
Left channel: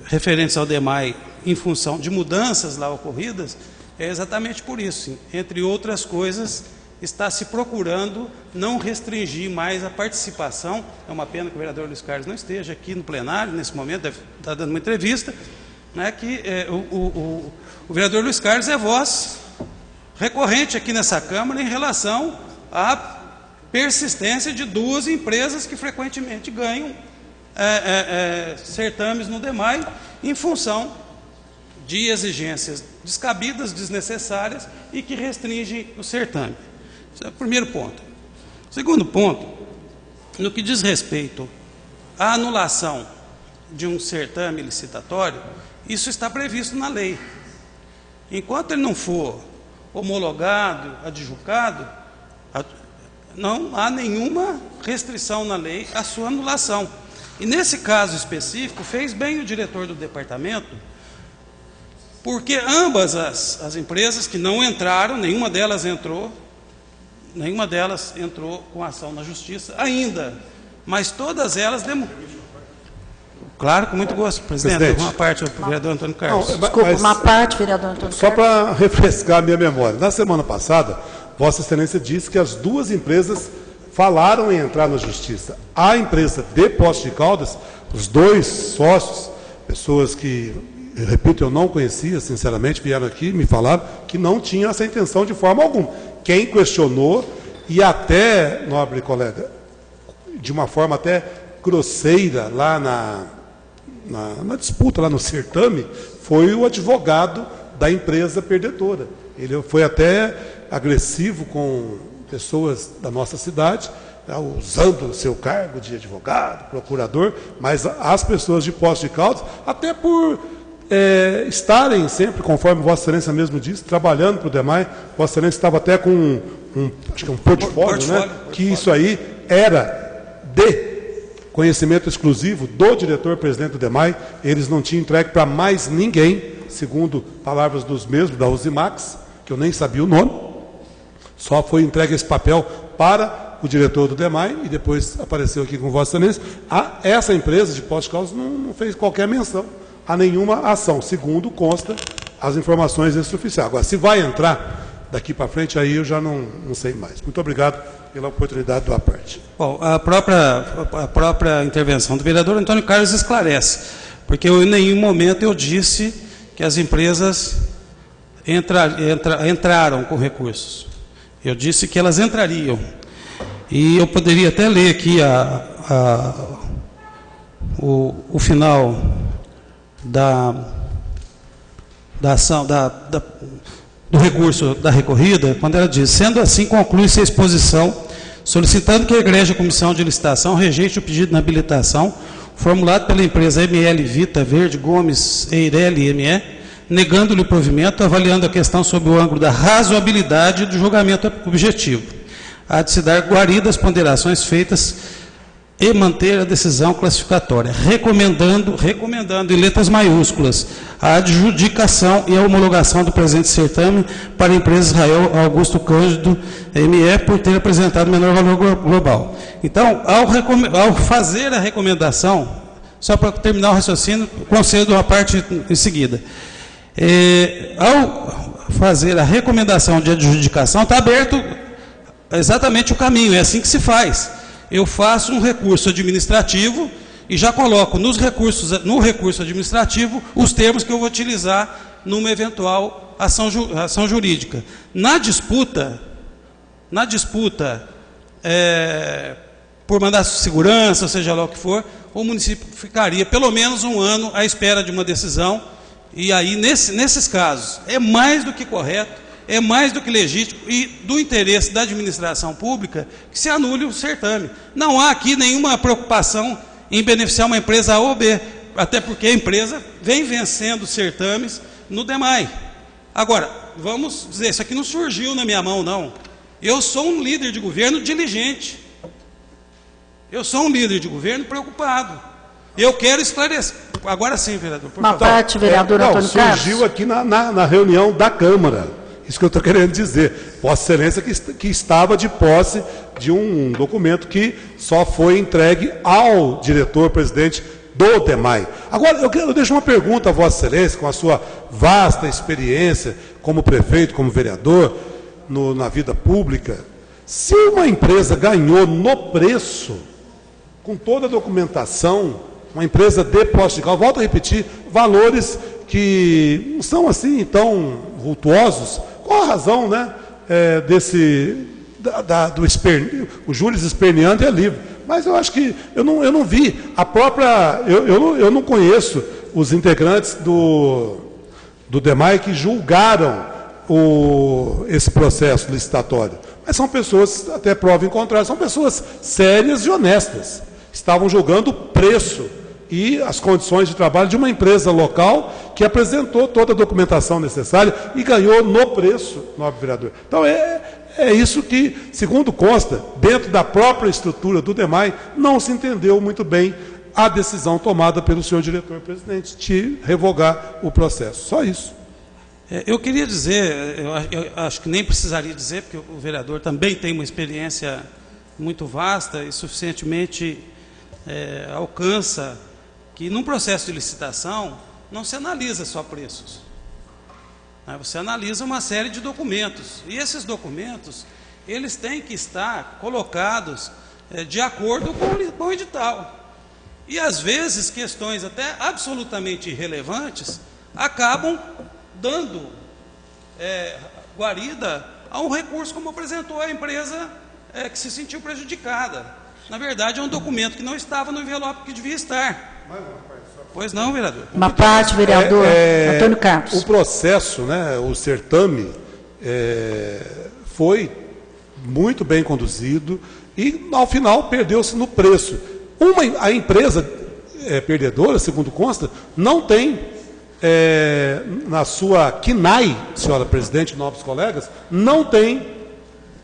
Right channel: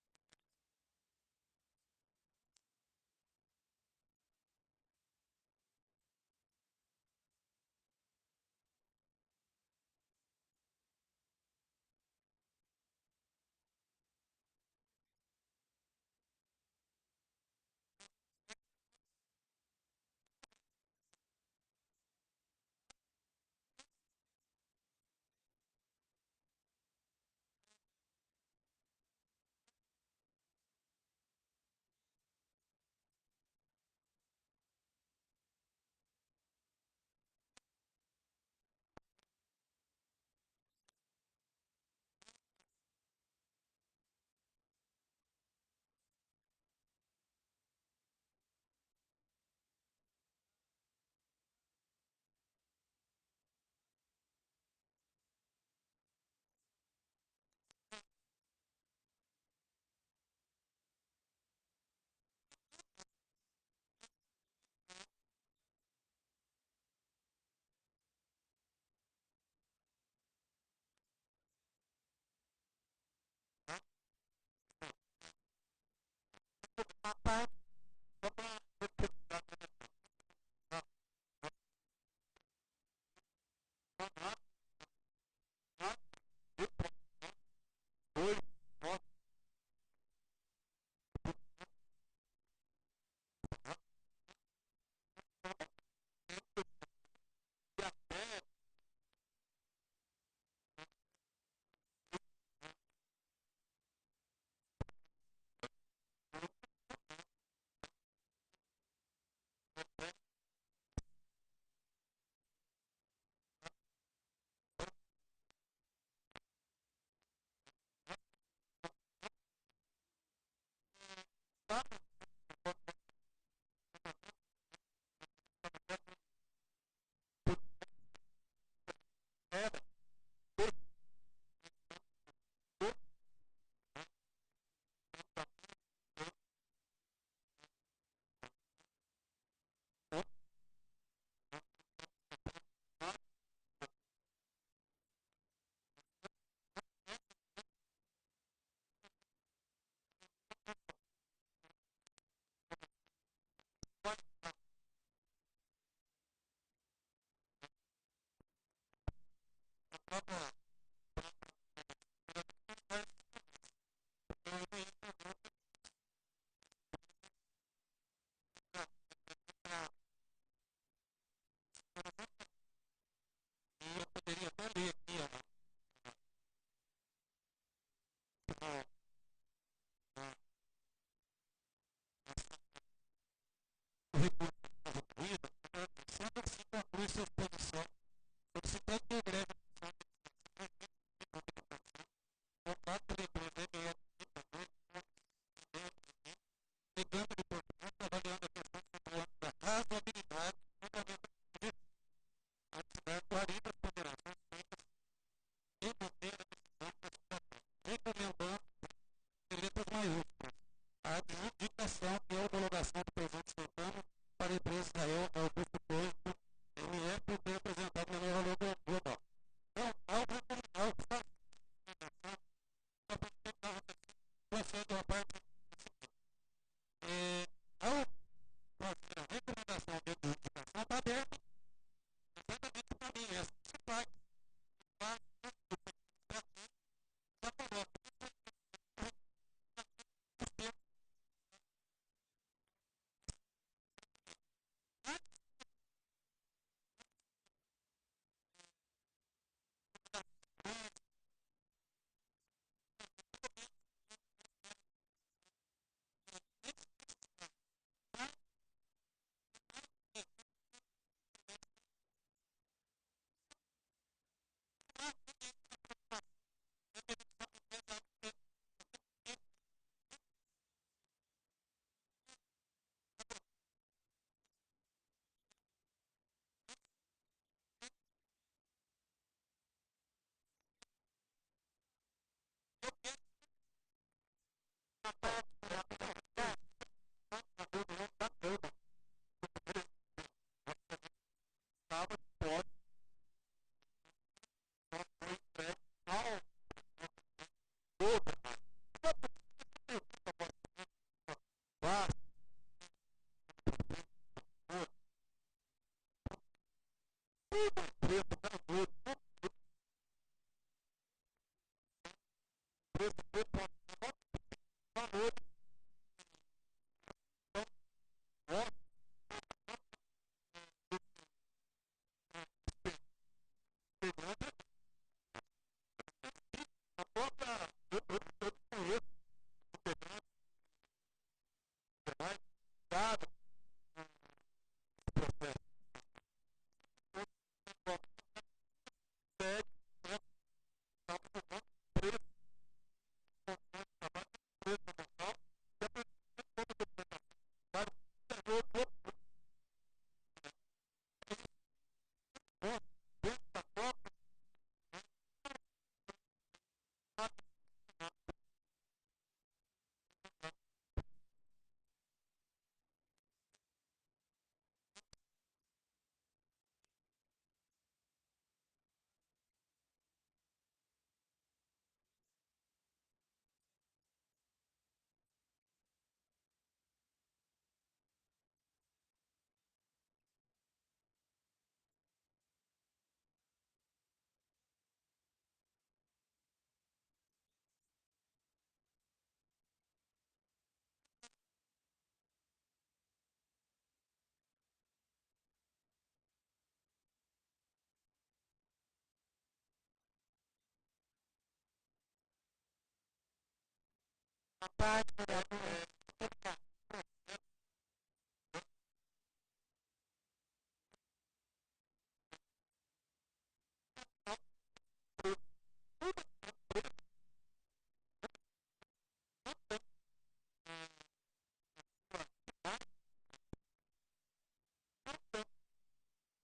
referentes ao DEMAI em função de mudanças lá ocorridas, é exatamente por isso. Entre outras coisas, está se procurando não restringir mais a participação. É uma pena que o vereador Luiz Carlos não esteja aqui no plenário, nesse momento, deve estar dando uma entrevista, né, que o vereador Luiz Carlos é voz recorrente aqui nessa Câmara em relação à persistência de duas empresas que frequentemente ganham certames no DEMAI em função de exigências descabidas, desnecessárias e que restringem o certame. Esse é o primeiro ponto. O segundo ponto, no que diz respeito à anulação de um certame licitatório, isso está previsto na lei. Enquanto ele não for homologado, adjudicado, não há nenhuma restrição na lei à sua anulação. E nesse caso específico, fez bem o diretor do departamento, porque ambas as empresas que não entraram, nenhuma delas entrou com ação na justiça ainda, mas todas elas Claro, com muito gosto, presidente. Uma parte, o vereador Antônio Carlos. Não, desculpa, uma parte, vereador Antônio Carlos. Só para refrescar a minha memória. Na semana passada, Vossa Excelência disse que as duas empresas falaram em entrar na justiça. A empresa de Poços de Caldas, os dois sócios, pessoas que, eu repito, eu não conhecia, sinceramente, vieram aqui e me falaram que não tinham essa intenção de forma alguma. Quem questionou, e até, nobre colega, de uma forma até grosseira, lá na disputa, lá no certame, foi o advogado da empresa perdedora. Ele foi até agressivo com pessoas da nossa cidade, usando o seu cargo de advogado, procurador, mas as pessoas de Poços de Caldas, até por estarem sempre, conforme Vossa Excelência mesmo disse, trabalhando para o DEMAI. Vossa Excelência estava até com acho que um portfólio, né? Que isso aí era de conhecimento exclusivo do diretor-presidente do DEMAI, eles não tinham entregue para mais ninguém, segundo palavras dos mesmos, da Uzimax, que eu nem sabia o nome, só foi entregue esse papel para o diretor do DEMAI e depois apareceu aqui com Vossa Excelência. Essa empresa de Poços de Caldas não fez qualquer menção a nenhuma ação, segundo consta as informações extraoficiais. Agora, se vai entrar daqui para frente, aí eu já não sei mais. Muito obrigado pela oportunidade da parte. Bom, a própria intervenção do vereador Antônio Carlos esclarece, porque em nenhum momento eu disse que as empresas entraram com recursos. Eu disse que elas entrariam. E eu poderia até ler aqui o final da ação, do recurso da recorrida, quando ela diz: sendo assim, conclui-se a exposição, solicitando que a Egrégia Comissão de Licitação rejeite o pedido de inabilitação formulado pela empresa ML Vita Verde Gomes Eireli ME, negando-lhe o provimento, avaliando a questão sob o ângulo da razoabilidade do julgamento objetivo. Há de se dar guaridas ponderações feitas e manter a decisão classificatória, recomendando em letras maiúsculas a adjudicação e a homologação do presente certame para a empresa Israel Augusto Cândido ME por ter apresentado menor valor global. Então, ao fazer a recomendação, só para terminar o raciocínio, concedo uma parte em seguida. Ao fazer a recomendação de adjudicação, está aberto exatamente o caminho, é assim que se faz. Eu faço um recurso administrativo e já coloco no recurso administrativo os termos que eu vou utilizar numa eventual ação jurídica. Na disputa por mandato de segurança, ou seja lá o que for, o município ficaria pelo menos um ano à espera de uma decisão. E aí, nesses casos, é mais do que correto é mais do que legítimo e do interesse da administração pública que se anule o certame. Não há aqui nenhuma preocupação em beneficiar uma empresa A ou B, até porque a empresa vem vencendo certames no DEMAI. Agora, vamos dizer, isso aqui não surgiu na minha mão, não. Eu sou um líder de governo diligente. Eu sou um líder de governo preocupado. Eu quero esclarecer. Agora sim, vereador, por favor. parte, vereador Antônio Carlos. Surgiu aqui na reunião da Câmara. Isso que eu estou querendo dizer. Vossa Excelência que estava de posse de um documento que só foi entregue ao diretor-presidente do DEMAI. Agora, eu deixo uma pergunta a Vossa Excelência, com a sua vasta experiência como prefeito, como vereador, na vida pública. Se uma empresa ganhou no preço, com toda a documentação, uma empresa de Poços de Caldas, volto a repetir, valores que não são assim tão vultuosos, qual a razão, né, o júris esperneante é livre. Mas eu acho que eu não vi a própria, eu não conheço os integrantes do DEMAI que julgaram esse processo licitatório. Mas são pessoas, até prova em contrário, são pessoas sérias e honestas. Estavam julgando o preço e as condições de trabalho de uma empresa local que apresentou toda a documentação necessária e ganhou no preço, nobre vereador. Então, é isso que, segundo consta, dentro da própria estrutura do DEMAI, não se entendeu muito bem a decisão tomada pelo senhor diretor-presidente de revogar o processo. Só isso. Eu queria dizer, eu acho que nem precisaria dizer, porque o vereador também tem uma experiência muito vasta e suficientemente alcança que num processo de licitação não se analisa só preços. Você analisa uma série de documentos. E esses documentos, eles têm que estar colocados de acordo com o edital. E, às vezes, questões até absolutamente irrelevantes acabam dando guarida a um recurso, como apresentou a empresa que se sentiu prejudicada. Na verdade, é um documento que não estava no envelope que devia estar. Pois não, vereador. Uma parte, vereador Antônio Carlos. O processo, né, o certame, foi muito bem conduzido e, ao final, perdeu-se no preço. A empresa perdedora, segundo consta, não tem, na sua KNAI, senhora presidente, nobres colegas, não tem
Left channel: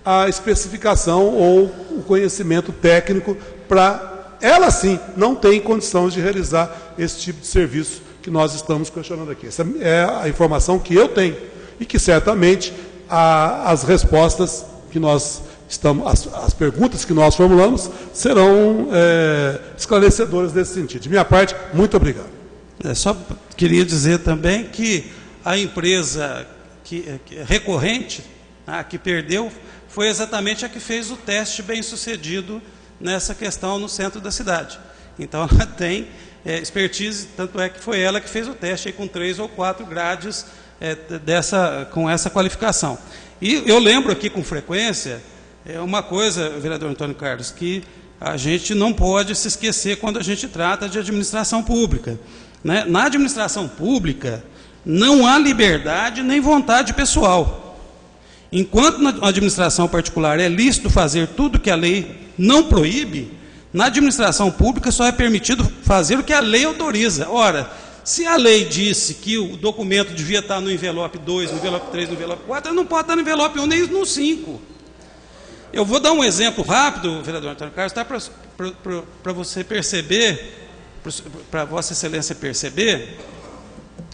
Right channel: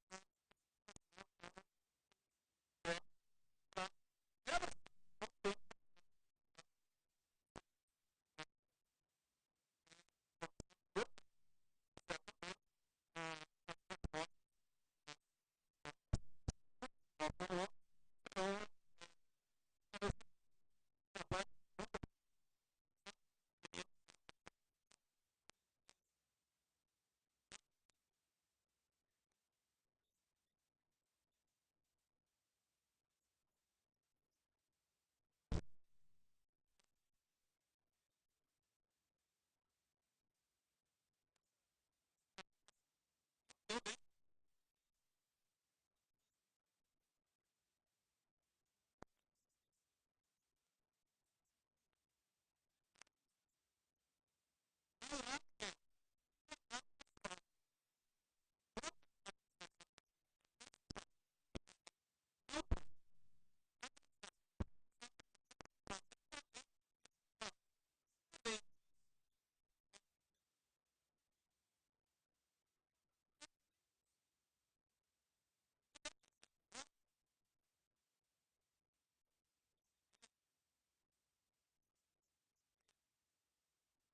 a especificação ou o conhecimento técnico para... Ela, sim, não tem condições de realizar esse tipo de serviço que nós estamos questionando aqui. Essa é a informação que eu tenho e que, certamente, as respostas que nós estamos... As perguntas que nós formulamos serão esclarecedoras nesse sentido. De minha parte, muito obrigado. Só queria dizer também que a empresa recorrente, que perdeu, foi exatamente a que fez o teste bem-sucedido nessa questão no centro da cidade. Então, ela tem expertise, tanto é que foi ela que fez o teste aí, com 3 ou 4 grades com essa qualificação. E eu lembro aqui com frequência, uma coisa, vereador Antônio Carlos, que a gente não pode se esquecer quando a gente trata de administração pública. Né? Na administração pública, não há liberdade nem vontade pessoal. Enquanto na administração particular é lícito fazer tudo que a lei não proíbe, na administração pública só é permitido fazer o que a lei autoriza. Ora, se a lei disse que o documento devia estar no envelope 2, no envelope 3, no envelope 4, ele não pode estar no envelope 1 nem no 5. Eu vou dar um exemplo rápido, vereador Antônio Carlos, tá, para você perceber, para Vossa Excelência perceber,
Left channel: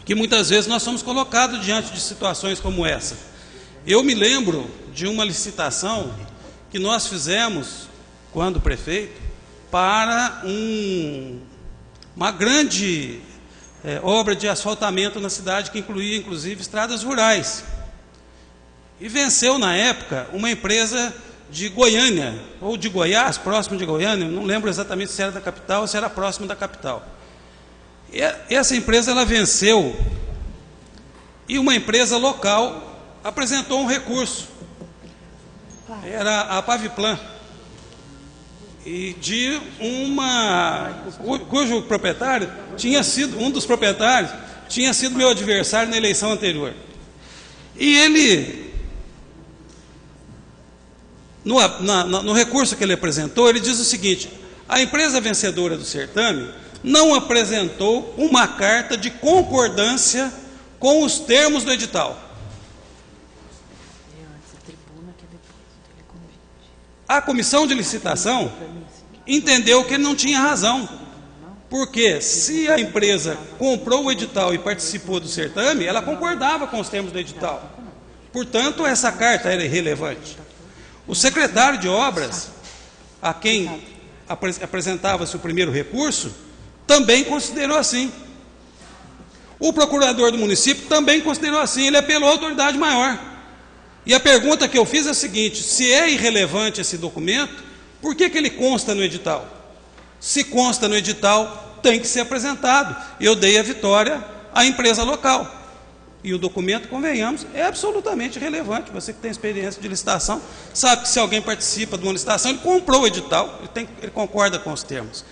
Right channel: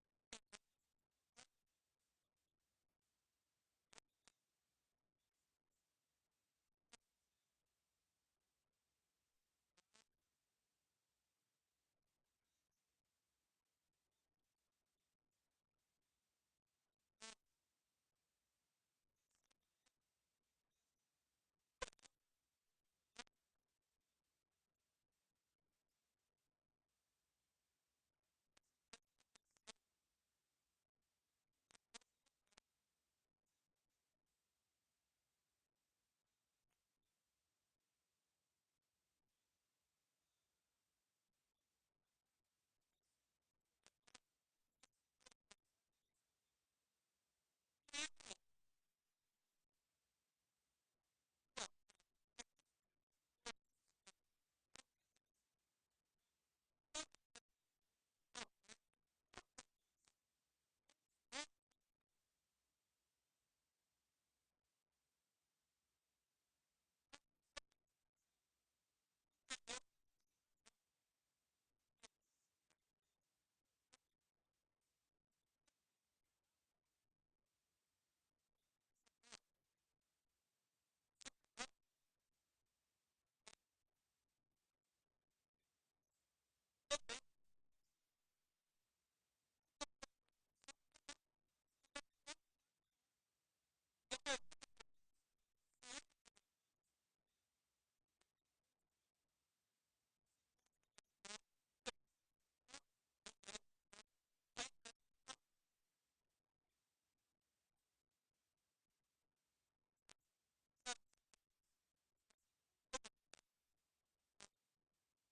que muitas vezes nós somos colocados diante de situações como essa. Eu me lembro de uma licitação que nós fizemos, quando prefeito, para uma grande obra de asfaltamento na cidade, que incluía, inclusive, estradas rurais. E venceu, na época, uma empresa de Goiânia, ou de Goiás, próximo de Goiânia, não lembro exatamente se era da capital ou se era próximo da capital. E essa empresa, ela venceu, e uma empresa local apresentou um recurso. Era a Paviplan, e de cujo proprietário tinha sido, um dos proprietários, tinha sido meu adversário na eleição anterior. E ele no recurso que ele apresentou, ele diz o seguinte: a empresa vencedora do certame não apresentou uma carta de concordância com os termos do edital. A comissão de licitação entendeu que ele não tinha razão, porque se a empresa comprou o edital e participou do certame, ela concordava com os termos do edital. Portanto, essa carta era irrelevante. O secretário de obras, a quem apresentava-se o primeiro recurso, também considerou assim. O procurador do município também considerou assim, ele apelou à autoridade maior. E a pergunta que eu fiz é a seguinte: se é irrelevante esse documento, por que ele consta no edital? Se consta no edital, tem que ser apresentado. Eu dei a vitória à empresa local. E o documento, convenhamos, é absolutamente relevante. Você que tem experiência de licitação, sabe que se alguém participa de uma licitação, ele comprou o edital, ele concorda com os termos.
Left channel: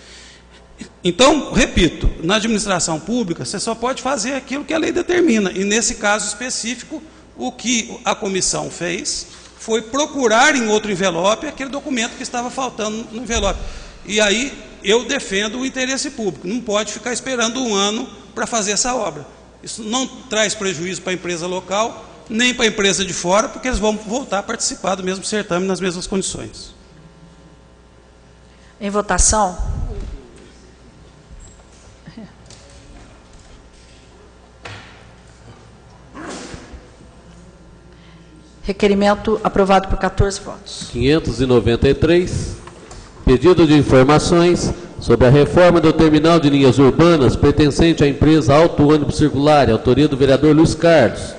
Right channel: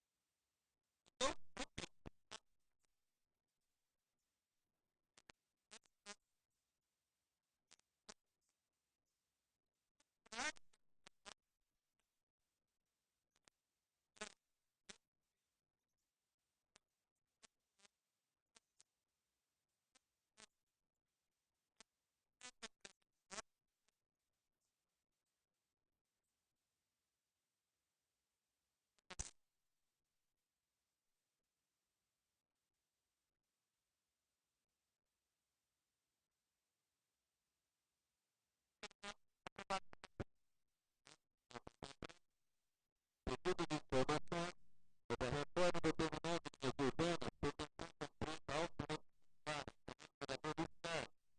Então, repito, na administração pública, você só pode fazer aquilo que a lei determina. E nesse caso específico, o que a comissão fez foi procurar em outro envelope aquele documento que estava faltando no envelope. E aí eu defendo o interesse público. Não pode ficar esperando um ano para fazer essa obra. Isso não traz prejuízo para a empresa local, nem para a empresa de fora, porque eles vão voltar a participar do mesmo certame nas mesmas condições. Em votação. Requerimento aprovado por 14 votos. 593. Pedido de informações sobre a reforma do terminal de linhas urbanas pertencente à empresa Auto Ônibus Circular, autoria do vereador Luiz Carlos.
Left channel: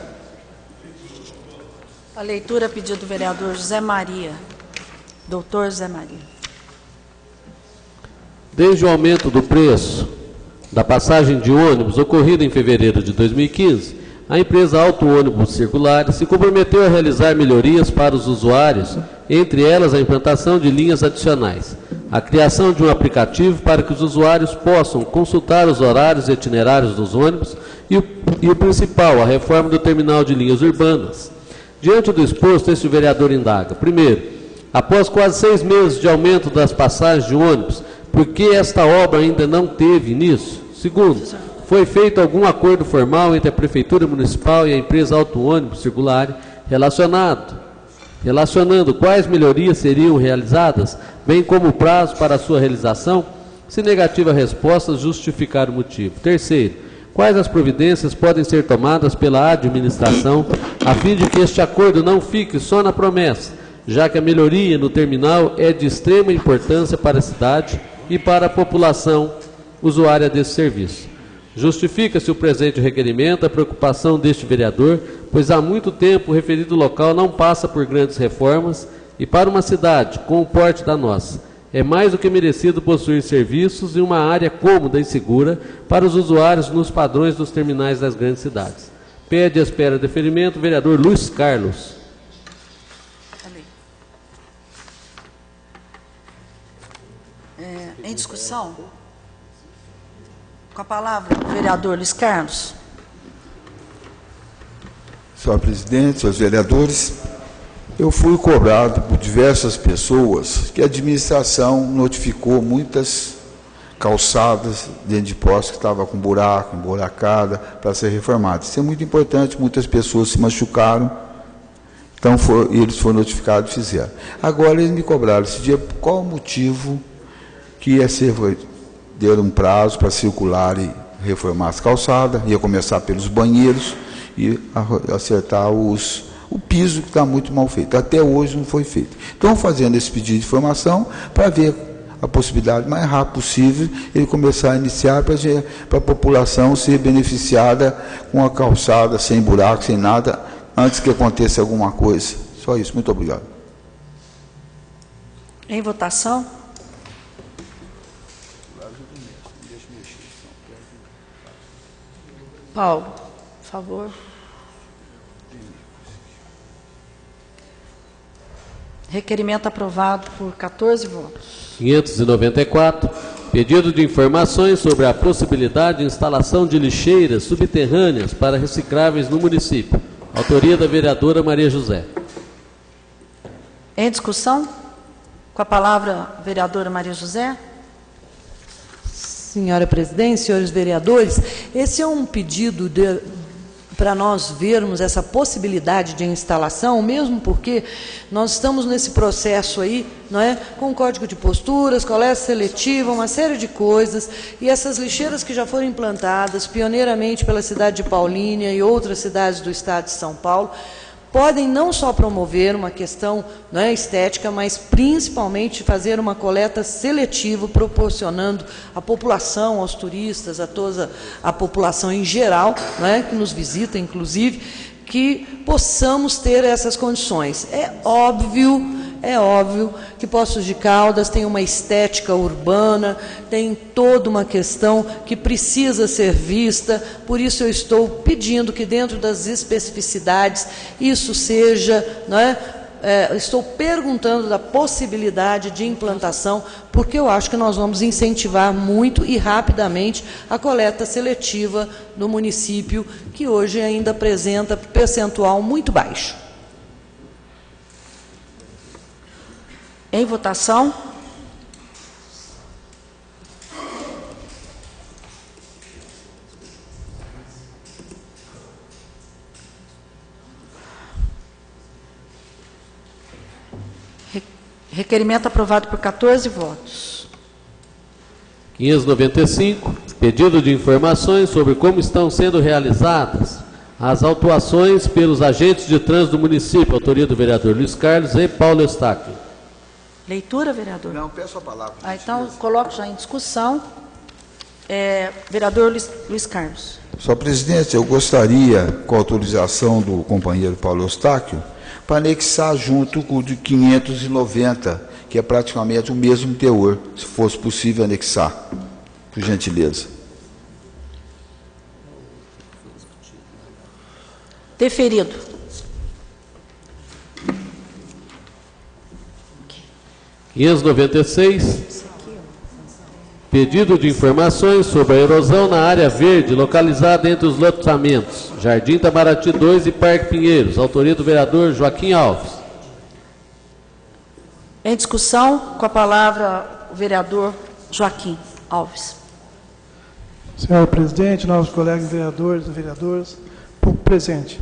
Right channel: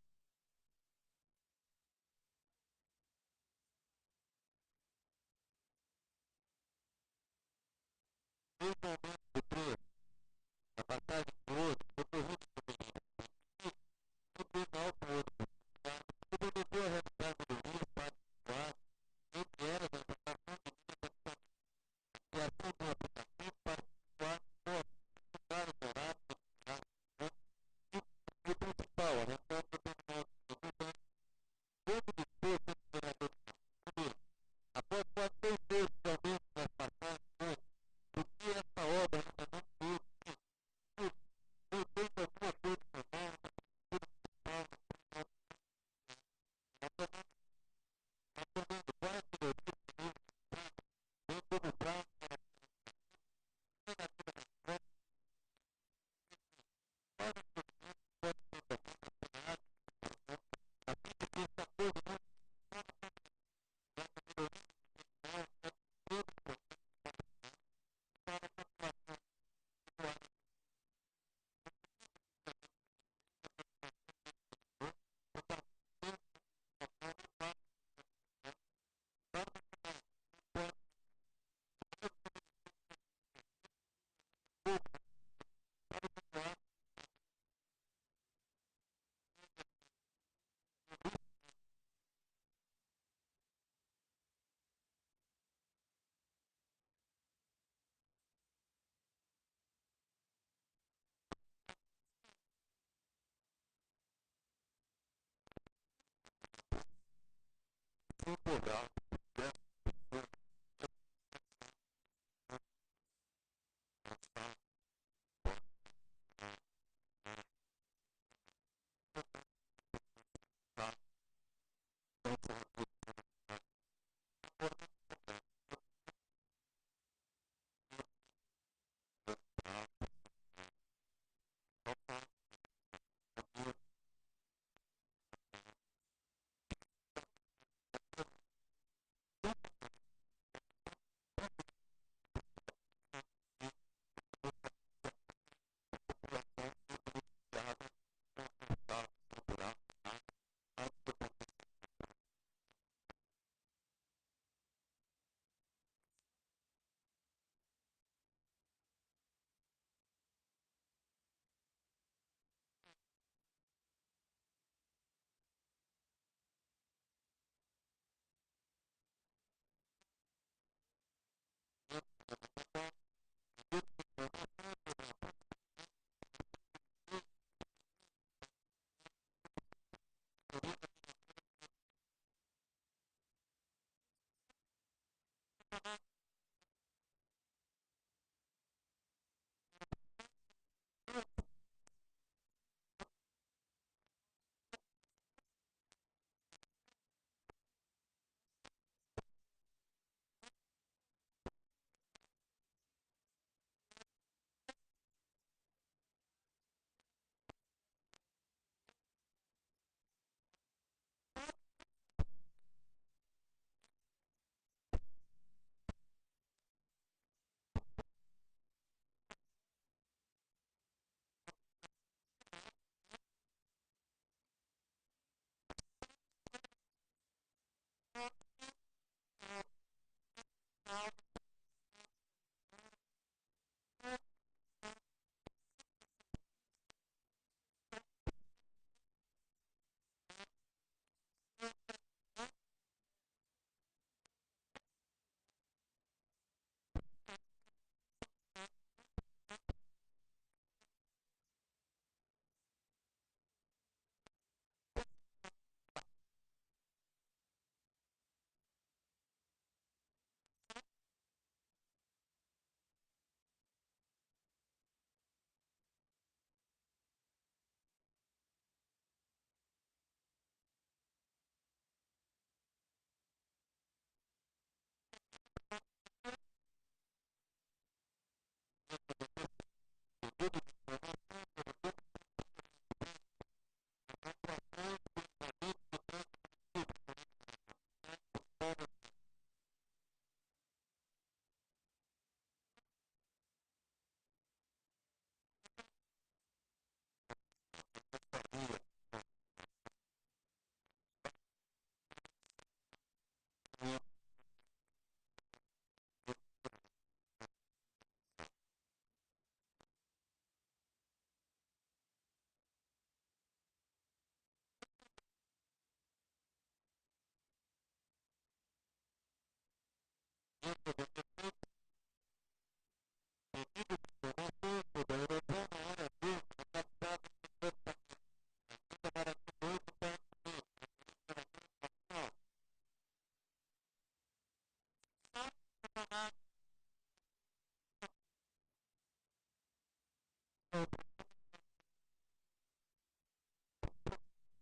A leitura, pedido do vereador José Maria. Doutor José Maria. Desde o aumento do preço da passagem de ônibus ocorrido em fevereiro de 2015, a empresa Auto Ônibus Circular se comprometeu a realizar melhorias para os usuários, entre elas a implantação de linhas adicionais, a criação de um aplicativo para que os usuários possam consultar os horários e itinerários dos ônibus e o principal, a reforma do terminal de linhas urbanas. Diante do exposto, este vereador indaga: primeiro, após quase 6 meses de aumento das passagens de ônibus, por que esta obra ainda não teve início? Segundo, foi feito algum acordo formal entre a Prefeitura Municipal e a empresa Auto Ônibus Circular relacionando quais melhorias seriam realizadas, bem como o prazo para a sua realização? Se negativa a resposta, justificar o motivo. Terceiro, quais as providências podem ser tomadas pela administração a fim de que este acordo não fique só na promessa, já que a melhoria no terminal é de extrema importância para a cidade e para a população usuária desse serviço. Justifica-se o presente requerimento a preocupação deste vereador, pois há muito tempo o referido local não passa por grandes reformas e para uma cidade com o porte da nossa, é mais do que merecido possuir serviços e uma área cômoda e segura para os usuários nos padrões dos terminais das grandes cidades. Pede à espera de deferimento o vereador Luiz Carlos. Em discussão? Com a palavra, o vereador Luiz Carlos. Senhor presidente, senhores vereadores, eu fui cobrado por diversas pessoas que a administração notificou muitas calçadas dentro de postos que estavam com buraco, emburacada, para ser reformadas. Isso é muito importante, muitas pessoas se machucaram, então eles foram notificados e fizeram. Agora eles me cobraram esse dia qual o motivo que ia ser... Deram um prazo para circular e reformar as calçadas, ia começar pelos banheiros e acertar o piso que está muito mal feito. Até hoje não foi feito. Estão fazendo esse pedido de informação para ver a possibilidade mais rápido possível ele começar a iniciar para a população ser beneficiada com a calçada sem buraco, sem nada, antes que aconteça alguma coisa. Só isso. Muito obrigado. Em votação. Paulo, por favor. Requerimento aprovado por 14 votos. 594. Pedido de informações sobre a possibilidade de instalação de lixeiras subterrâneas para recicláveis no município. Autoria da vereadora Maria José. Em discussão? Com a palavra, a vereadora Maria José. Senhora presidente, senhores vereadores, esse é um pedido para nós vermos essa possibilidade de instalação, mesmo porque nós estamos nesse processo aí, não é, com código de posturas, coleta seletiva, uma série de coisas, e essas lixeiras que já foram implantadas pioneiramente pela cidade de Paulínia e outras cidades do estado de São Paulo, podem não só promover uma questão, não é, estética, mas principalmente fazer uma coleta seletiva, proporcionando à população, aos turistas, a toda a população em geral, não é, que nos visita, inclusive, que possamos ter essas condições. É óbvio que Poços de Caldas tem uma estética urbana, tem toda uma questão que precisa ser vista, por isso eu estou pedindo que dentro das especificidades isso seja, não é? Estou perguntando da possibilidade de implantação, porque eu acho que nós vamos incentivar muito e rapidamente a coleta seletiva no município, que hoje ainda apresenta percentual muito baixo. Em votação. Requerimento aprovado por 14 votos. 595, pedido de informações sobre como estão sendo realizadas as autuações pelos agentes de trânsito do município, autoria do vereador Luiz Carlos e Paulo Eustáquio. Leitura, vereador? Não, peço a palavra. Então, coloco já em discussão. Vereador Luiz Carlos. Senhor presidente, eu gostaria, com a autorização do companheiro Paulo Eustáquio, para anexar junto com o de 590, que é praticamente o mesmo teor, se fosse possível anexar, por gentileza. Deferido. Okay. 596, pedido de informações sobre a erosão na área verde localizada entre os loteamentos Jardim Itamaraty 2 e Parque Pinheiros, autoria do vereador Joaquim Alves. Em discussão, com a palavra o vereador Joaquim Alves. Senhor presidente, novos colegas vereadores e vereadoras, público presente.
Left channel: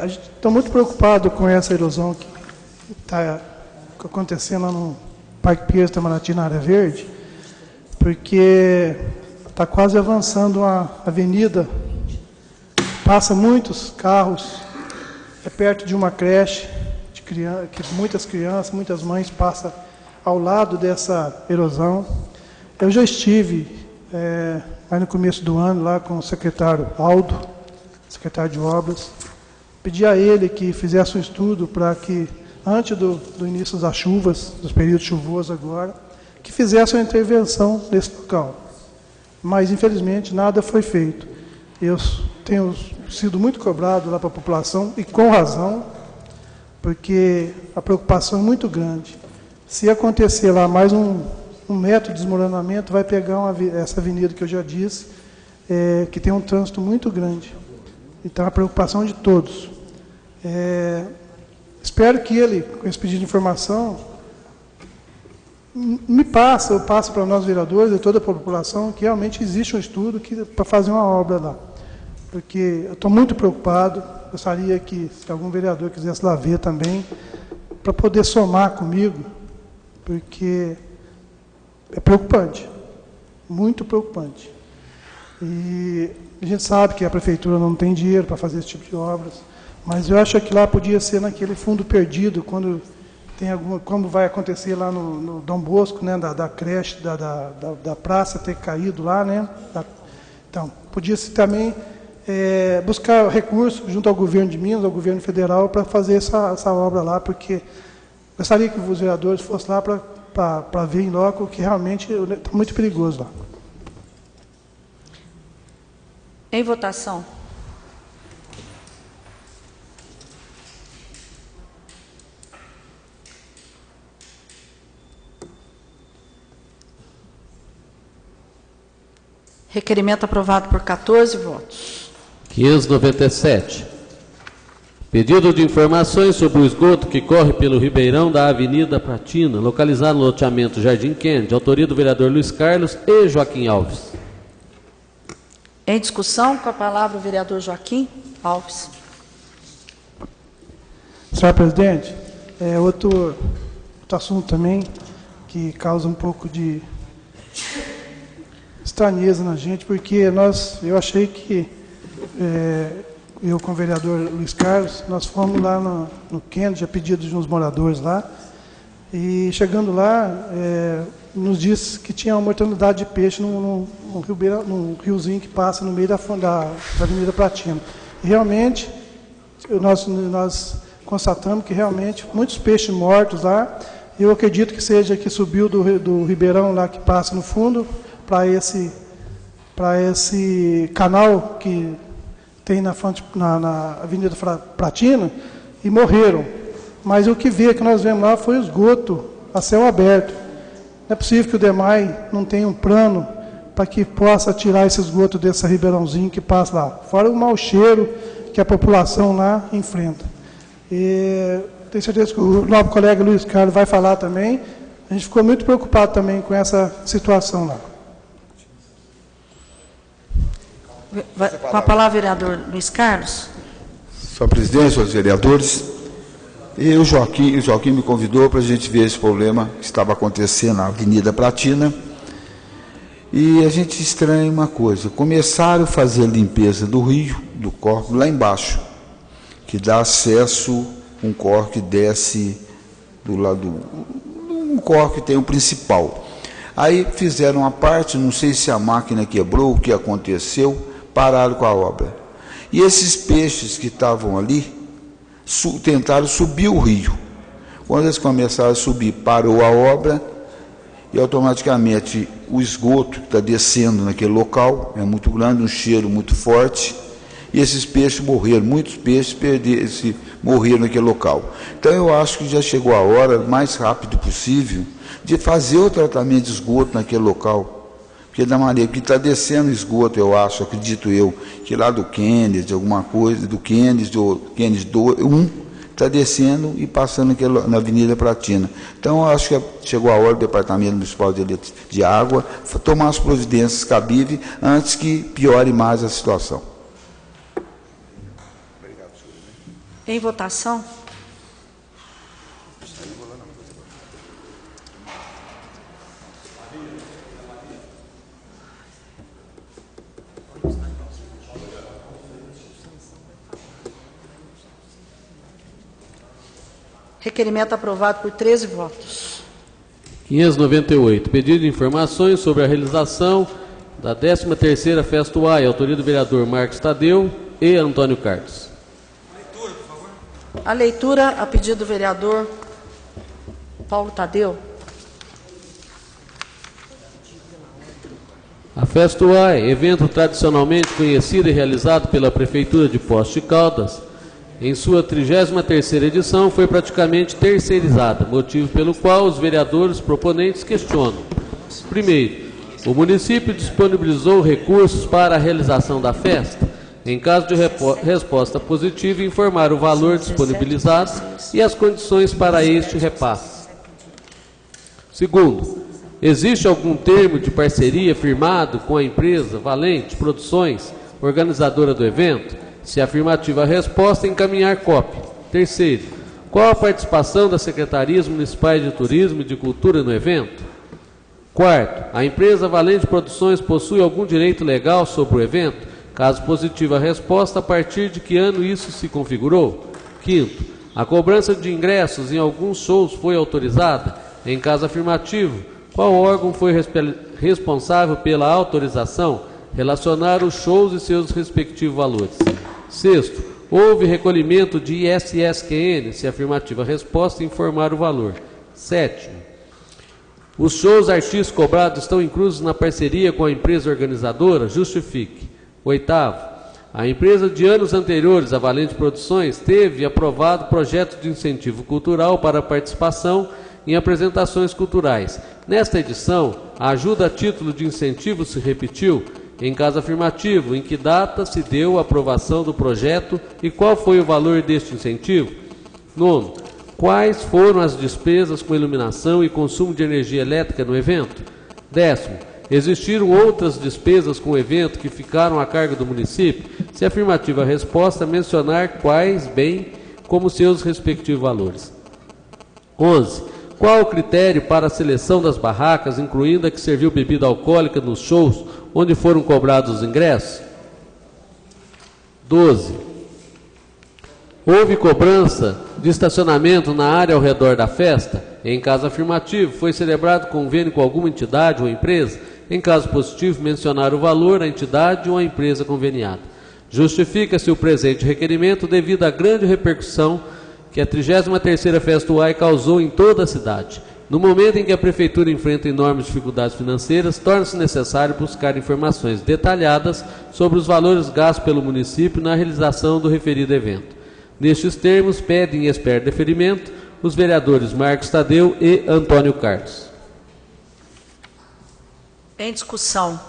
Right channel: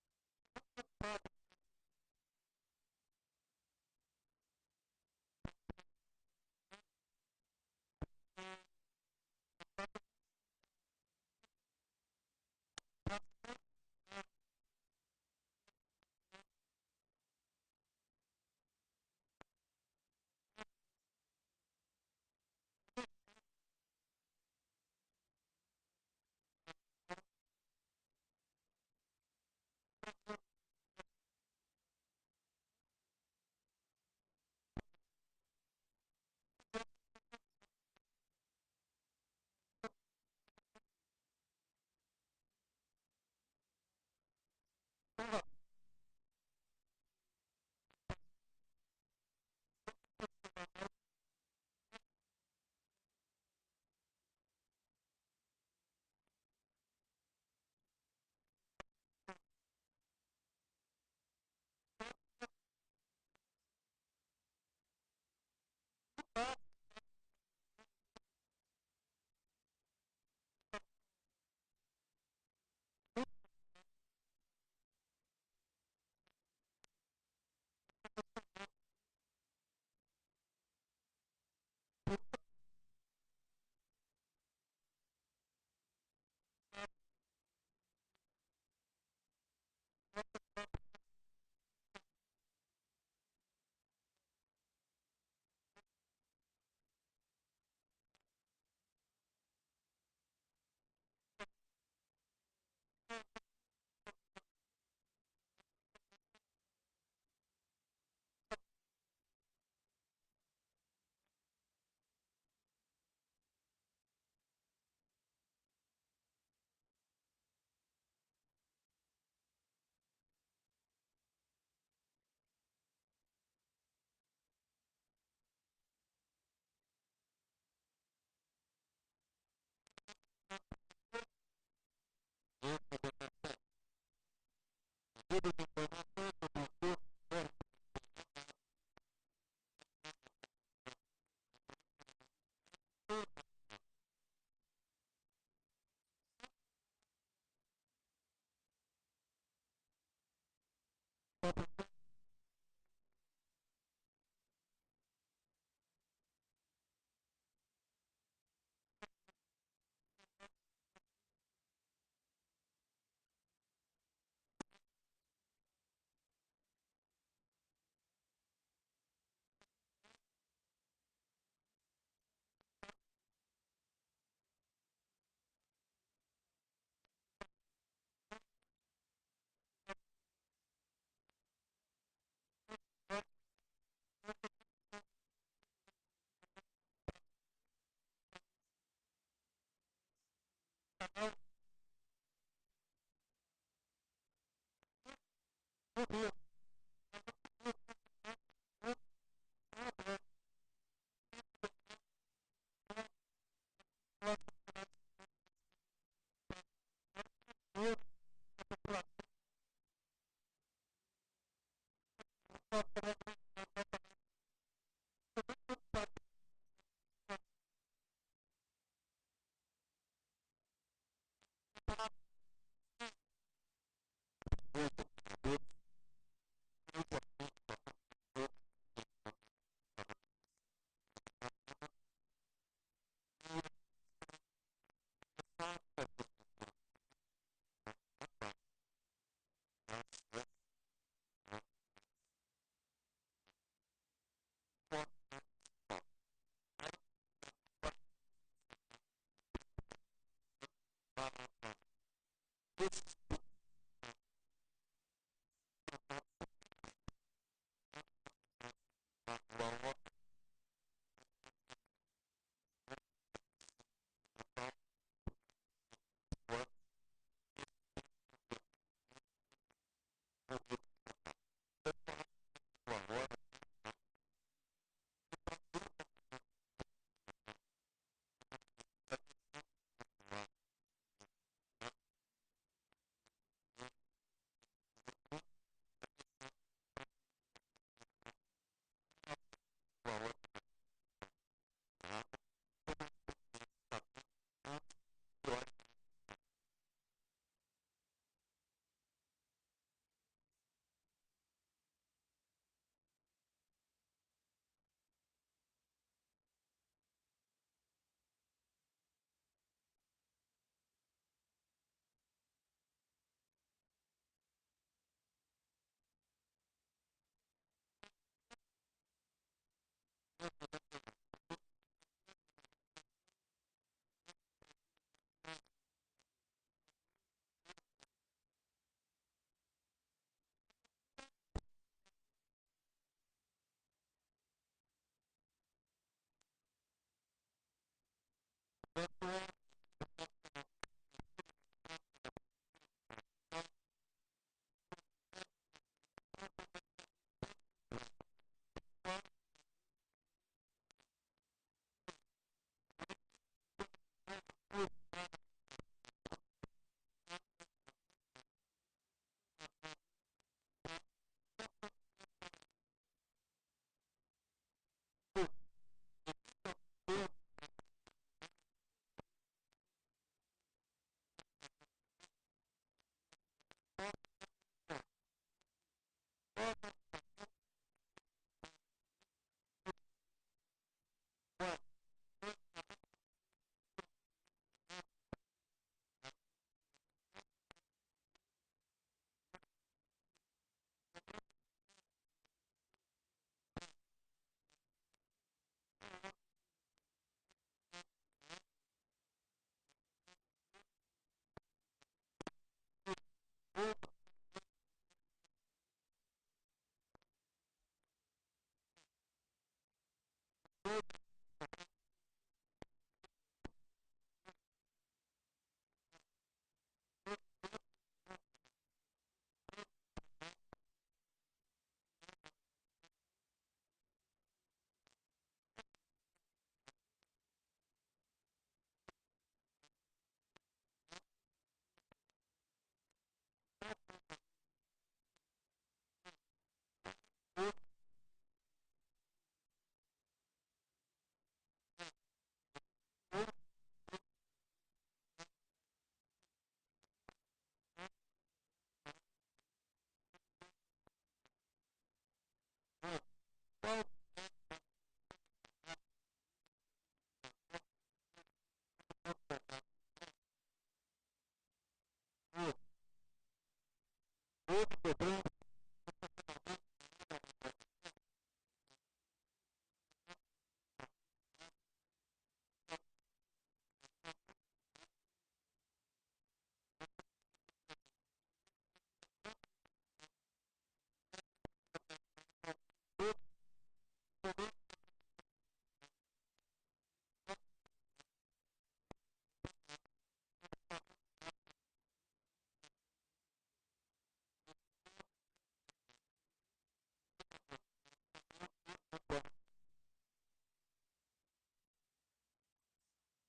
A gente está muito preocupado com essa erosão que está acontecendo lá no Parque Pinheiros Itamaraty, na área verde, porque está quase avançando a avenida, passa muitos carros, é perto de uma creche, que muitas crianças, muitas mães passam ao lado dessa erosão. Eu já estive, aí no começo do ano, lá com o secretário Aldo, secretário de Obras, pedi a ele que fizesse um estudo para que, antes do início das chuvas, dos períodos chuvosos agora, que fizesse uma intervenção nesse local. Mas, infelizmente, nada foi feito. Eu tenho sido muito cobrado lá para a população, e com razão, porque a preocupação é muito grande. Se acontecer lá mais um metro de desmoronamento, vai pegar essa avenida que eu já disse, que tem um trânsito muito grande. Então, a preocupação de todos. Espero que ele, com esse pedido de informação, eu passo para nós vereadores e toda a população que realmente existe um estudo para fazer uma obra lá. Porque eu estou muito preocupado, gostaria que, se algum vereador quisesse lá ver também, para poder somar comigo, porque é preocupante, muito preocupante. E a gente sabe que a prefeitura não tem dinheiro para fazer esse tipo de obras, mas eu acho que lá podia ser naquele fundo perdido, quando tem como vai acontecer lá no Dom Bosco, né, da creche, da praça ter caído lá, né? Então, podia-se também buscar recursos junto ao governo de Minas, ao governo federal, para fazer essa obra lá, porque gostaria que os vereadores fossem lá para ver em loco, que realmente está muito perigoso lá. Em votação. Requerimento aprovado por 14 votos. 597. Pedido de informações sobre o esgoto que corre pelo ribeirão da Avenida Pratina, localizado no loteamento Jardim Kennedy, autoria do vereador Luiz Carlos e Joaquim Alves. Em discussão, com a palavra o vereador Joaquim Alves. Senhor presidente, outro assunto também que causa um pouco de estranheza na gente, porque eu achei que eu com o vereador Luiz Carlos, nós fomos lá no Kennedy, a pedido de uns moradores lá, e chegando lá, nos disse que tinha uma mortalidade de peixe num riozinho que passa no meio da Avenida Pratina. E realmente, nós constatamos que realmente muitos peixes mortos lá. Eu acredito que seja que subiu do ribeirão lá que passa no fundo para esse canal que tem na Avenida Pratina e morreram. Mas o que nós vemos lá foi esgoto a céu aberto. Não é possível que o DEMAI não tenha um plano para que possa tirar esse esgoto desse ribeirãozinho que passa lá. Fora o mau cheiro que a população lá enfrenta. Tenho certeza que o nosso colega Luiz Carlos vai falar também. A gente ficou muito preocupado também com essa situação lá. Com a palavra, vereador Luiz Carlos. Senhor presidente, senhores vereadores, o Joaquim me convidou para a gente ver esse problema que estava acontecendo na Avenida Pratina. E a gente estranha uma coisa: começaram a fazer a limpeza do rio, do córrego lá embaixo, que dá acesso, um córrego que desce do lado, um córrego que tem o principal. Aí fizeram a parte, não sei se a máquina quebrou, o que aconteceu, pararam com a obra. E esses peixes que estavam ali, tentaram subir o rio. Quando eles começaram a subir, parou a obra e automaticamente o esgoto que está descendo naquele local é muito grande, um cheiro muito forte, e esses peixes morreram, muitos peixes morreram naquele local. Então eu acho que já chegou a hora, o mais rápido possível, de fazer o tratamento de esgoto naquele local. Porque da maneira que está descendo esgoto, eu acho, acredito eu, que lá do Kennedy, alguma coisa, do Kennedy 1, está descendo e passando na Avenida Pratina. Então, eu acho que chegou a hora do Departamento Municipal de Água tomar as providências cabíveis antes que piore mais a situação. Em votação. Requerimento aprovado por 13 votos. 598. Pedido de informações sobre a realização da 13ª Festa UAI, autoria do vereador Marcos Tadeu e Antônio Carlos. A leitura, a pedido do vereador Paulo Tadeu. A Festa UAI, evento tradicionalmente conhecido e realizado pela Prefeitura de Poços de Caldas, em sua 33ª edição, foi praticamente terceirizada, motivo pelo qual os vereadores proponentes questionam. Primeiro, o município disponibilizou recursos para a realização da festa. Em caso de resposta positiva, informar o valor disponibilizado e as condições para este repasse. Segundo, existe algum termo de parceria firmado com a empresa Valente Produções, organizadora do evento? Se afirmativa a resposta, encaminhar cópia. Terceiro, qual a participação das secretarias municipais de turismo e de cultura no evento? Quarto, a empresa Valente Produções possui algum direito legal sobre o evento? Caso positiva a resposta, a partir de que ano isso se configurou? Quinto, a cobrança de ingressos em alguns shows foi autorizada? Em caso afirmativo, qual órgão foi responsável pela autorização? Relacionar os shows e seus respectivos valores. Sexto, houve recolhimento de ISSQN? Se afirmativa a resposta, informar o valor. Sétimo, os shows artistas cobrados estão inclusos na parceria com a empresa organizadora? Justifique. Oitavo, a empresa de anos anteriores, a Valente Produções, teve aprovado projeto de incentivo cultural para a participação em apresentações culturais. Nesta edição, a ajuda a título de incentivo se repetiu Em caso afirmativo, em que data se deu a aprovação do projeto e qual foi o valor deste incentivo? 9. Quais foram as despesas com iluminação e consumo de energia elétrica no evento? 10. Existiram outras despesas com o evento que ficaram a cargo do município? Se afirmativa a resposta, mencionar quais, bem como seus respectivos valores. 11. Qual o critério para a seleção das barracas, incluindo a que serviu bebida alcoólica nos shows, onde foram cobrados os ingressos? 12. Houve cobrança de estacionamento na área ao redor da festa? Em caso afirmativo, foi celebrado convênio com alguma entidade ou empresa? Em caso positivo, mencionar o valor, a entidade ou a empresa conveniada. Justifica-se o presente requerimento devido à grande repercussão que a 33ª Festa UAI causou em toda a cidade. No momento em que a Prefeitura enfrenta enormes dificuldades financeiras, torna-se necessário buscar informações detalhadas sobre os valores gastos pelo município na realização do referido evento. Nestes termos, pedem e esperam deferimento os vereadores Marcos Tadeu e Antônio Carlos. Em discussão.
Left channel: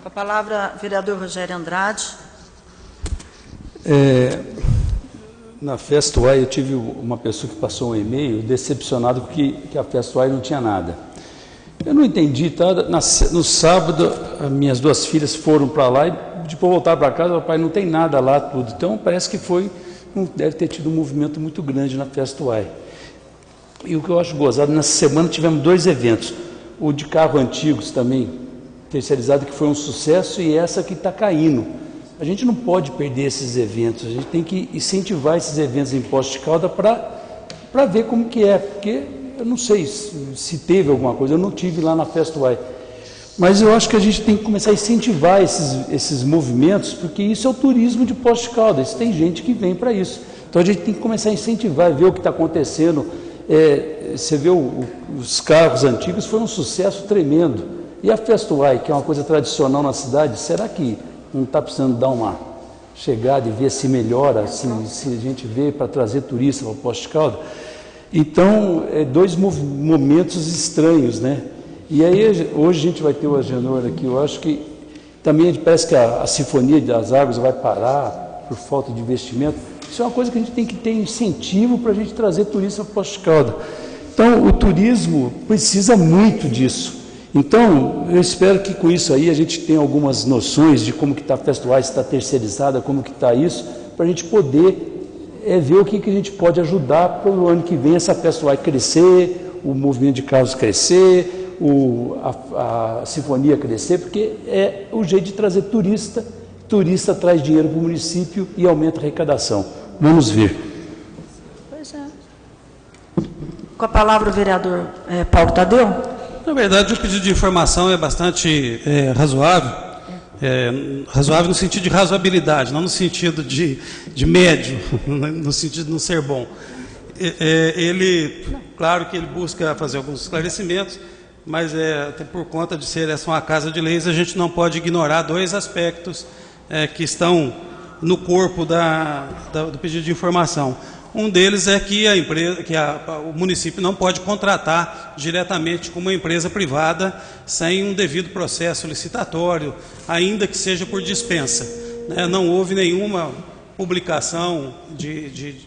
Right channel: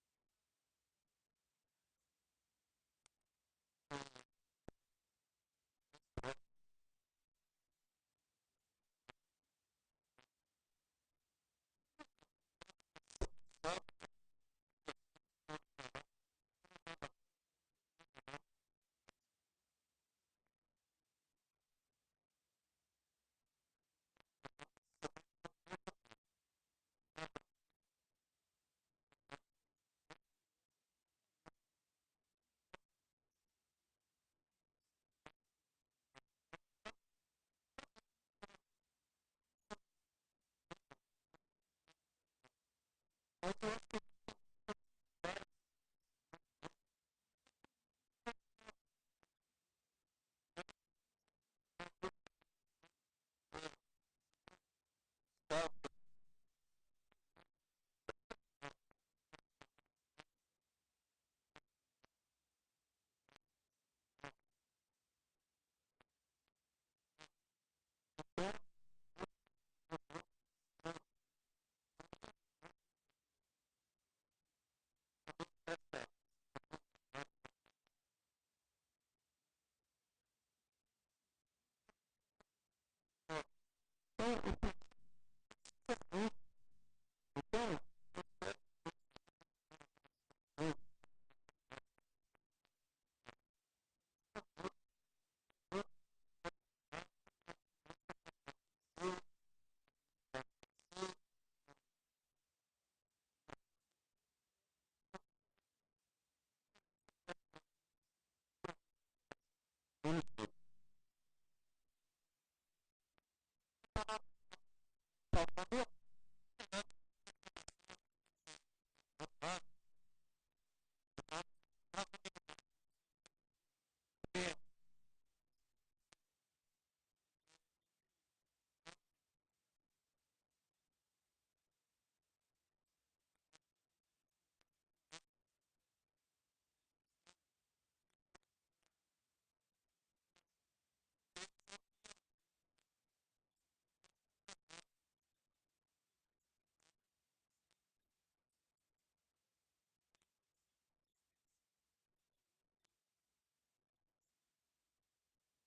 Com a palavra, vereador Rogério Andrade. Na Festa UAI eu tive uma pessoa que passou um e-mail decepcionado que a Festa UAI não tinha nada. Eu não entendi, tá? No sábado, as minhas duas filhas foram para lá e depois voltaram para casa, papai, não tem nada lá, tudo. Então parece que deve ter tido um movimento muito grande na Festa UAI. E o que eu acho gozado, nessa semana tivemos 2 eventos. O de carro antigos também, terceirizado, que foi um sucesso, e essa que está caindo. A gente não pode perder esses eventos, a gente tem que incentivar esses eventos em Poços de Caldas para ver como que é, porque eu não sei se teve alguma coisa, eu não tive lá na Festa UAI. Mas eu acho que a gente tem que começar a incentivar esses movimentos, porque isso é o turismo de Poços de Caldas, tem gente que vem para isso. Então a gente tem que começar a incentivar, ver o que está acontecendo. Você vê os carros antigos, foi um sucesso tremendo. E a Festa UAI, que é uma coisa tradicional na cidade, será que não está precisando dar uma chegada e ver se melhora, se a gente vê para trazer turista para Poços de Caldas? Então, 2 momentos estranhos, né? E aí, hoje a gente vai ter o Agenor aqui, eu acho que também parece que a Sinfonia das Águas vai parar por falta de investimento. Isso é uma coisa que a gente tem que ter incentivo para a gente trazer turista para Poços de Caldas. Então, o turismo precisa muito disso. Então, eu espero que com isso aí a gente tenha algumas noções de como que está a Festa UAI, se está terceirizada, como que está isso, para a gente poder ver o que a gente pode ajudar para o ano que vem essa Festa UAI crescer, o movimento de carros crescer, a sinfonia crescer, porque é o jeito de trazer turista traz dinheiro para o município e aumenta a arrecadação. Vamos ver. Pois é. Com a palavra o vereador Paulo Tadeu. Na verdade, o pedido de informação é bastante razoável, razoável no sentido de razoabilidade, não no sentido de médio, no sentido de não ser bom. Claro que ele busca fazer alguns esclarecimentos, mas até por conta de ser essa uma casa de leis, a gente não pode ignorar 2 aspectos que estão no corpo do pedido de informação. Um deles é que o município não pode contratar diretamente com uma empresa privada sem um devido processo licitatório, ainda que seja por dispensa. Não houve nenhuma publicação de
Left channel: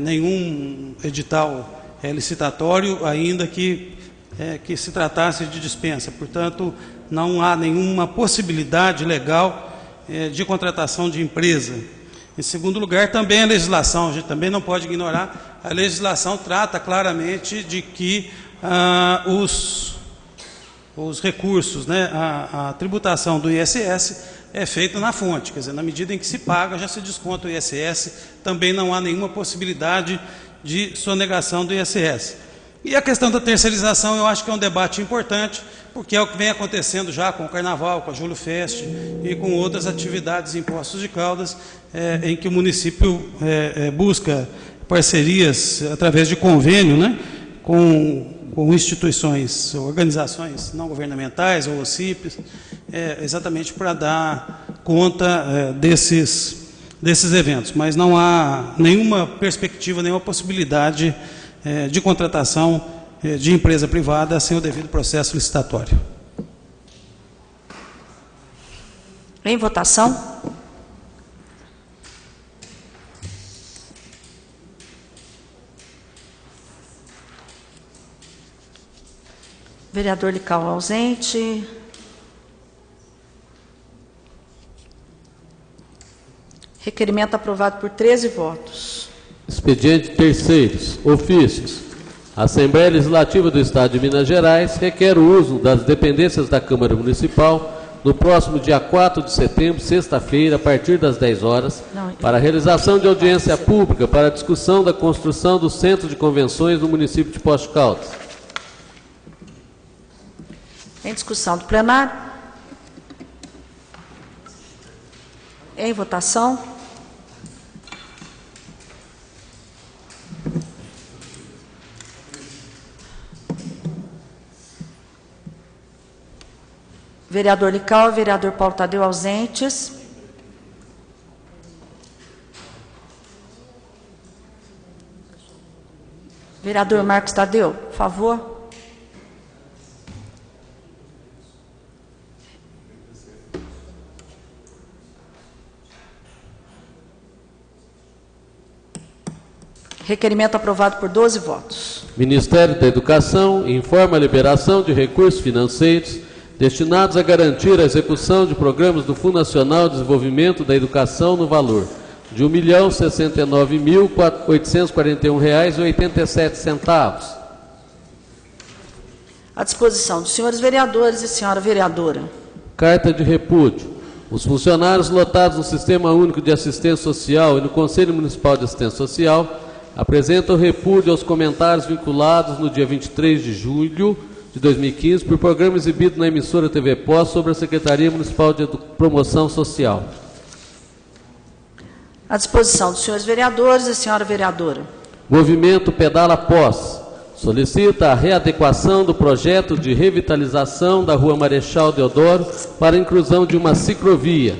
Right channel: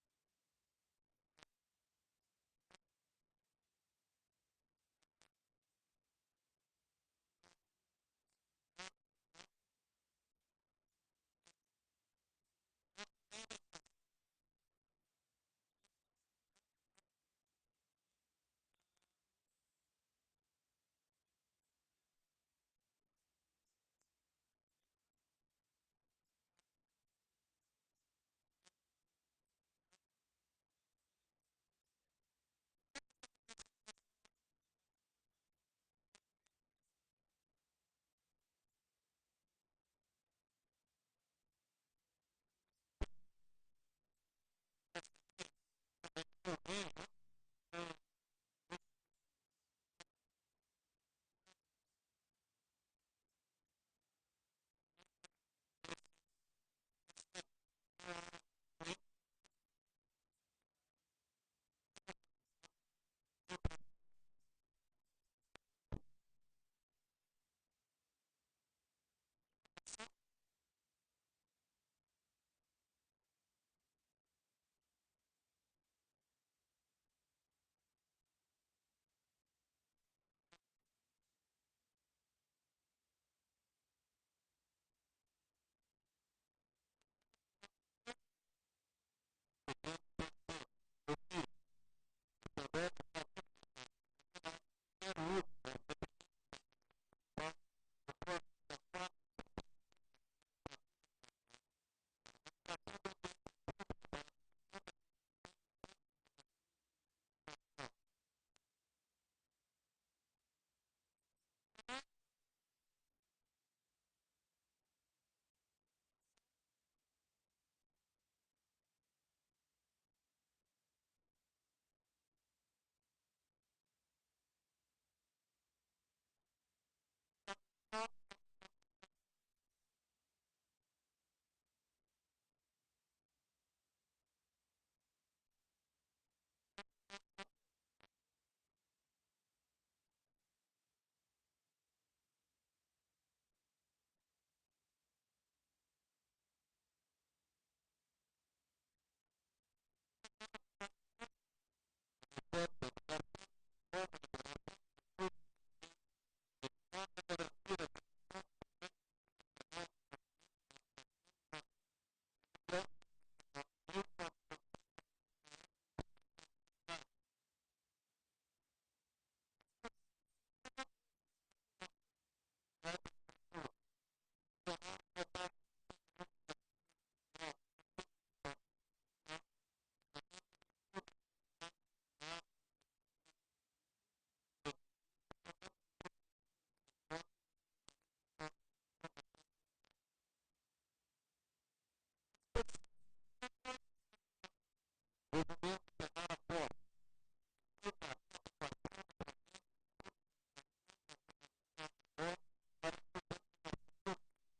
nenhum edital licitatório, ainda que se tratasse de dispensa. Portanto, não há nenhuma possibilidade legal de contratação de empresa. Em segundo lugar, também a legislação, a gente também não pode ignorar, a legislação trata claramente de que os recursos, a tributação do ISS é feita na fonte, quer dizer, na medida em que se paga, já se desconta o ISS, também não há nenhuma possibilidade de sonegação do ISS. E a questão da terceirização, eu acho que é um debate importante, porque é o que vem acontecendo já com o Carnaval, com a Júlio Fest e com outras atividades em Poços de Caldas, em que o município busca parcerias através de convênio, com instituições, organizações não governamentais ou OCIPs, exatamente para dar conta desses eventos. Mas não há nenhuma perspectiva, nenhuma possibilidade de contratação de empresa privada sem o devido processo licitatório. Em votação. Vereador Lical ausente. Requerimento aprovado por 13 votos. Expediente terceiros. Ofícios. A Assembleia Legislativa do Estado de Minas Gerais requer o uso das dependências da Câmara Municipal no próximo dia 4 de setembro, sexta-feira, a partir das 10 horas, para a realização de audiência pública para a discussão da construção do Centro de Convenções no município de Poços de Caldas. Em discussão do plenário. Em votação. Vereador Lical e vereador Paulo Tadeu ausentes. Vereador Marcos Tadeu, por favor. Requerimento aprovado por 12 votos. Ministério da Educação informa a liberação de recursos financeiros destinados a garantir a execução de programas do Fundo Nacional de Desenvolvimento da Educação no valor de R$ 1.069.841,87. À disposição dos senhores vereadores e senhora vereadora. Carta de repúdio. Os funcionários lotados no Sistema Único de Assistência Social e no Conselho Municipal de Assistência Social apresentam repúdio aos comentários vinculados no dia 23 de julho de 2015 por programa exibido na emissora TV Pós sobre a Secretaria Municipal de Promoção Social. À disposição dos senhores vereadores e senhora vereadora. Movimento Pedala Pós solicita a readequação do projeto de revitalização da Rua Marechal Deodoro para a inclusão de uma ciclovia.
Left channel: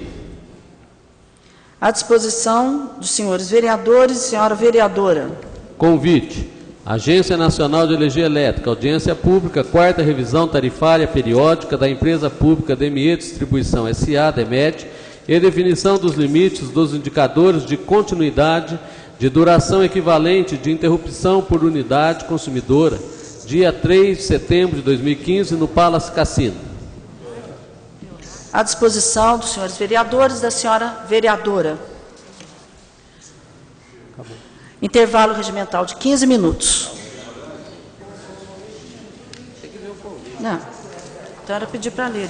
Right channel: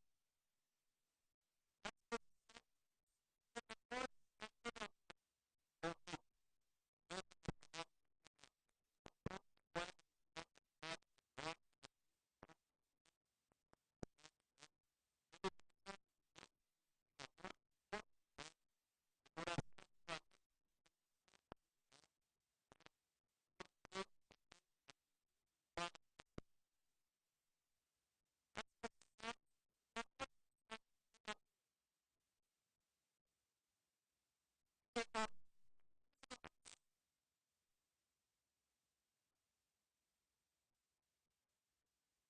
À disposição dos senhores vereadores e senhora vereadora. Convite. Agência Nacional de Energia Elétrica, audiência pública, 4ª revisão tarifária periódica da empresa pública DME Distribuição S.A., DEMED, e definição dos limites dos indicadores de continuidade de duração equivalente de interrupção por unidade consumidora, dia 3 de setembro de 2015, no Palace Cassino. À disposição dos senhores vereadores e da senhora vereadora. Intervalo regimental de 15 minutos. Não. Então era pedir para ler.